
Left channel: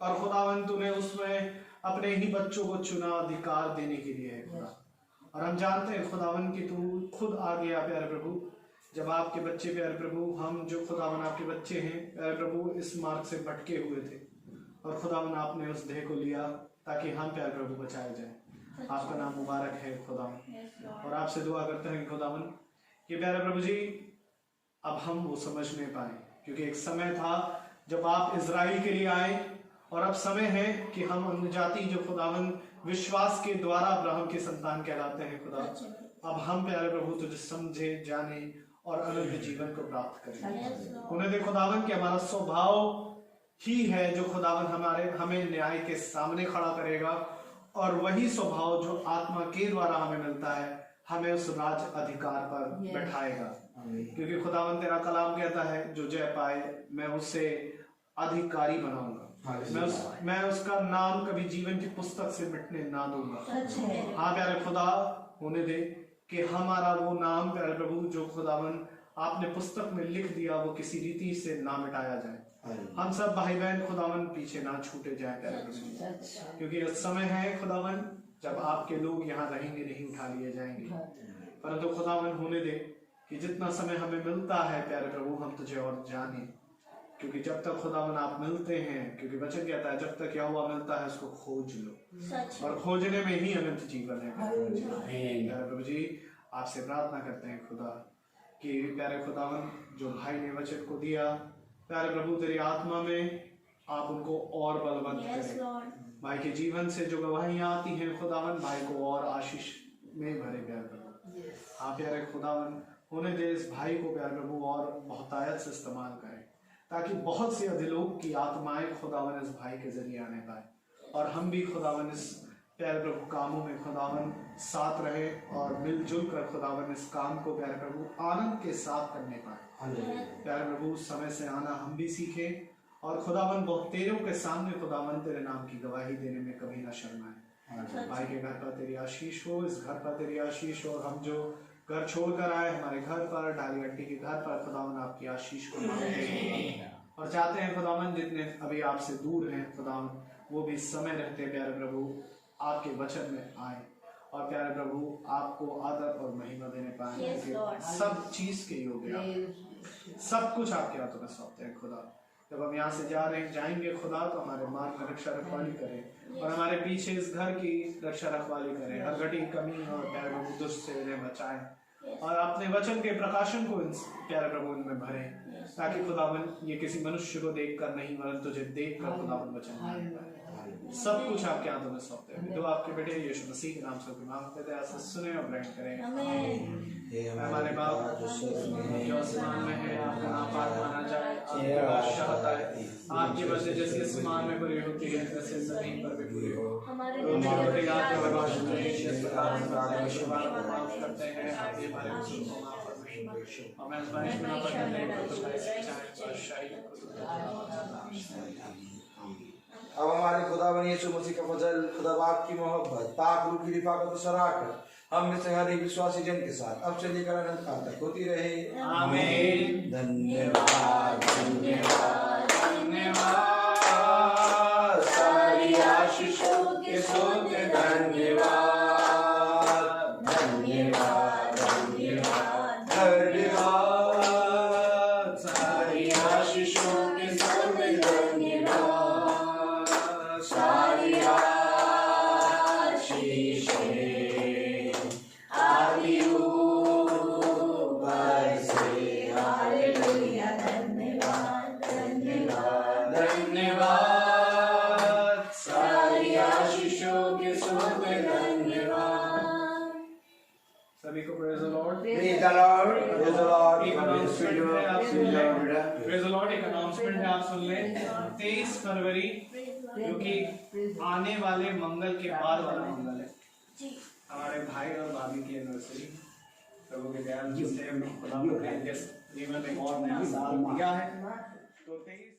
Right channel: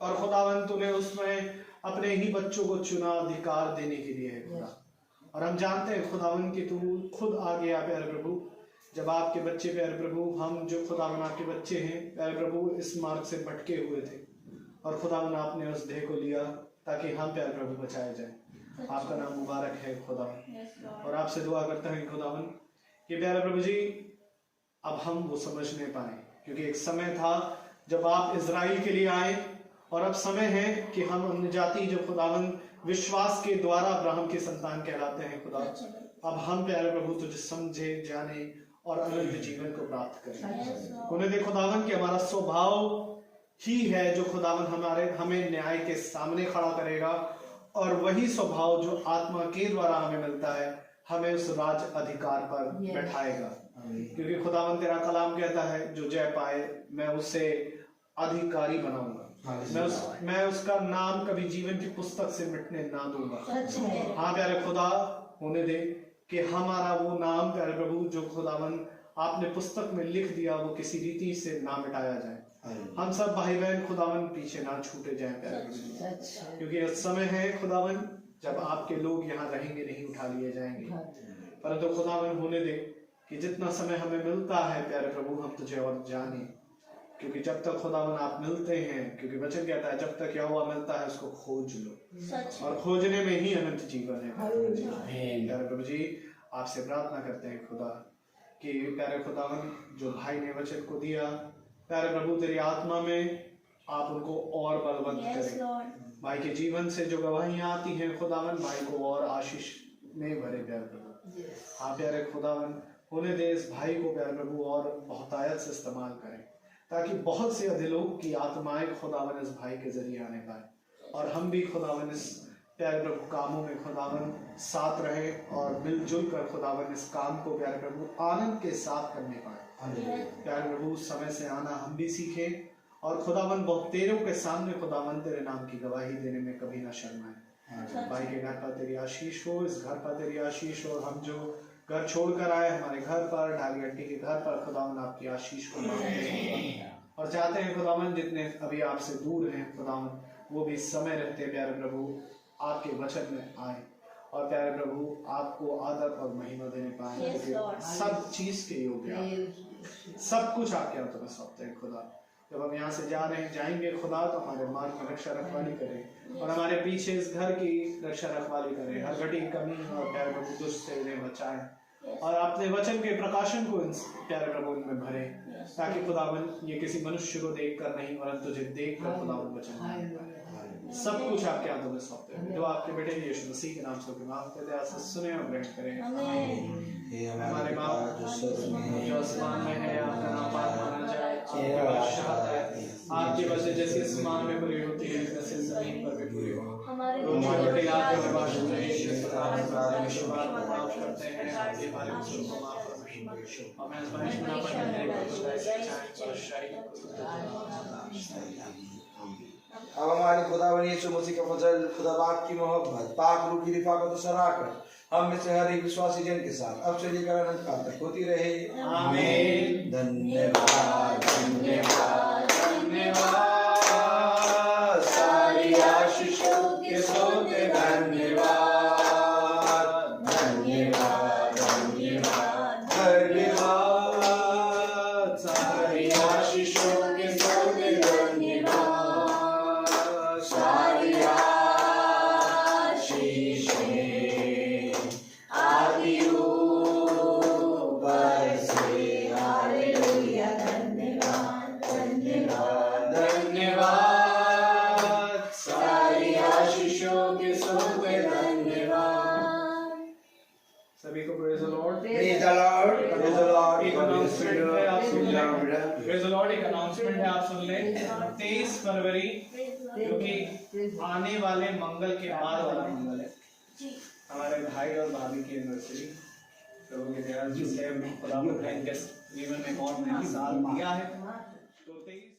और खुदावन तूने उसमें अपने ही बच्चों को चुना अधिकार देने के लिए है खुदा। और हम जानते हैं खुदावन कि तू खुद आ गया प्यारे प्रभु, जब आपके बच्चे प्यारे प्रभु, हम जो खुदावन आपके बच्चे हैं प्यारे प्रभु, इस मार्ग से भटके हुए थे, और खुदावन आपने उस देह को लिया ताकि हम प्यारे प्रभु बचाए जाए। आपका नाम मुबारक है खुदावन। Yes, Lord. और आपसे दुआ करते हैं खुदावन कि प्यारे प्रभु जी, अब हम वो समझने पाए, क्योंकि एक समय था जब आप इजराइल के लिए आए, और अब समय है कि हम अन्य जाति जो खुदावन विश्वास के द्वारा अब्राहम के संतान कहलाते हैं खुदा, अब हम प्यारे प्रभु तुझे समझे, जाने और अनंत जीवन को प्राप्त करें। उन्हें दे खुदावन कि हमारा स्वभाव ही है जो खुदावन हमें न्याय के सामने खड़ा करेगा, और वही स्वभाव जो आत्मा के द्वारा हमें मिलता है हमें उस राज अधिकार पर बैठाएगा। क्योंकि खुदावन तेरा कलाम कहता है, जो जय पाए मैं उसे अधिकारी बनाऊंगा। मैं उसका नाम कभी जीवन की पुस्तक से मिटने ना दूंगा। सच है। हाँ प्यारे खुदा, होने दे कि हमारा वो नाम प्यारे प्रभु जो खुदावन आपने पुस्तक में लिख दिया वो किसी रीति से ना मिटाया जाए। हम सब भाई बहन खुदावन पीछे ना छूटे जाए प्यारे प्रभु, क्योंकि इस समय है खुदावन जब आपके लोग यहाँ रहेंगे नहीं उठा लिए जाएंगे। परंतु खुदावन होने दे कि जितना समय हमें मिलता है प्यारे प्रभु हम तुझे और जाने, क्योंकि जब तक खुदावन आप मिलते हैं, क्योंकि वचन कहता है जब तक यहोवा मिलता है उसको खोज लो, और खोजने में ही अनंत जीवन है। प्यारे प्रभु जी आपसे प्रार्थना करते हैं खुदा कि प्यारे खुदावन जो भाई ने वचन को दिया प्यारे प्रभु तेरी आत्मा में आप उनको और बलवंत करें। भाई के जीवन से जो गवाहियां आती हैं खुदावन भाई को और आशीष में भरे प्यारे प्रभु। हाँ प्यारे खुदावन होने दे इस भाई को प्यारे प्रभु और बहुतायत से इस्तेमाल करें, ताकि बहुत से अधिलोक की आत्माएं खुदावन इस भाई के जरिए आने पाए, और हम भी खुदावन इस प्यारे प्रभु कामों में खुदावन साथ रहे और मिलजुल कर खुदावन इस काम को प्यारे प्रभु आनंद के साथ करने पाए। प्यारे प्रभु समय से आना हम भी सीखें, और खुदावन बहुतेरों के सामने खुदावन तेरे नाम की गवाही देने में कभी ना शर्माए। भाई के घर पर तेरी आशीष हो, इस घर पर तेरी आशीष हो, और हम जो घर छोड़कर आए हमारे घर पर डाली हड्डी के घर पर खुदावन आपकी आशीष को मांगते हैं और चाहते हैं खुदावन जितने अभी आपसे दूर हैं खुदावन वो भी समय रहते प्यारे प्रभु आपके वचन में आए, और प्यारे प्रभु आपको आदर और महिमा देने पाए। सब चीज के योग्य सब कुछ आपके हाथों में सौंपते हैं खुदा। जब हम यहाँ से जा रहे हैं जाएंगे खुदा तो हमारे मार्ग में रक्षा रखवाली करें, और हमारे पीछे इस घर की रक्षा रखवाली करें, हर घड़ी कमी और प्यारे प्रभु दुष्ट से इन्हें बचाएं, और अपने वचन के प्रकाशन को प्यारे प्रभु इनमें भरें, ताकि खुदावन ये किसी मनुष्य को देखकर नहीं वरन तुझे देखकर खुदावन वचन सब कुछ आपके हाथों में सौंपते हैं। तो आपके बेटे यीशु मसीह के नाम से मांगते थे, ऐसा सुने और ग्रहण करें। हमारे बाप जो आसमान में है आपका नाम माना जाए, आपकी बादशाहत आए, आपकी वजह जैसे आसमान में पूरी होती है वैसे जमीन पर भी पूरी हो। हमारे करते हैं अब हमारे खुदावन यीशु मसीह का फजल, खुदा बाप की मोहब्बत, पाक रूह की रिफाकत और शराकत हम में से हर एक विश्वासी जन के साथ अब से लेकर अनंत काल तक होती रहे। आमीन। धन्यवाद धन्यवाद धन्यवाद सारी आशीषों के सोते धन्यवाद धन्यवाद धन्यवाद धन्यवाद सारी आशीषों के सोते धन्यवाद सारी आशीषें आदि ऊपर से हालेलुया धन्यवाद धन्यवाद धन्यवाद सारी आशीषों के सोते धन्यवाद। सभी को praise the Lord. Praise the Lord praise the Lord. एक अनाउंसमेंट है आप सुन लें। Praise the Lord. एक अनाउंसमेंट है आप सुन लें। 23 फरवरी जो कि आने वाले मंगल के बाद वाला मंगल है, हमारे भाई और भाभी की एनिवर्सरी। प्रभु के दयाल से खुदा ने जिस जीवन में और नया साल दिया है तो 23